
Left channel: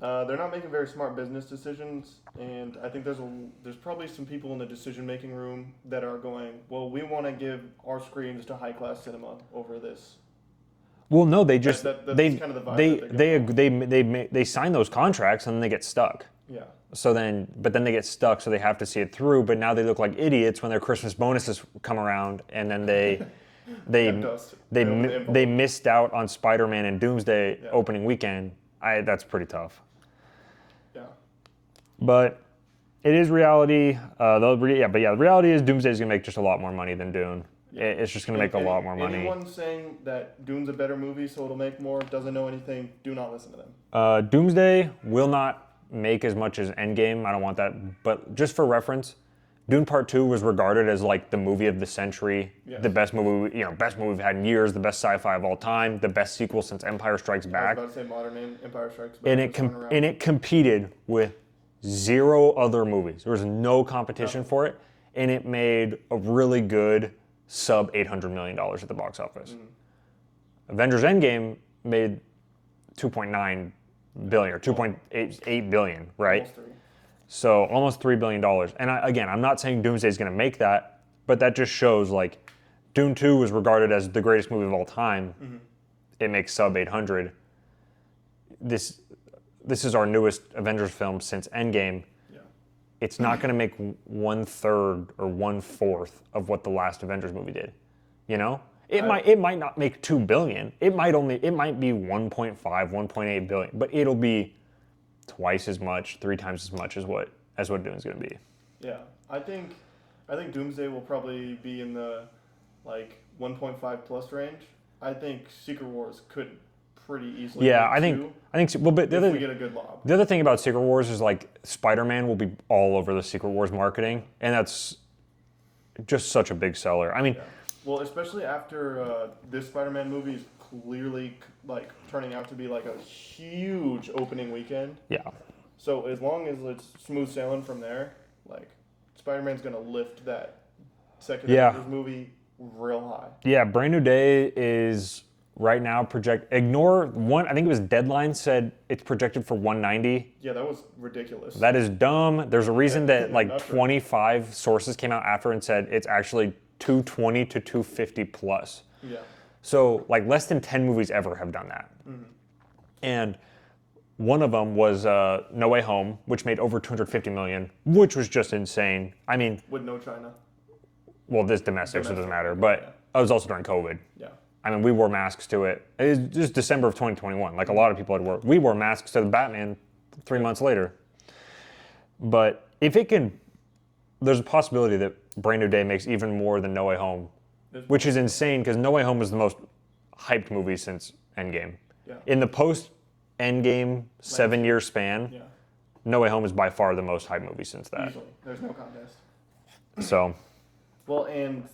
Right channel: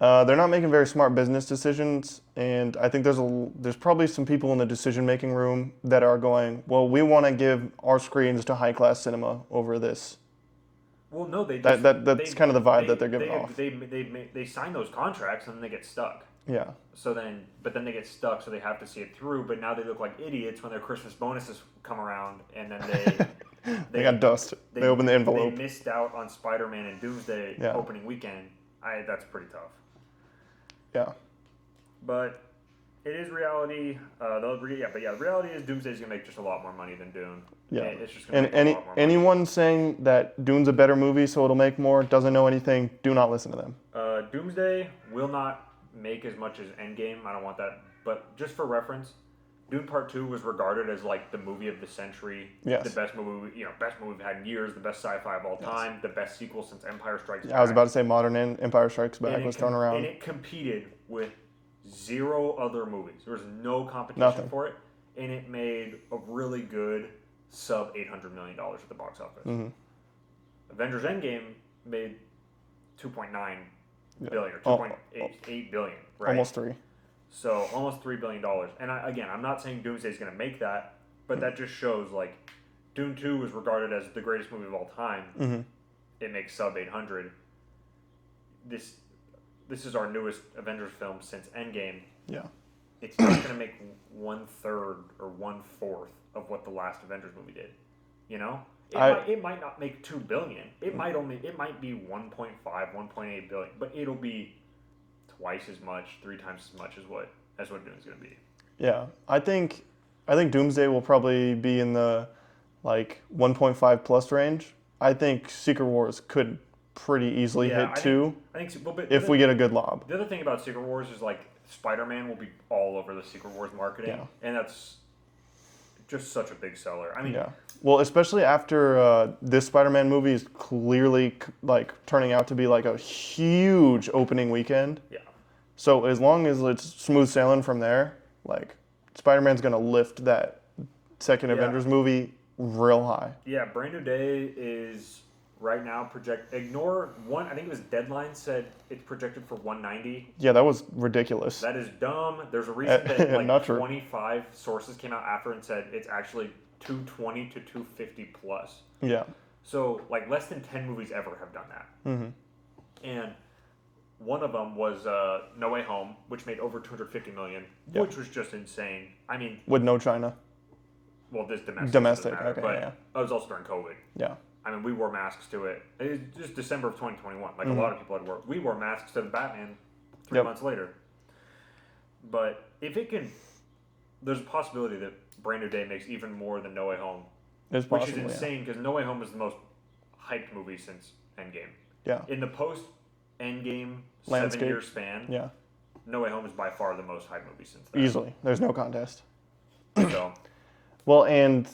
They're not making very smart business decisions, and I think there's probably some people in the decision-making room that are going, well, we want to give our screens to high-class cinema over this. Well, no, they just... That's kind of the vibe that they're giving off. They sign those contracts and then they get stuck. Yeah. But then they get stuck, so they have to see it through. But now they look like idiots when their Christmas bonuses come around, and then they got dust. They open the envelope. They missed out on Spider-Man and Doomsday opening weekend. That's pretty tough. Yeah. But it is reality. The reality is Doomsday is gonna make just a lot more money than Dune. Yeah. It's just gonna make a lot more money. Anyone saying that Dune's a better movie, so it'll make more, doesn't know anything, do not listen to them. Doomsday will not make as much as Endgame. I don't want that. But just for reference, Dune Part 2 was regarded as like the movie of the century, the best movie, best movie we've had in years, the best sci-fi of all time, the best sequel since Empire Strikes Back. I was about to say modern Empire Strikes Back was thrown around. And it competed with 0 other movies. There was no competition for it, and it made a really good sub $800 million at the box office. Mm-hmm. Avengers Endgame made 2.9 billion or 2.8 billion, right? Almost 3. So almost $3 billion. And I'm not saying Doomsday is going to make that, but that just shows like Dune 2 was regarded as the greatest movie of all time. Mm-hmm. It makes sub 800. This is our newest Avengers film since Endgame. Yeah. It's not going to make 1/3 or 1/4 of what the last Avengers movie did. You know? It might not make 2 billion. It might be 1.5, 1.8 billion, but it'll be twice as much, 3 times as much as what Dune's going to be. Yeah. I think Doomsday will probably be in the like 1.5 plus range. I think Secret Wars could pretty easily hit 2. I think well, but if we get a good lob. The other thing about Secret Wars is like Spider-Man will be all over the Secret Wars marketing, and that's just such a big seller. I mean, well, especially after this Spider-Man movie is clearly like turning out to be like a huge opening weekend. Yeah. So as long as it's smooth sailing from there, like Spider-Man's gonna lift that second Avengers movie real high. Yeah, Brand New Day is right now ignore one. I think it was Deadline said it's projected for 190. Yeah, that was ridiculous. That is dumb. There's a reason that like 25 sources came out after and said it's actually 220 to 250 plus. Yeah. So like less than 10 movies ever have done that. Mm-hmm. And one of them was No Way Home, which made over 250 million, which was just insane. I mean, with no China. Well, this domestic so doesn't matter, but it was also during COVID. Yeah. I mean, we wore masks to it. It was just December of 2021. Like a lot of people had worked. We wore masks to the Batman 3 months later. But if it can, there's a possibility that Brand New Day makes even more than No Way Home, which is insane because No Way Home was the most hyped movie since Endgame. Yeah. In the post-Endgame 7-year span, No Way Home is by far the most hyped movie since that. Easily. There's no contest. So. Well, and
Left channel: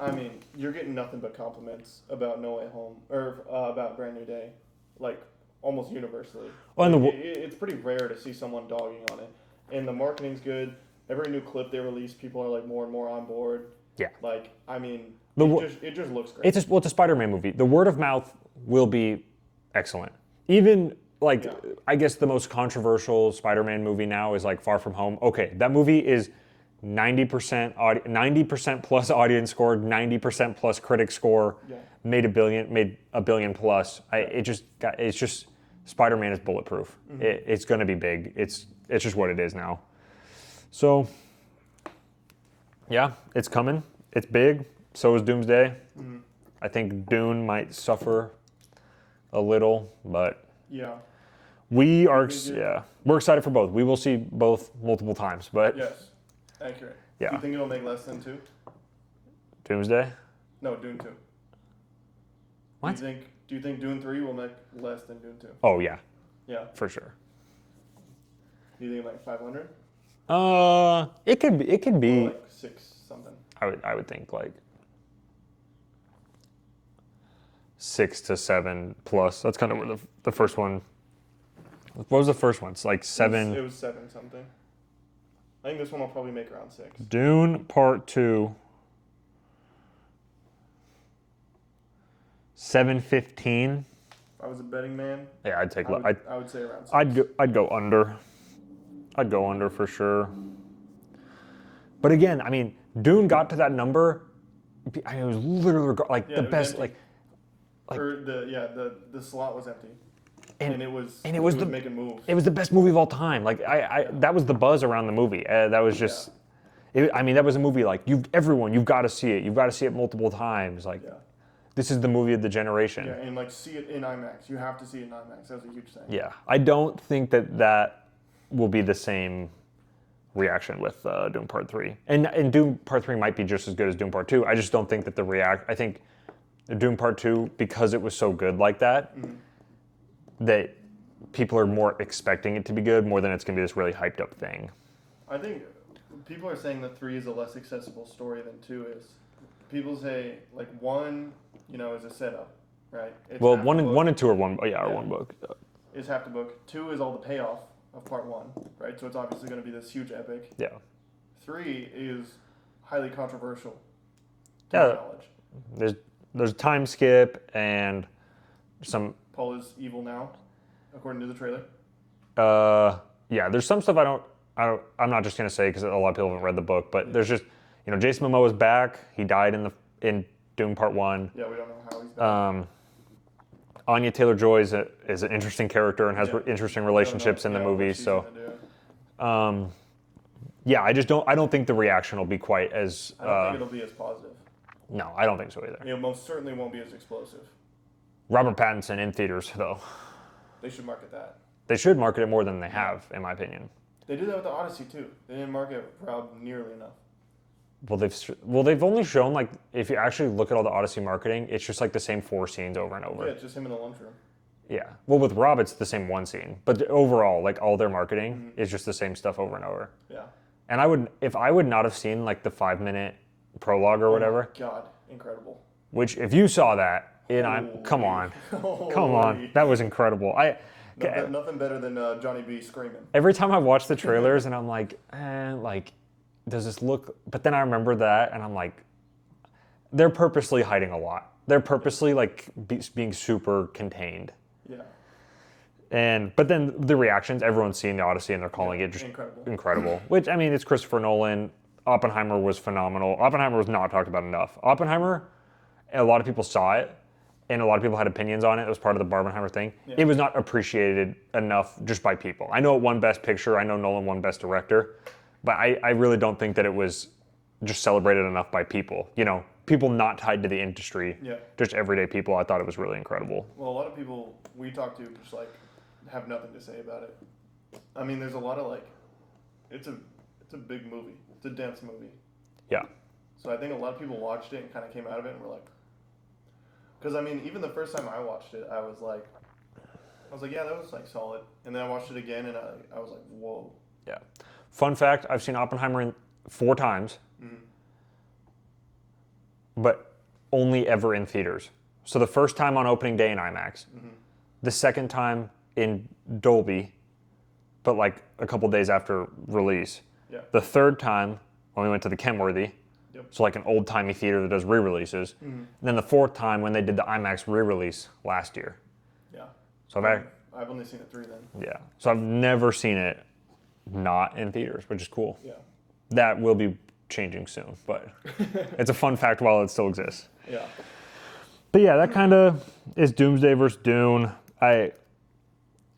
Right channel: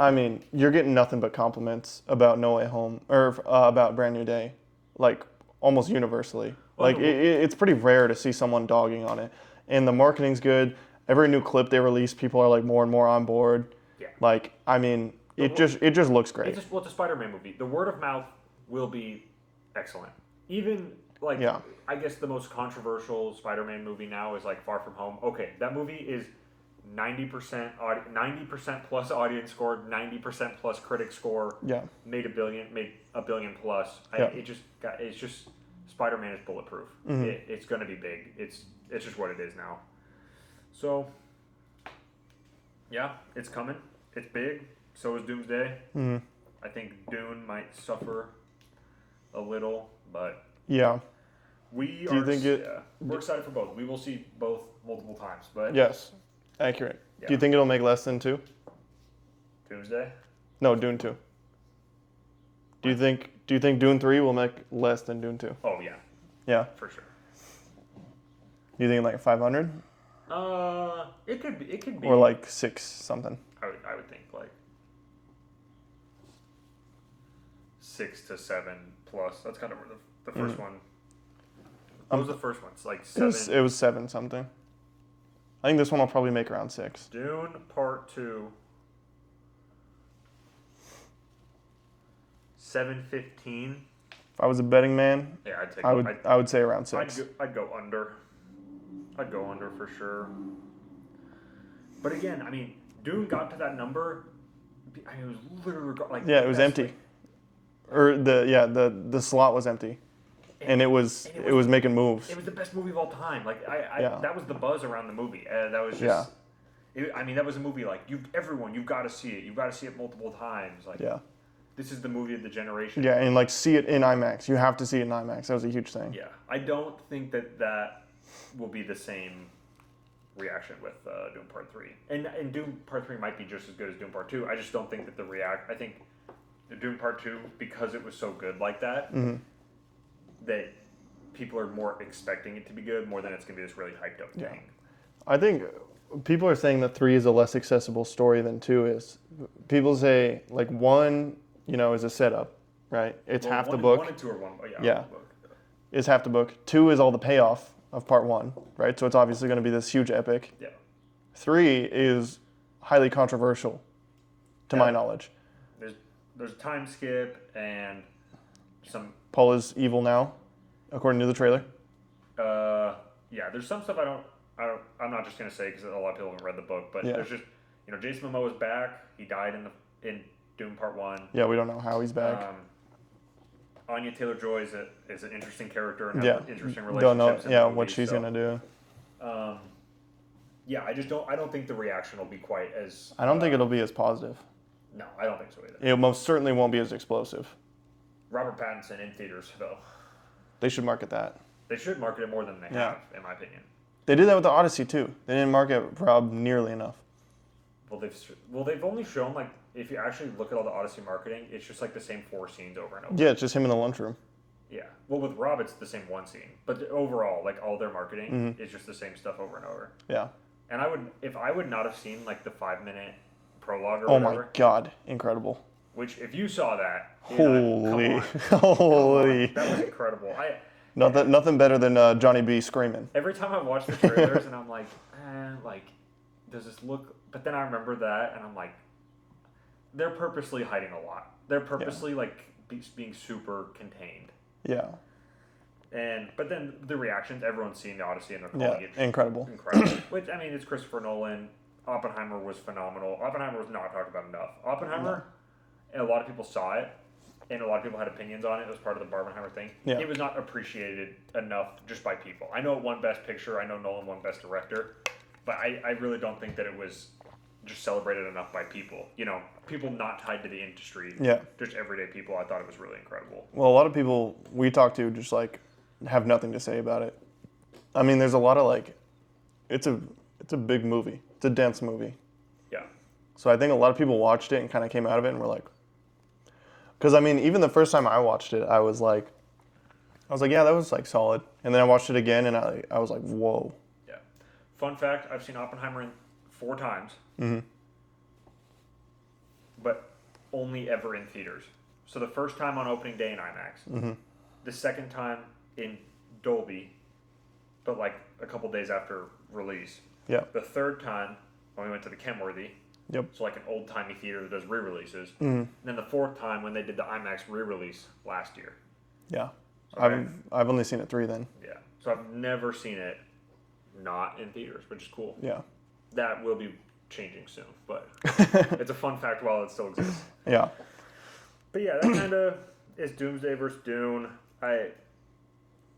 I mean, you're getting nothing but compliments about No Way Home or about Brand New Day, like almost universally. Well, like it's pretty rare to see someone dogging on it, and the marketing's good. Every new clip they release, people are like more and more on board. Yeah. Like, I mean, it just looks great. It's a Spider-Man movie. The word of mouth will be excellent. Even like I guess the most controversial Spider-Man movie now is like Far From Home. Okay, that movie is 90% plus audience score, 90% plus critic score. Yeah. Made a billion plus. It's just Spider-Man is bulletproof. Mm-hmm. It's going to be big. It's just what it is now. So yeah, it's coming. It's big. So is Doomsday. Mm-hmm. I think Dune might suffer a little, but we're excited for both. We will see both multiple times, but yes. Accurate. Yeah. Do you think it'll make less than 2? Doomsday? No, Dune 2. Do you think Do you think Dune 3 will make less than Dune 2? Oh yeah, Yeah. for sure. You think like 500 It could be or like 6 something? I would think like 6 to 7 plus. That's kind of where the first one. What was the first one? It's like 7. It was 7 something. I think this one will probably make around 6. Dune Part 2. 715. If I was a betting man, Yeah, I'd take. I would say around 6. I'd go under. I'd go under for sure. But again, I mean, Dune got to that number. I mean, it was literally like Yeah, the it was best, empty. Or the slot was empty, and it was making moves. It was the best movie of all time. Like that was the buzz around the movie. That was just. I mean, that was a movie like you've got to see it. You've got to see it multiple times. Like this is the movie of the generation. Yeah, and like see it in IMAX. You have to see it in IMAX. That was a huge thing. Yeah, I don't think that will be the same reaction with Doom Part 3. And Doom Part 3 might be just as good as Doom Part 2. I just don't think that I think Doom Part 2, because it was so good like that, that people are more expecting it to be good more than it's going to be this really hyped up thing. I think people are saying that 3 is a less accessible story than 2 is. People say like 1, is a setup, right? It's half the book. 1 and 2 are one book. Is half the book. 2 is all the payoff of part 1, right? So it's obviously going to be this huge epic. Yeah. 3 is highly controversial, to my knowledge. There's a time skip and some. Paul is evil now, according to the trailer. There's some stuff I'm not just gonna say because a lot of people haven't read the book, but there's just Jason Momoa is back. He died in Doom Part 1. Yeah, we don't know how he's back. Anya Taylor-Joy is an interesting character and has interesting relationships in the movie. What she's gonna do. I don't think the reaction will be quite as. I don't think it'll be as positive. No, I don't think so either. It most certainly won't be as explosive. Robert Pattinson in theaters, though. They should market that. They should market it more than they have, in my opinion. They did that with the Odyssey too. They didn't market Rob nearly enough. Well, they've only shown like if you actually look at all the Odyssey marketing, it's just like the same 4 scenes over and over. Yeah, it's just him in the lunchroom. Yeah. Well, with Rob, it's the same 1 scene, but overall, like all their marketing is just the same stuff over and over. Yeah. And if I would not have seen like the 5-minute prologue or whatever. Oh my God, incredible. Which, if you saw that, come on, that was incredible. Nothing better than Johnny B screaming. Every time I watch the trailers and I'm like, does this look? But then I remember that and I'm like, they're purposely hiding a lot. They're purposely being super contained. Yeah. But then the reactions, everyone's seeing the Odyssey and they're calling it just incredible. Which, I mean, it's Christopher Nolan. Oppenheimer was phenomenal. Oppenheimer was not talked about enough. Oppenheimer, a lot of people saw it, and a lot of people had opinions on it. It was part of the Barbenheimer thing. Yeah. It was not appreciated enough just by people. I know it won Best Picture. I know Nolan won Best Director. But I really don't think that it was just celebrated enough by people. People not tied to the industry. Yeah. Just everyday people. I thought it was really incredible. Well, a lot of people we talk to just have nothing to say about it. I mean, there's a lot of it's a big movie. It's a dense movie. Yeah. So I think a lot of people watched it and kind of came out of it and were like, because I mean, even the first time I watched it, I was like, yeah, that was solid. And then I watched it again and I was like, whoa. Yeah. Fun fact, I've seen Oppenheimer 4 times, but only ever in theaters. So the first time on opening day in IMAX, the second time in Dolby, but a couple days after release. Yeah. The third time when we went to the Kenworthy, so an old-timey theater that does re-releases. And then the 4th time when they did the IMAX re-release last year. Yeah. So I've only seen it 3 then. Yeah. So I've never seen it not in theaters, which is cool. Yeah. That will be changing soon, but it's a fun fact while it still exists. Yeah. But yeah, that kind of is Doomsday versus Dune.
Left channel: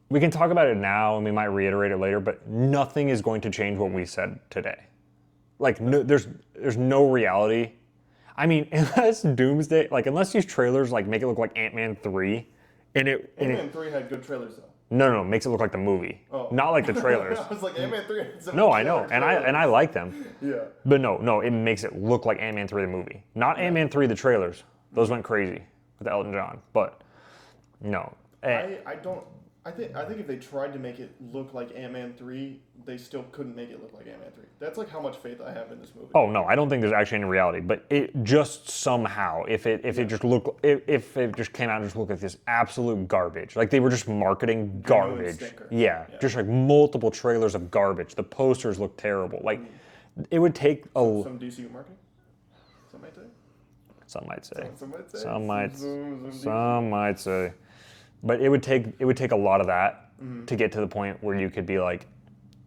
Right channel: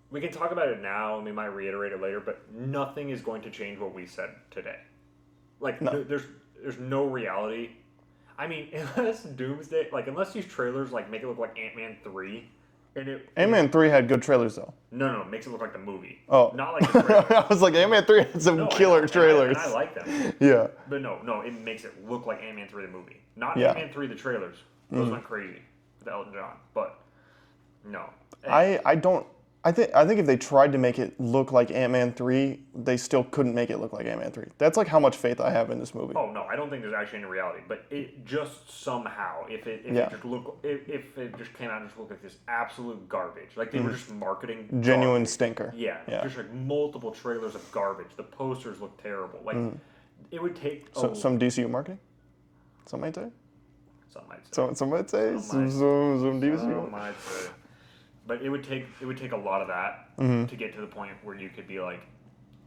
We can talk about it now and we might reiterate it later, but nothing is going to change what we said today. There's no reality. I mean, unless Doomsday, unless these trailers make it look like Ant-Man 3, Ant-Man 3 had good trailers though. No, it makes it look like the movie. Oh. Not like the trailers. I was like, Ant-Man 3 had some killer trailers. And I like them. Yeah. But no, it makes it look like Ant-Man 3 the movie. Not Ant-Man 3 the trailers. Those went crazy with Elton John. But No. I don't. I think if they tried to make it look like Ant-Man 3, they still couldn't make it look like Ant-Man 3. That's like how much faith I have in this movie. Oh no, I don't think there's actually any reality. But it just somehow, if it just came out and just looked like this absolute garbage, like they were just marketing Genuine garbage. stinker. Yeah, just like multiple trailers of garbage. The posters look terrible. Like it would take Some DCU marketing. Some might say. Some might say. Some might say. Some DCU. might say. But it would take a lot of that to get to the point where you could be like,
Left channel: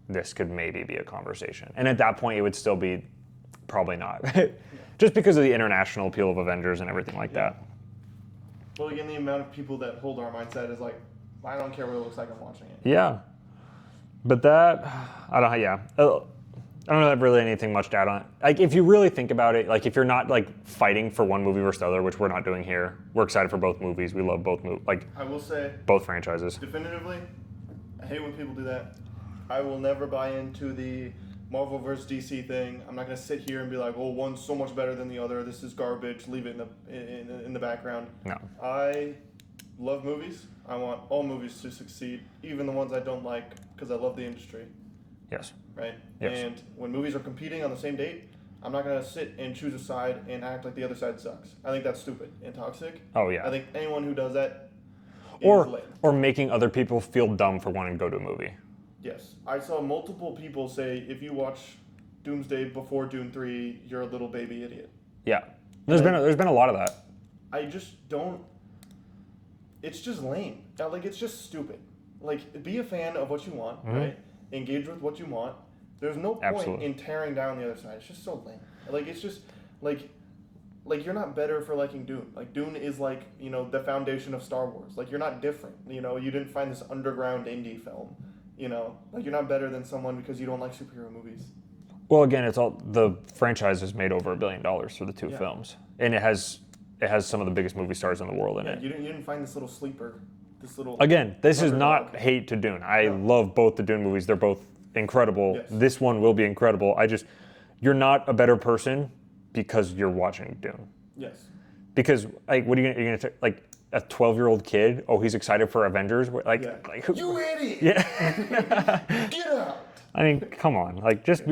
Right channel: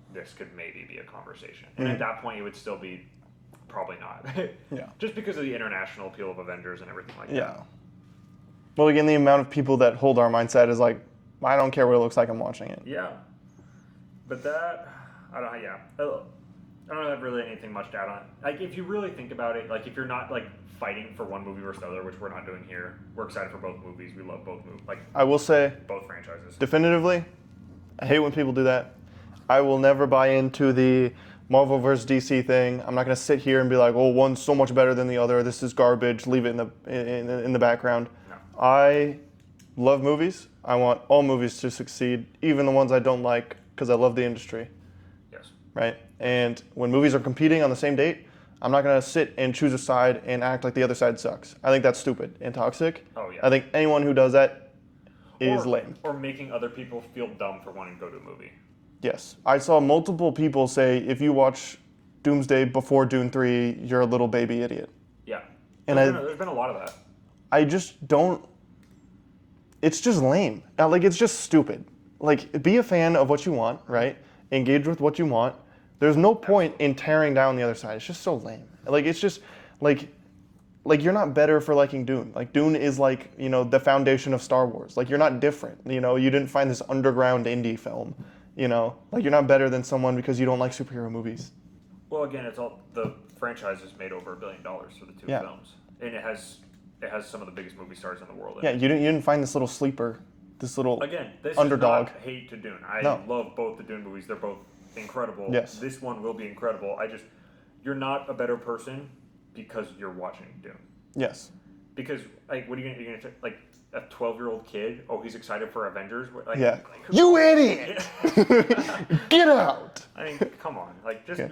this could maybe be a conversation. And at that point, it would still be probably not. Just because of the international appeal of Avengers and everything like that. Well, again, the amount of people that hold our mindset is like, I don't care what it looks like, I'm watching it. Yeah. But that, I don't have really anything much to add on. Like, if you really think about it, like, if you're not, like, fighting for one movie versus the other, which we're not doing here, we're excited for both movies. We love both movies. Like, I will say, both franchises. definitively, I hate when people do that. I will never buy into the Marvel versus DC thing. I'm not going to sit here and be like, oh, one's so much better than the other. This is garbage. Leave it in the background. No. I love movies. I want all movies to succeed, even the ones I don't like, because I love the industry. Yes. Right? Yes. And when movies are competing on the same date, I'm not going to sit and choose a side and act like the other side sucks. I think that's stupid and toxic. Oh, yeah. I think anyone who does that is lame. Or making other people feel dumb for wanting to go to a movie. Yes. I saw multiple people say, if you watch Doomsday before Dune 3, you're a little baby idiot. Yeah. There's been a lot of that. I just don't... It's just lame. Like, it's just stupid. Like, be a fan of what you want, right? Engage with what you want. There's no point in tearing down the other side. It's just so lame. Like, it's just, like you're not better for liking Dune. Like, Dune is like, the foundation of Star Wars. Like, you're not different. You didn't find this underground indie film. Like, you're not better than someone because you don't like superhero movies. Well, again, it's all, the franchise has made over $1 billion for the two films. And it has some of the biggest movie stars in the world in it. You didn't find this little sleeper, this little Again, this underdog. is not hate to Dune. I love both the Dune movies. They're both incredible. Yes. This one will be incredible. You're not a better person because you're watching Dune. Yes. Because, like, what are you going to, like, a 12-year-old kid, he's excited for Avengers? Like, you idiot! Yeah. Get out! I mean, come on. Like, just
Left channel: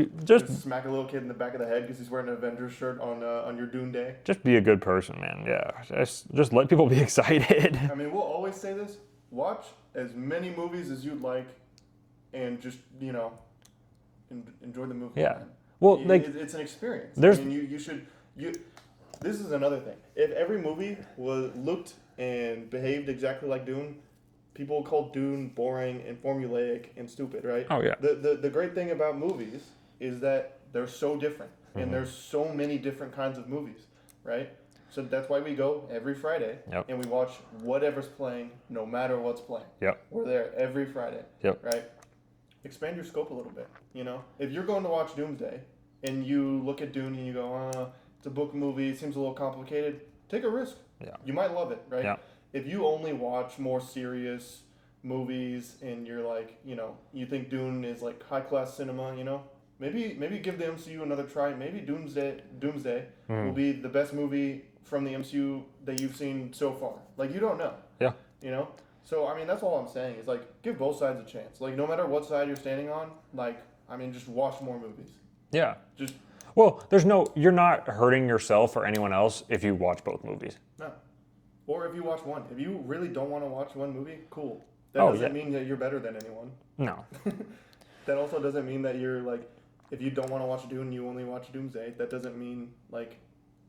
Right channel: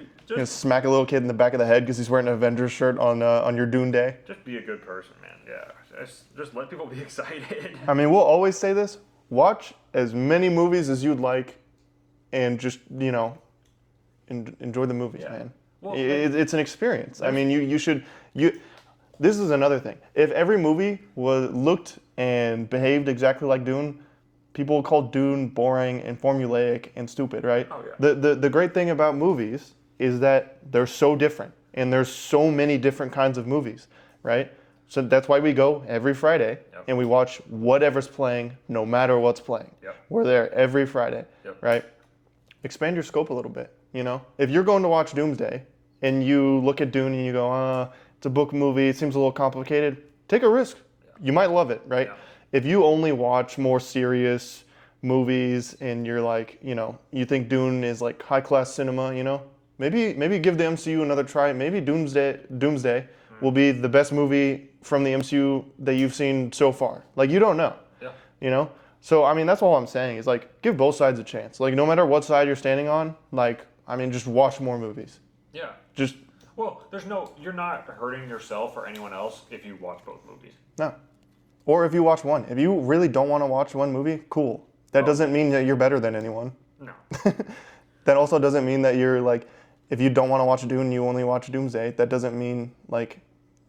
smack a little kid in the back of the head because he's wearing an Avengers shirt on your Dune day. Just be a good person, man. Yeah. Just let people be excited. I mean, we'll always say this. Watch as many movies as you'd like and just, enjoy the movies, man. Well, it's an experience. I mean, you should... This is another thing. If every movie looked and behaved exactly like Dune, people would call Dune boring and formulaic and stupid, right? Oh, yeah. The great thing about movies is that they're so different, and there's so many different kinds of movies, right? So that's why we go every Friday, and we watch whatever's playing, no matter what's playing. Yep. We're there every Friday, right? Expand your scope a little bit, If you're going to watch Doomsday, and you look at Dune and you go, it's a book movie, it seems a little complicated, take a risk. Yeah. You might love it, right? Yeah. If you only watch more serious movies and you're like, you think Dune is like high-class cinema, maybe give the MCU another try. Maybe Doomsday will be the best movie from the MCU that you've seen so far. Like, you don't know. Yeah. So, I mean, that's all I'm saying is, like, give both sides a chance. Like, no matter what side you're standing on, like, I mean, just watch more movies. Yeah. Just... Well, you're not hurting yourself or anyone else if you watch both movies. No. Or if you watch one. If you really don't want to watch one movie, cool. That doesn't mean that you're better than anyone. No. That also doesn't mean that you're like, if you don't want to watch Dune, you only watch Doomsday. That doesn't mean like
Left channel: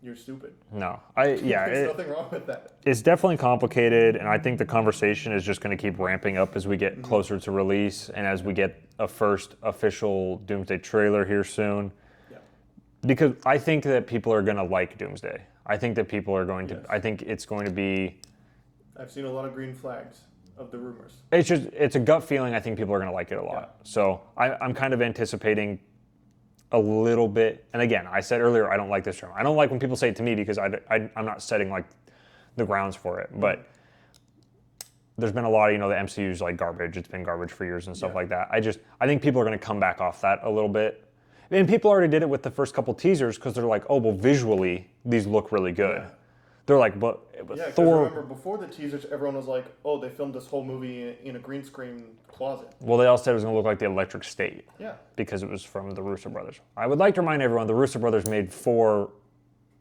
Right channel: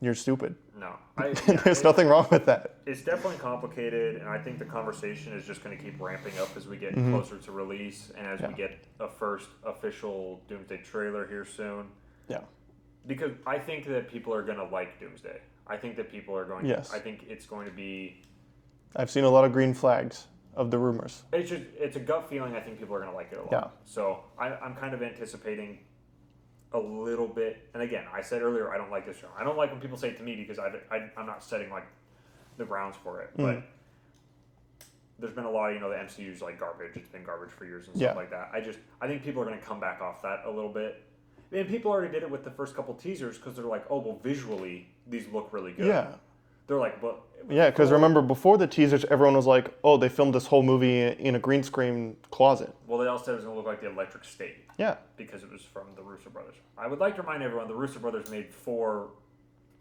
you're stupid. No. There's nothing wrong with that. It's definitely complicated, and I think the conversation is just going to keep ramping up as we get closer to release and as we get a first official Doomsday trailer here soon. Yeah. Because I think that people are going to like Doomsday. I think that people are going to... Yes. I think it's going to be... I've seen a lot of green flags of the rumors. It's a gut feeling. I think people are going to like it a lot. Yeah. So I'm kind of anticipating a little bit... And again, I said earlier, I don't like this term. I don't like when people say it to me because I'm not setting like the grounds for it. But there's been a lot of, the MCU's like garbage. It's been garbage for years and stuff like that. I think people are going to come back off that a little bit. And people already did it with the first couple teasers because they're like, oh, well, visually, these look really good. Yeah. They're like, but Yeah, because remember before the teasers, everyone was like, "Oh, they filmed this whole movie in a green screen closet." Well, they all said it was going to look like the Electric State. Yeah. Because it was from the Russo brothers. I would like to remind everyone the Russo brothers made 4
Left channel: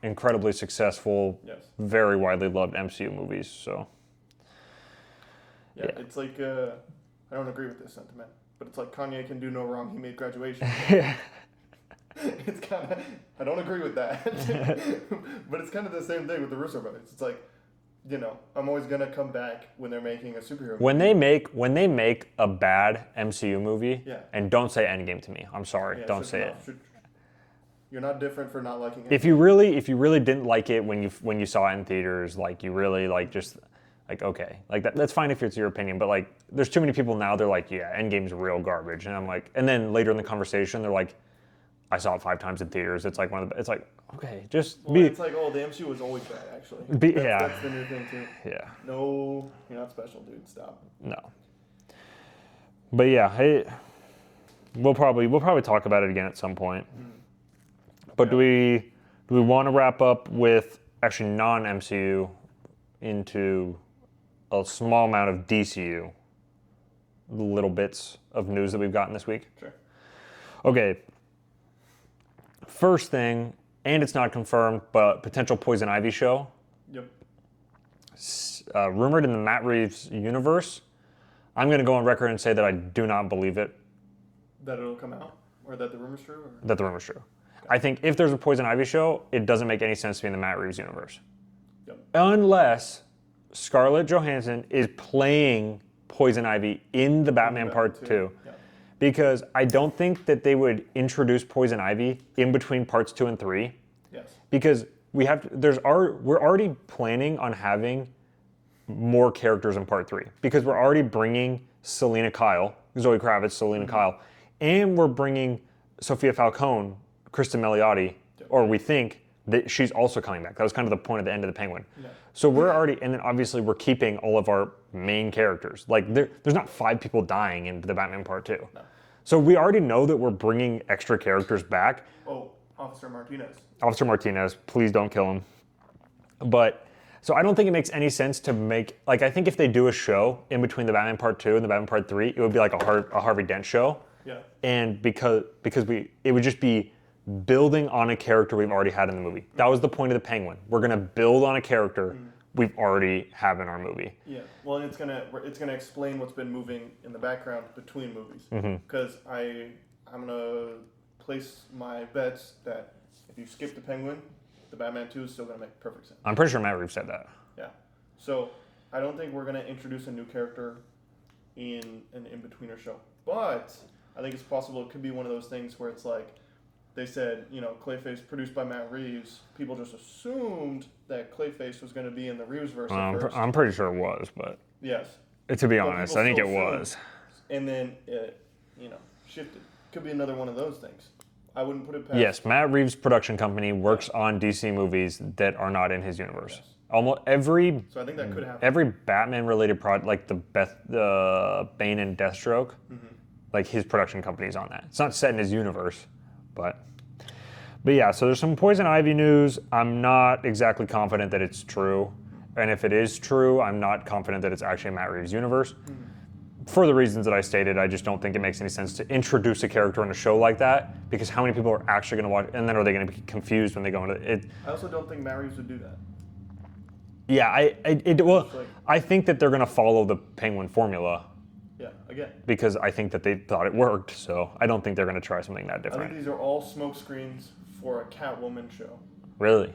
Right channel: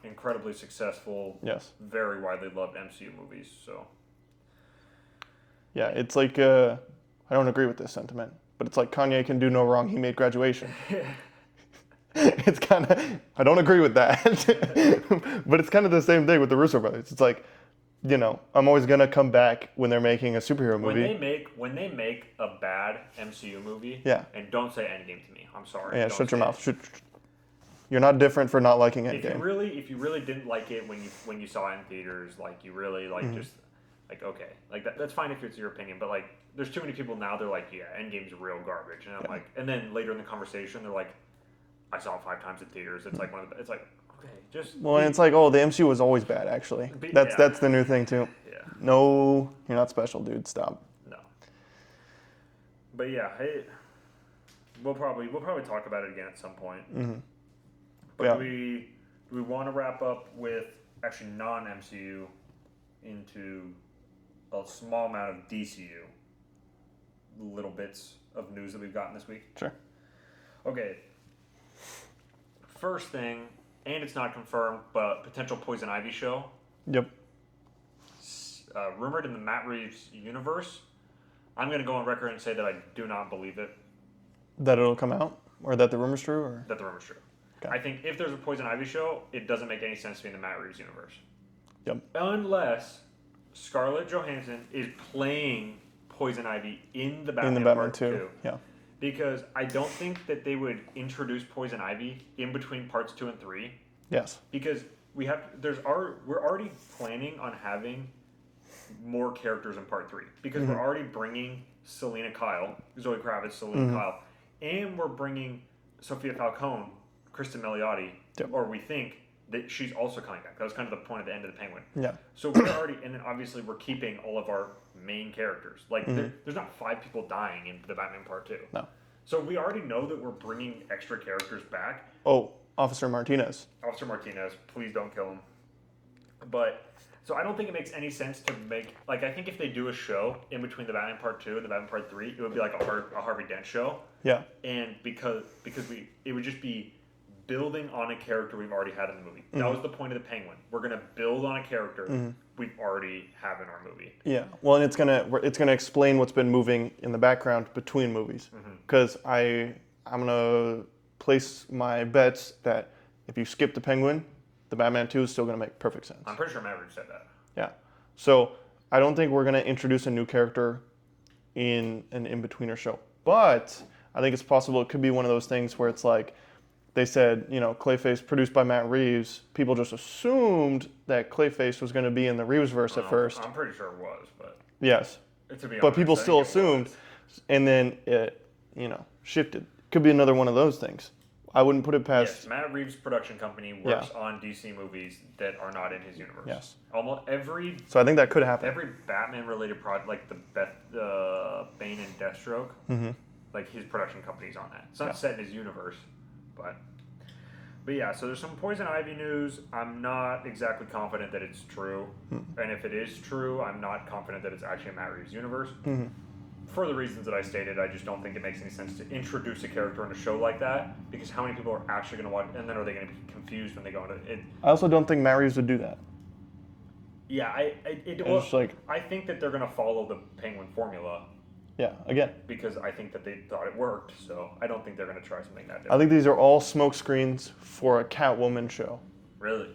incredibly successful, Yes. very widely loved MCU movies. So Yeah, it's like I don't agree with this sentiment, but it's like Kanye can do no wrong. He made Graduation. It's kind of I don't agree with that, but it's kind of the same thing with the Russo brothers. It's like, I'm always gonna come back when they're making a superhero movie. when they make a bad MCU movie, Yeah. and don't say Endgame to me. I'm sorry. Yeah, don't shut say your mouth. You're not different for not liking it. If you really didn't like it when you saw it in theaters, like you really like just like okay, like that's fine if it's your opinion, but like there's too many people now. They're like, yeah, Endgame's real garbage, and I'm like, and then later in the conversation, they're like, I saw it 5 times in theaters. It's like it's like okay, just it's like the MCU was always bad. Actually, that's the new thing too. Yeah. No, you're not special, dude. Stop. No. But yeah, we'll probably talk about it again at some point. Mm-hmm. But do we want to wrap up with actually non-MCU into a small amount of DCU little bits of news that we've gotten this week? Sure. Okay. First thing, and it's not confirmed, but potential Poison Ivy show. Yep. Rumored in the Matt Reeves universe. I'm going to go on record and say that I do not believe it. That it'll come out? Or that the rumor's true? Or? That the rumor's true. Okay. I think if there's a Poison Ivy show, it doesn't make any sense to be in the Matt Reeves universe. Yep. Unless Scarlett Johansson is playing Poison Ivy in the Batman Part 2. Yeah. Because I don't think that they would introduce Poison Ivy in between parts 2 and 3. Yes. Because we're already planning on having more characters in part 3. Because we're already bringing Zoe Kravitz, Selena Kyle, and we're bringing Sophia Falcone, Kristen Milioti, or we think that she's also coming back. That was kind of the point at the end of the Penguin. Yeah. So we're already, and then obviously we're keeping all of our main characters. Like there's not 5 people dying in the Batman Part 2. No. So we already know that we're bringing extra characters back. Oh, Officer Martinez. Officer Martinez, please don't kill him. But, so I don't think it makes any sense to make, like I think if they do a show in between the Batman Part 2 and the Batman Part 3, it would be like a Harvey Dent show. Yeah. And because it would just be building on a character we've already had in the movie. That was the point of the Penguin. We're gonna build on a character we've already have in our movie. Yeah. Well, and it's gonna explain what's been moving in the background between movies. Because I'm gonna place my bets that if you skip the Penguin, the Batman 2 is still gonna make perfect sense. I'm pretty sure Matt Reeves said that. Yeah. So I don't think we're gonna introduce a new character in an in-betweener show, but I think it's possible it could be one of those things where it's like. They said, Clayface produced by Matt Reeves. People just assumed that Clayface was going to be in the Reevesverse at first. I'm pretty sure it was, but Yes. To be honest, but people I still think it assumed, was. And then it, shifted. Could be another one of those things. I wouldn't put it past. Yes, Matt Reeves' production company works on DC movies that are not in his universe. Yes. Almost every. So I think that could happen. Every Batman-related project, like the Bane and Deathstroke, like his production company's on that. It's not set in his universe, but yeah. So there's some Poison Ivy news. I'm not exactly confident that it's true, and if it is true, I'm not confident that it's actually Matt Reeves' universe. For the reasons that I stated, I just don't think it makes any sense to introduce a character in a show like that, because how many people are actually going to watch, and then are they going to be confused when they go into it? I also don't think Matt Reeves would do that. Yeah, I think that they're going to follow the Penguin formula. Yeah, again. Because I think that they thought it worked, so I don't think they're going to try something that different. I think these are all smoke screens for a Catwoman show. Really?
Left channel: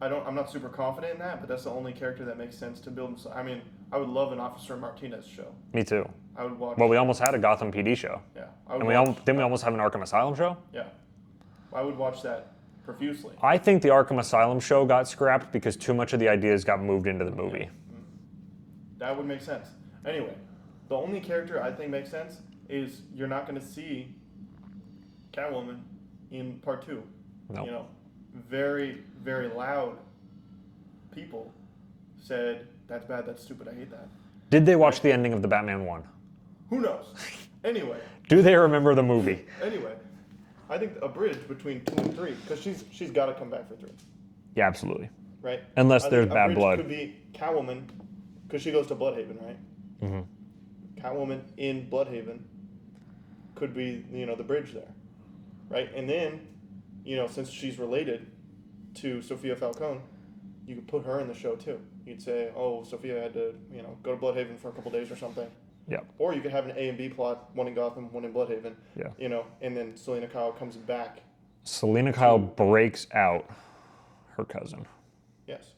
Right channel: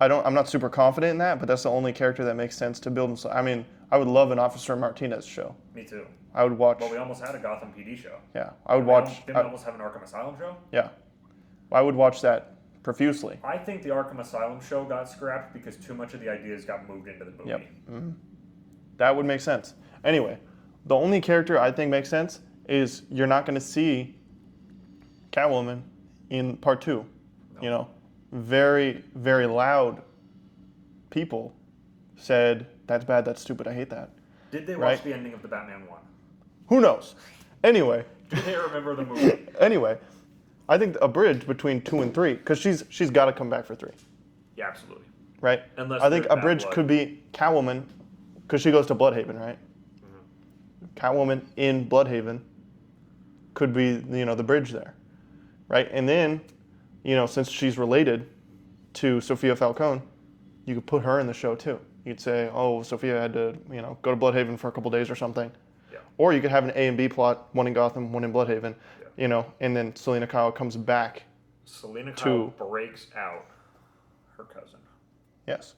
I'm not super confident in that, but that's the only character that makes sense to build. I mean, I would love an Officer Martinez show. Me too. I would watch. Well, we almost had a Gotham PD show. Yeah, I would watch. Didn't we almost have an Arkham Asylum show? Yeah, I would watch that profusely. I think the Arkham Asylum show got scrapped because too much of the ideas got moved into the movie. Yep. Mm-hmm. That would make sense. Anyway, the only character I think makes sense is you're not going to see Catwoman in part 2. No. Very, very loud people said, that's bad, that's stupid, I hate that. Did they watch the ending of the Batman 1? Who knows? Anyway. Do they remember the movie? Anyway, I think a bridge between 2 and 3, because she's got to come back for 3. Yeah, absolutely. right? Unless I think there's a bad bridge blood. could be Catwoman, because she goes to Bloodhaven, right? Mm-hmm. Catwoman in Bloodhaven could be, the bridge there, right? And then, since she's related to Sophia Falcone, you could put her in the show too. You'd say, oh, Sophia had to, go to Bloodhaven for a couple days or something. Yeah. Or you could have an A and B plot, one in Gotham, one in Bloodhaven. Yeah. And then Selena Kyle comes back. Selena Kyle breaks out her cousin. Yes.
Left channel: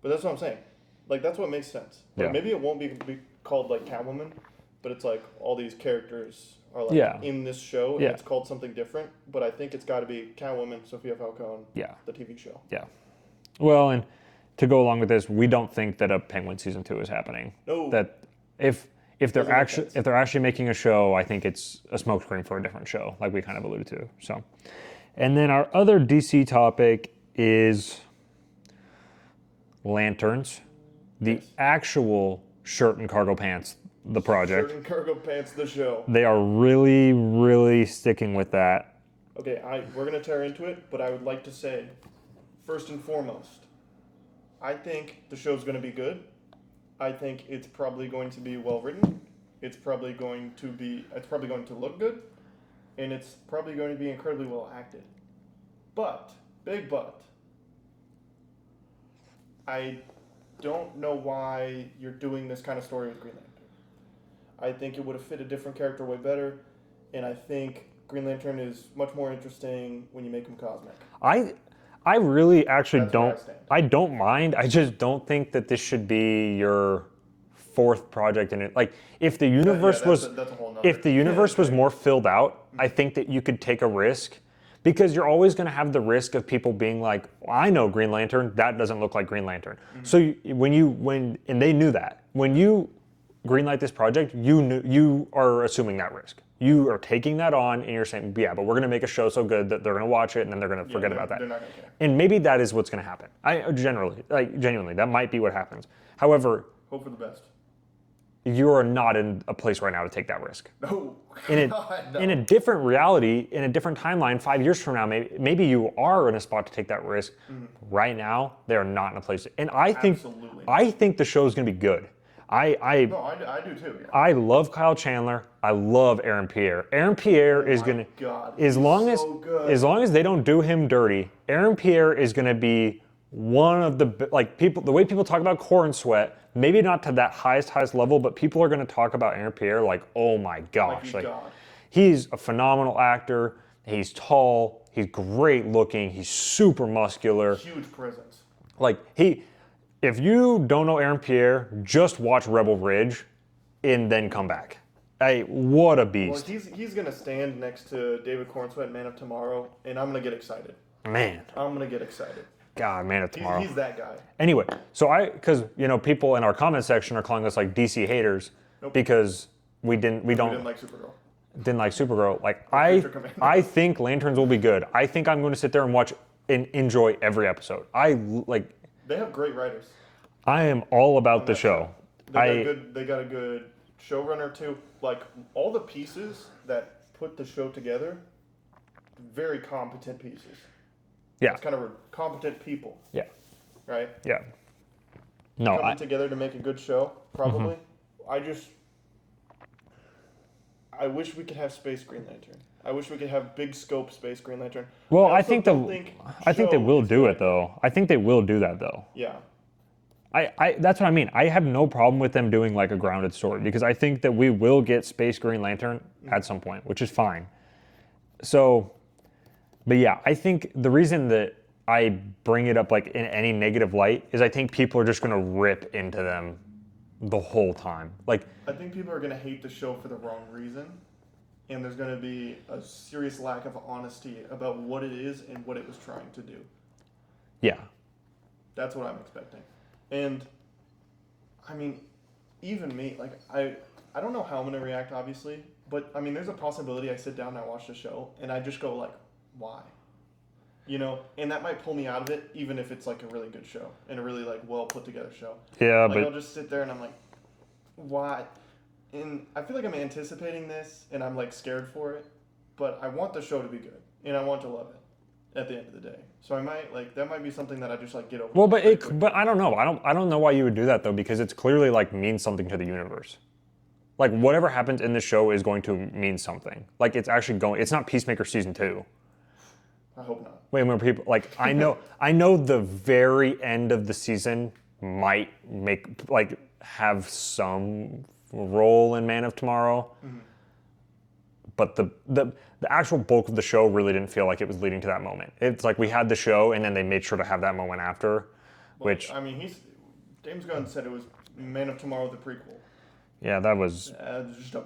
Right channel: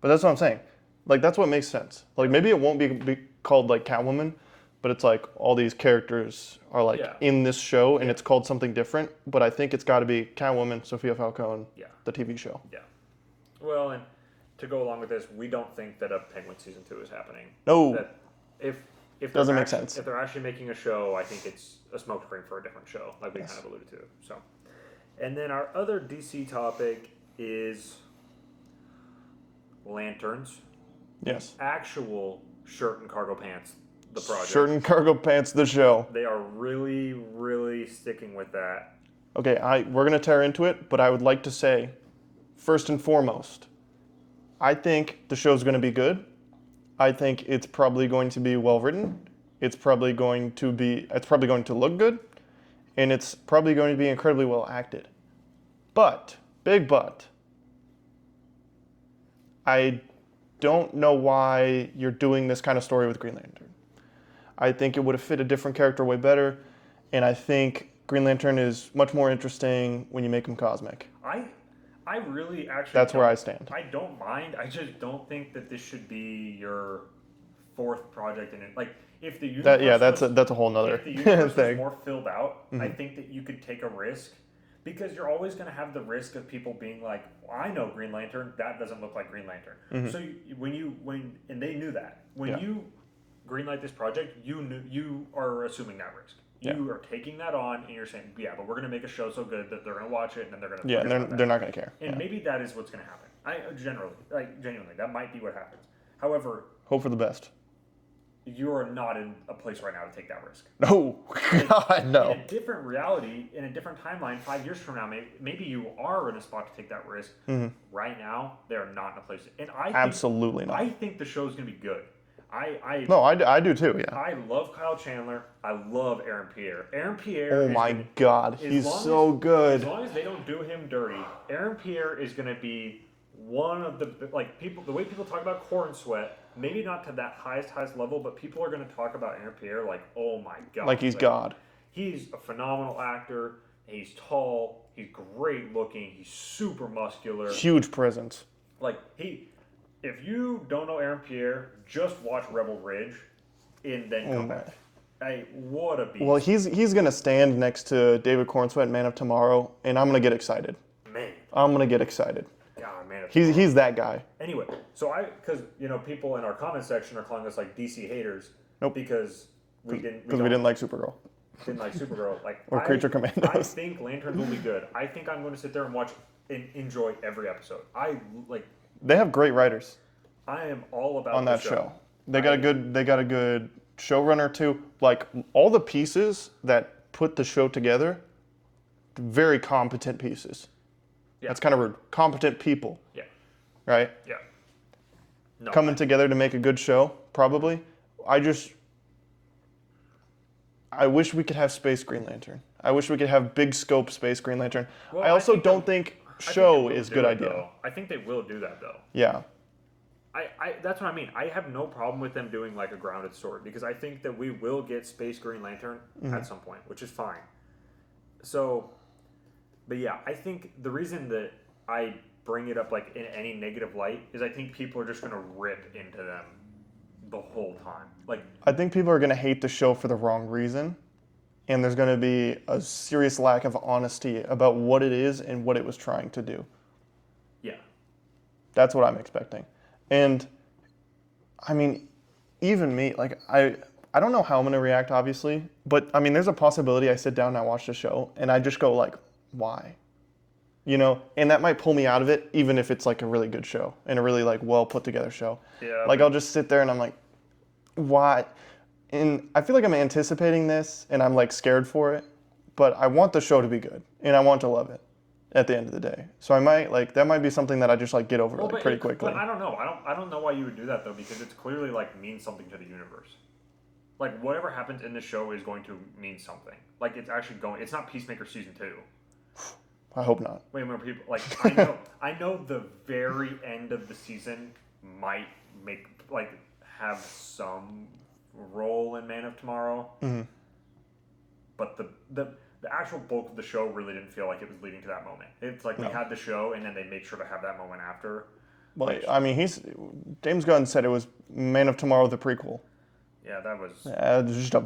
But that's what I'm saying. Like, that's what makes sense. Like, Yeah. maybe it won't be called, like, Catwoman, but it's like all these characters are, like, in this show, and it's called something different. But I think it's got to be Catwoman, Sophia Falcone, the TV show. Yeah. Well, and to go along with this, we don't think that a Penguin season 2 is happening. No. That if they're actually making a show, I think it's a smokescreen for a different show, like we kind of alluded to. So, and then our other DC topic is lanterns, the actual shirt and cargo pants, the project. Shirt and cargo pants, the show. They are really, really sticking with that. Okay, we're gonna tear into it, but I would like to say, first and foremost, I think the show's gonna be good. I think it's probably going to be well written. It's probably going to look good, and it's probably going to be incredibly well acted. But, big but, I don't know why you're doing this kind of story with Green Lantern. I think it would have fit a different character way better, and I think Green Lantern is much more interesting when you make him cosmic. I really actually That's don't. where I stand. I don't mind. I just don't think that this should be your fourth project in it. Like, if the universe that's a whole nother. If the universe was more filled out, I think that you could take a risk, because you're always going to have the risk of people being like, well, I know Green Lantern, that doesn't look like Green Lantern. So and they knew that when you greenlight this project, you are assuming that risk. You are taking that on, and you're saying, yeah, but we're going to make a show so good that they're going to watch it, and then they're going to forget about that. They're not going to care. And maybe that is what's going to happen. Genuinely, that might be what happens. However, hope for the best. You are not in a place right now to take that risk. No. In a different reality, in a different timeline, 5 years from now, maybe you are in a spot to take that risk. Right now, they are not in a place. And I think absolutely not. I think the show is going to be good. I do too. Yeah. I love Kyle Chandler. I love Aaron Pierre. Aaron Pierre is going to. God, he's so good. As long as they don't do him dirty, Aaron Pierre is going to be one of the people. The way people talk about Corn Sweat, maybe not to that highest level, but people are going to talk about Aaron Pierre like, oh my gosh, like he's God. He's a phenomenal actor. He's tall. He's great looking. He's super muscular. Huge presence. If you don't know Aaron Pierre, just watch Rebel Ridge and then come back. Hey, what a beast. Well, he's going to stand next to David Cornsweet in Man of Tomorrow, and I'm going to get excited. Man. I'm going to get excited. God, Man of Tomorrow. He's that guy. Anyway, because people in our comment section are calling us like DC haters because we didn't like Supergirl. Didn't like Supergirl. I think Lanterns will be good. I think I'm going to sit there and watch and enjoy every episode. They have great writers. I am all about the show. They got a good showrunner too. Like, all the pieces that put the show together, very competent pieces. Yeah. That's kind of rude. Competent people. Yeah. Right? Yeah. No. Coming together to make a good show, probably. I wish we could have Space Green Lantern. I wish we could have big scope Space Green Lantern. Well, I think they will do it though. I think they will do that though. Yeah. That's what I mean. I have no problem with them doing like a grounded story, because I think that we will get Space Green Lantern at some point, which is fine. So, but yeah, I think the reason that I bring it up like in any negative light is I think people are just going to rip into them the whole time. I think people are going to hate the show for the wrong reason, and there's going to be a serious lack of honesty about what it is and what it was trying to do. Yeah. That's what I'm expecting. And, I mean, even me, I don't know how I'm going to react, obviously, but, I mean, there's a possibility I sit down and I watch the show, and I just go, why? And that might pull me out of it, even if it's, a really good show, and a really, well put together show. Yeah, I'll just sit there and I'm like, why? And I feel like I'm anticipating this, and I'm, scared for it, but I want the show to be good, and I want to love it. at the end of the day. So I might like that might be something that I just like get over Well, like, pretty quickly. but I don't know. I don't know why you would do that though, because it's clearly like means something to the universe. Like whatever happens in the show is going to mean something. Like it's actually going. It's not Peacemaker season 2. I hope not. Wait, when people like I know the very end of the season might have some role in Man of Tomorrow, but the actual bulk of the show really didn't feel like it was leading to that moment. It's like we had the show and then they made sure to have that moment after. Well, Which I mean, James Gunn said it was Man of Tomorrow the prequel. yeah, that was It's just a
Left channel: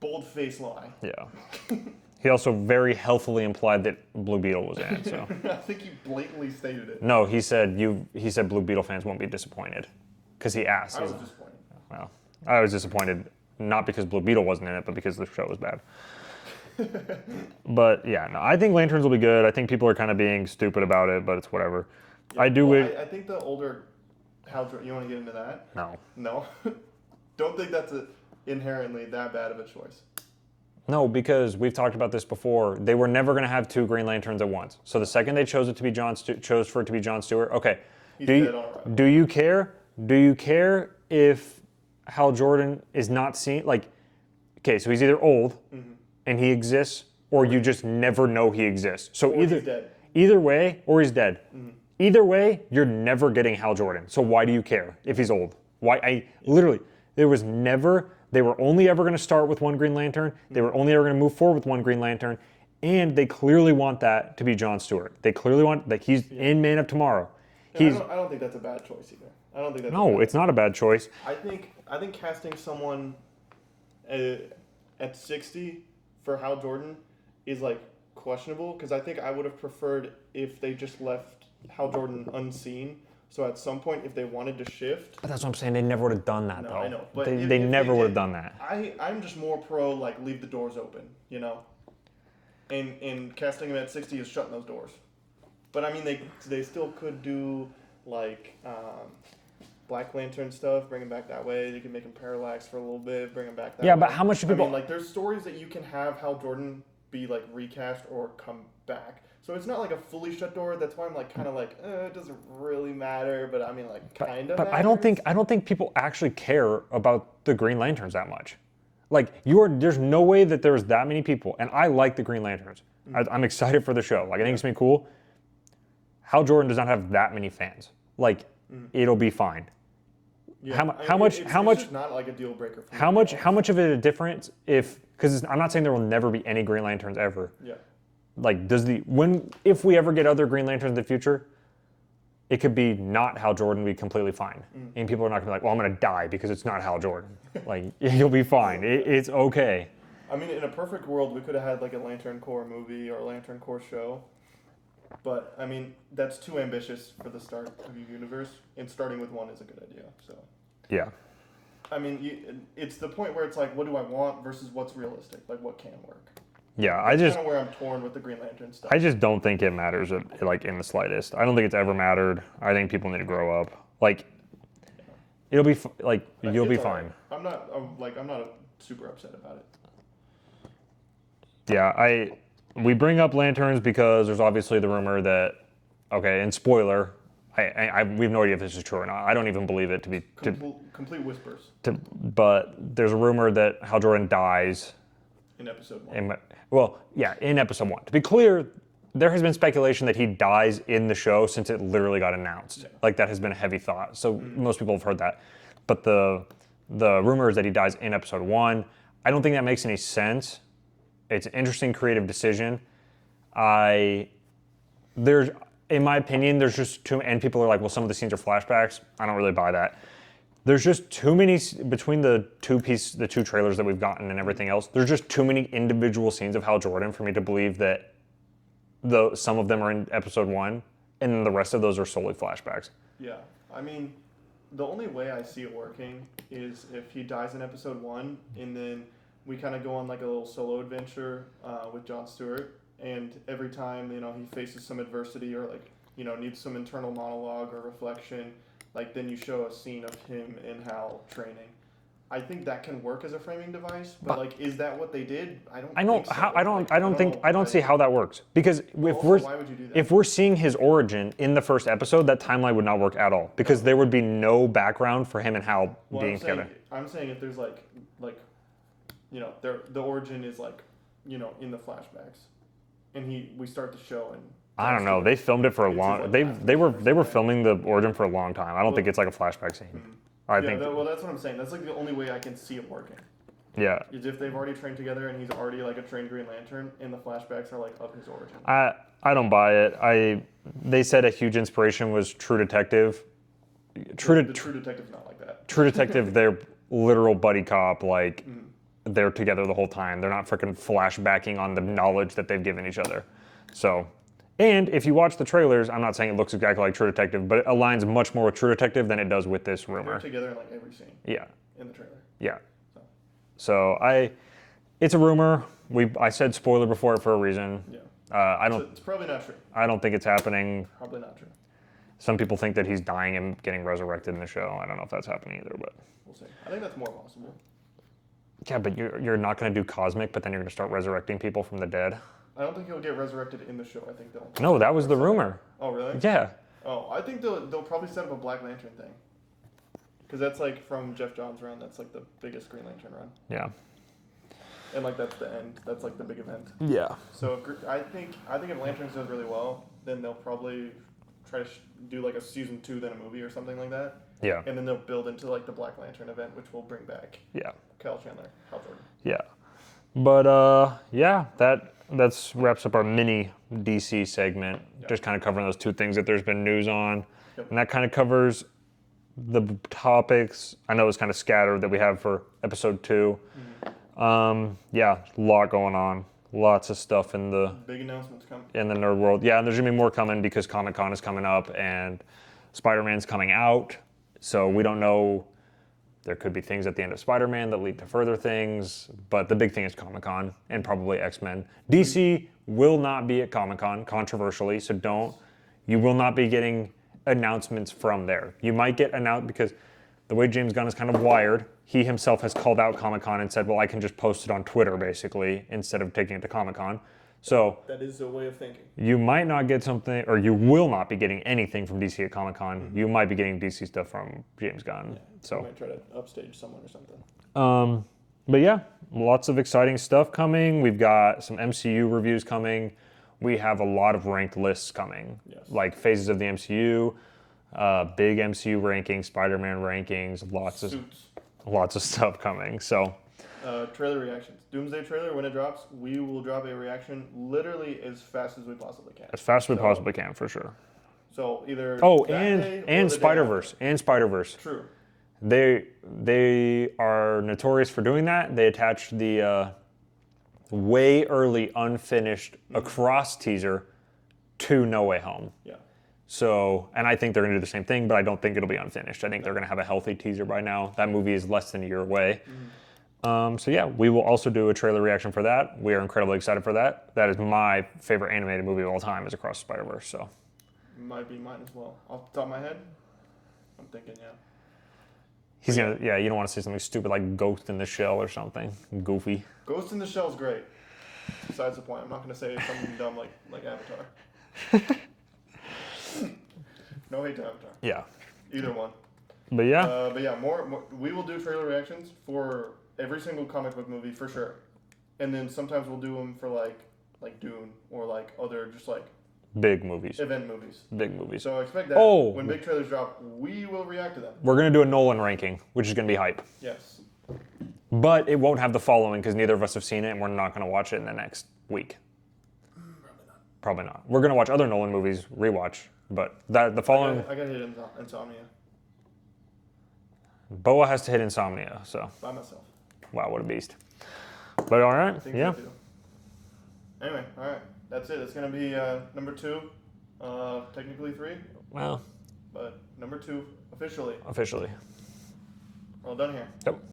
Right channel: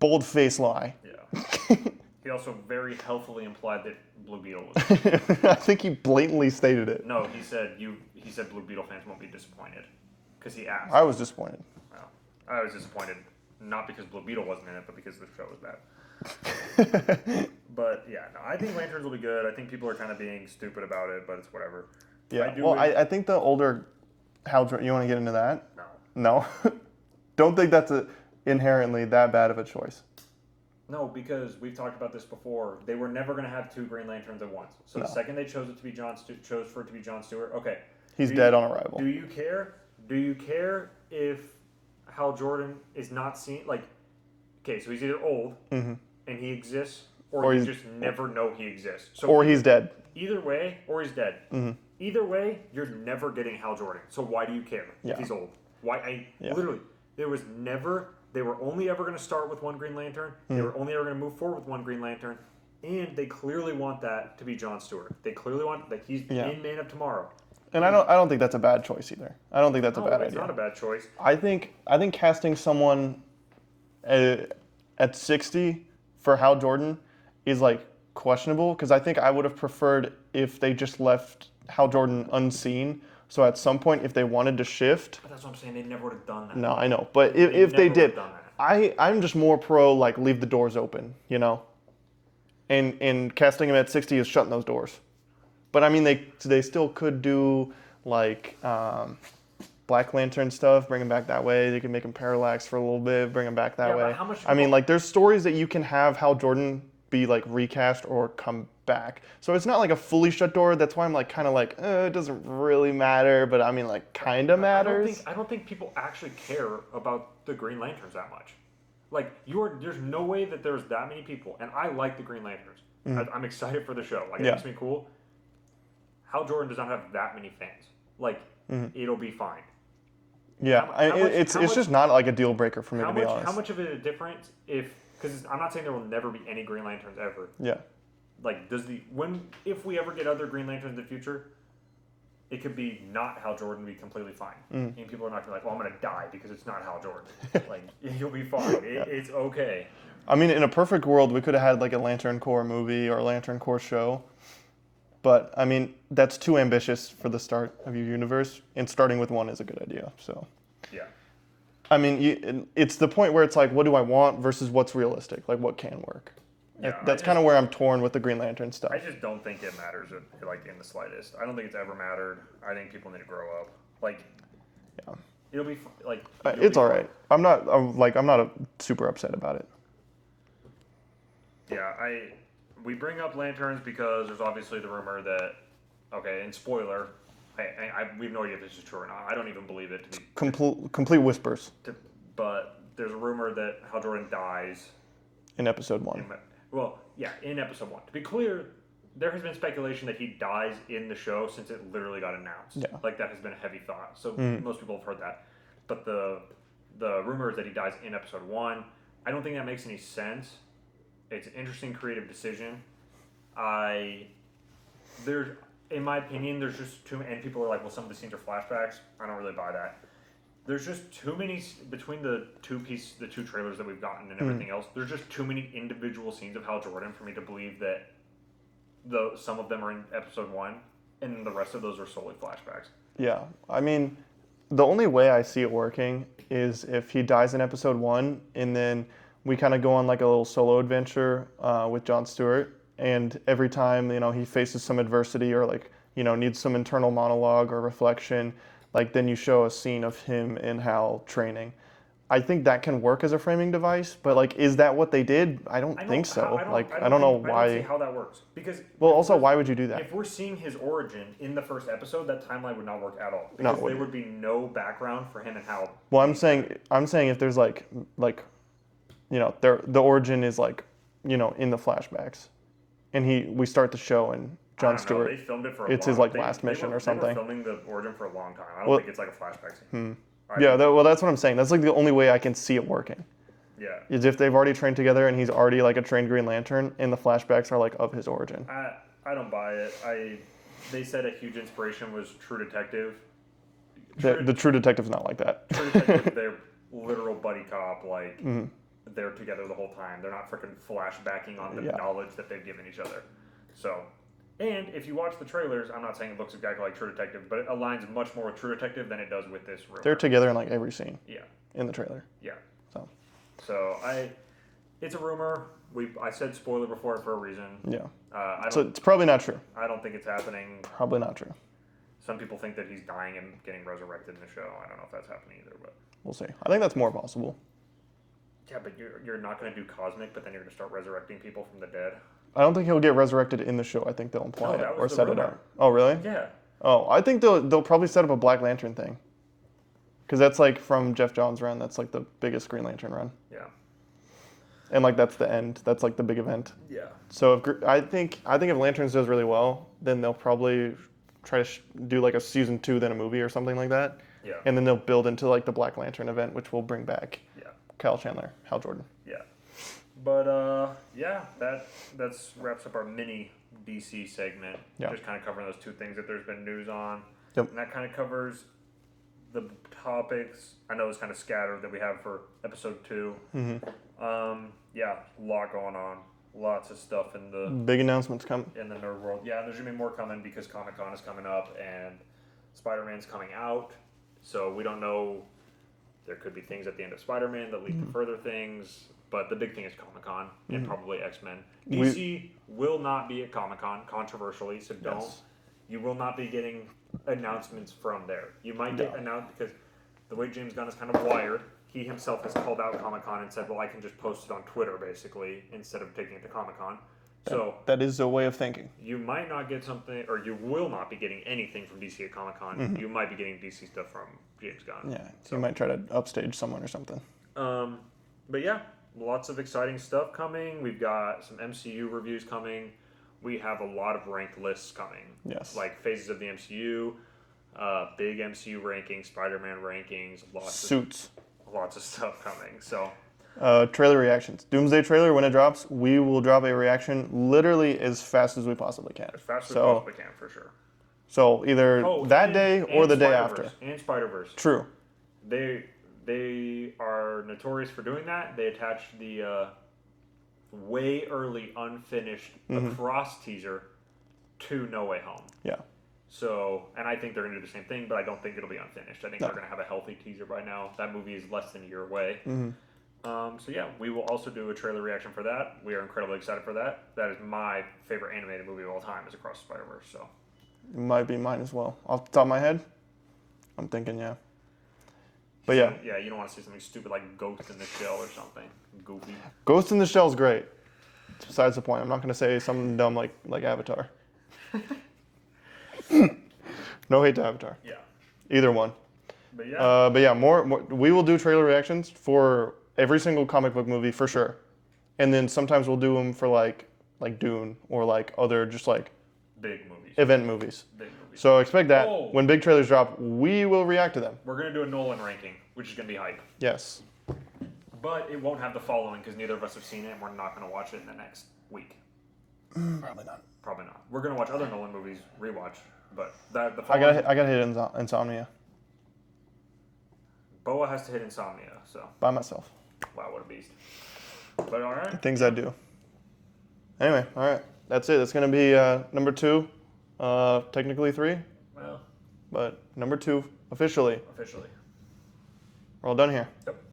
bold-faced lie. yeah. He also very healthily implied that Blue Beetle was in it. So. I think he blatantly stated it. No, he said Blue Beetle fans won't be disappointed because he asked. I was disappointed. Well, I was disappointed not because Blue Beetle wasn't in it, but because the show was bad. But yeah, no, I think Lanterns will be good. I think people are kind of being stupid about it, but it's whatever. Yeah. I do. Well, I think the older Hal Jordan. You want to get into that? No. No. Don't think that's inherently that bad of a choice. No, because we've talked about this before. They were never going to have 2 Green Lanterns at once. So the second they chose for it to be John Stewart, okay. He's dead on arrival. Do you care? Do you care if Hal Jordan is not seen? Like, okay, so he's either old and he exists, or you just never know he exists. So or he's dead. Either way, or he's dead. Either way, you're never getting Hal Jordan. So why do you care if he's old? Why? Literally, there was never. They were only ever going to start with one Green Lantern. They were only ever going to move forward with one Green Lantern. And they clearly want that to be John Stewart. They clearly want that he's in Man of Tomorrow. And I don't think that's a bad choice either. I don't think that's a bad it's not a bad choice. I think casting someone at 60 for Hal Jordan is like questionable, because I think I would have preferred if they just left Hal Jordan unseen. So at some point, if they wanted to shift, But that's what I'm saying. They never would have done that. no, though. I know, but They if never they would did, have done that. I'm just more pro like leave the doors open, you know. And casting him at 60 is shutting those doors. But I mean, they still could do like Black Lantern stuff, bring him back that way. They could make him Parallax for a little bit, bring him back that way. Yeah, but how much do I mean, people- like there's stories that you can have Hal Jordan be like recast or come back. So it's not like a fully shut door. That's why I'm like kind of like it doesn't really matter. But I mean, like kind of matters. I don't think people actually care about the Green Lanterns that much. Like there's no way that there's that many people, and I like the Green Lanterns. I'm excited for the show. Like I think it's gonna be cool. Hal Jordan does not have that many fans. Like it'll be fine. Yeah, it's just not like a deal breaker for me. How to be much? honest. How much of a difference because I'm not saying there will never be any Green Lanterns ever. Yeah. Like if we ever get other Green Lanterns in the future, it could be not Hal Jordan, be completely fine. And people are not gonna be like, well, I'm gonna die because it's not Hal Jordan. Like you'll be fine. It's okay. I mean, in a perfect world, we could have had like a Lantern Corps movie or a Lantern Corps show. But I mean, that's too ambitious for the start of your universe, and starting with one is a good idea. So, Yeah. I mean, it's the point where it's like, what do I want versus what's realistic? Like, what can work? Yeah, That's kind of where I'm torn with the Green Lantern stuff. I just don't think it matters like in the slightest. I don't think it's ever mattered. I think people need to grow up. Like, it'll be like you'll it's be all fine. right. I'm not super upset about it. Yeah, we bring up Lanterns because there's obviously the rumor that and spoiler, we have no idea if this is true or not. I don't even believe it to be Complete whispers but there's a rumor that Hal Jordan dies in episode 1. in episode 1. To be clear, there has been speculation that he dies in the show since it literally got announced. Yeah. Like that has been a heavy thought. So most people have heard that. But the rumor is that he dies in episode 1. I don't think that makes any sense. It's an interesting creative decision. In my opinion, there's just too, and people are like, well, some of the scenes are flashbacks. I don't really buy that. There's just too many, between the two trailers that we've gotten and everything else, there's just too many individual scenes of Hal Jordan for me to believe that some of them are in episode 1, and then the rest of those are solely flashbacks. Yeah, I mean, the only way I see it working is if he dies in episode 1, and then we kind of go on like a little solo adventure with Jon Stewart, and every time he faces some adversity or like needs some internal monologue or reflection, like then you show a scene of him and Hal training. I think that can work as a framing device, but like, is that what they did? I don't think so. I don't. Like, I don't know think. I don't why- see how that works because Well, if also, we're- why would you do that? If we're seeing his origin in the first episode, that timeline would not work at all because there would be no background for him and Hal. Well, being together. I'm saying if there's like, you know, the origin is like, you know, in the flashbacks, and we start the show and Jon I don't know. Stewart, they filmed it for a it's long. his, like, They last they were mission or they were something. filming the origin for a long time. I don't think it's like a flashback scene. I Yeah, think- well, that's what I'm saying. That's like the only way I can see it working. yeah. Is if they've already trained together and he's already like a trained Green Lantern, and the flashbacks are like of his origin. I don't buy it. They said a huge inspiration was True Detective. The True Detective's not like that. True Detective, they're literal buddy cop. Like Mm-hmm. they're together the whole time. They're not freaking flashbacking on the knowledge that they've given each other. So, and if you watch the trailers, I'm not saying it looks exactly like True Detective, but it aligns much more with True Detective than it does with this rumor. They're together in like every scene Yeah, in the trailer. yeah. So It's a rumor. I said spoiler before it for a reason. yeah, I so don't. it's probably not true. I don't think it's happening. Probably not true. Some people think that he's dying and getting resurrected in the show. I don't know if that's happening either, but We'll see. I think that's more possible. yeah, but you're not going to do cosmic, but then you're going to start resurrecting people from the dead. I don't think he'll get resurrected in the show. I think they'll imply No, it that was or the set it rumor. up. Oh, really? Yeah. Oh, I think they'll probably set up a Black Lantern thing. Because that's like from Jeff Johns' run. That's like the biggest Green Lantern run. Yeah. And like that's the end. That's like the big event. Yeah. So I think if Lanterns does really well, then they'll probably try to do like a season 2, then a movie or something like that. Yeah. And then they'll build into like the Black Lantern event, which will bring back Yeah. Kyle Chandler, Hal Jordan. Yeah. But yeah, that's wraps up our mini DC segment. Yeah. Just kind of covering those two things that there's been news on. Yep. And that kind of covers the topics. I know it's kind of scattered that we have for episode 2. Yeah, a lot going on. Lots of stuff in the Big announcements come. nerd world. Yeah, and there's gonna be more coming because Comic-Con is coming up and Spider-Man's coming out. So we don't know. There could be things at the end of Spider-Man that lead to further things, but the big thing is Comic-Con and probably X-Men. DC will not be at Comic-Con, controversially, so don't. You will not be getting announcements from there. You might get announced because the way James Gunn is kind of wired, he himself has called out Comic-Con and said, well, I can just post it on Twitter, basically, instead of taking it to Comic-Con. So That is a way of thinking. you might not get something, or you will not be getting anything from DC at Comic-Con. You might be getting DC stuff from James Gunn. Yeah. So you might try to upstage someone or something. But yeah, lots of exciting stuff coming. We've got some MCU reviews coming. We have a lot of ranked lists coming. Yes. Like phases of the MCU, big MCU rankings, Spider-Man rankings, Suits. lots of stuff coming. So Trailer reactions. Doomsday trailer, when it drops, we will drop a reaction literally as fast as we possibly can. as fast as we possibly can, for sure. So either that day or the day Spider-Verse. after. And Spider-Verse. True. They are notorious for doing that. They attached the way early unfinished Across teaser to No Way Home. Yeah. So, and I think they're going to do the same thing, but I don't think it'll be unfinished. I think they're going to have a healthy teaser by now. That movie is less than a year away. So yeah, we will also do a trailer reaction for that. We are incredibly excited for that. That is my favorite animated movie of all time, is Across the Spider-Verse. So Might be mine as well. Off the top of my head, I'm thinking, yeah. But yeah, you don't want to see something stupid like Ghost in the Shell or something goofy. Ghost in the Shell is great. It's besides the point. I'm not going to say something dumb like Avatar. No hate to Avatar. Yeah, Either one. but yeah, more. We will do trailer reactions for every single comic book movie for sure, and then sometimes we'll do them for like Dune or like other just like big movies. event movies. Big movies. So expect that Oh. when big trailers drop, we will react to them. We're gonna do a Nolan ranking, which is gonna be hype. Yes. But it won't have the following because neither of us have seen it, and we're not gonna watch it in the next week. Probably not. Probably not. We're gonna watch other Nolan movies, rewatch, but the I following. got hit Insomnia Boa has to hit Insomnia, so by myself. wow, what a beast. But all right, Things yeah. I do. Anyway, all right. That's it. That's going to be number 2. Technically 3, Well, but number 2 officially. officially. We're all done here. Yep.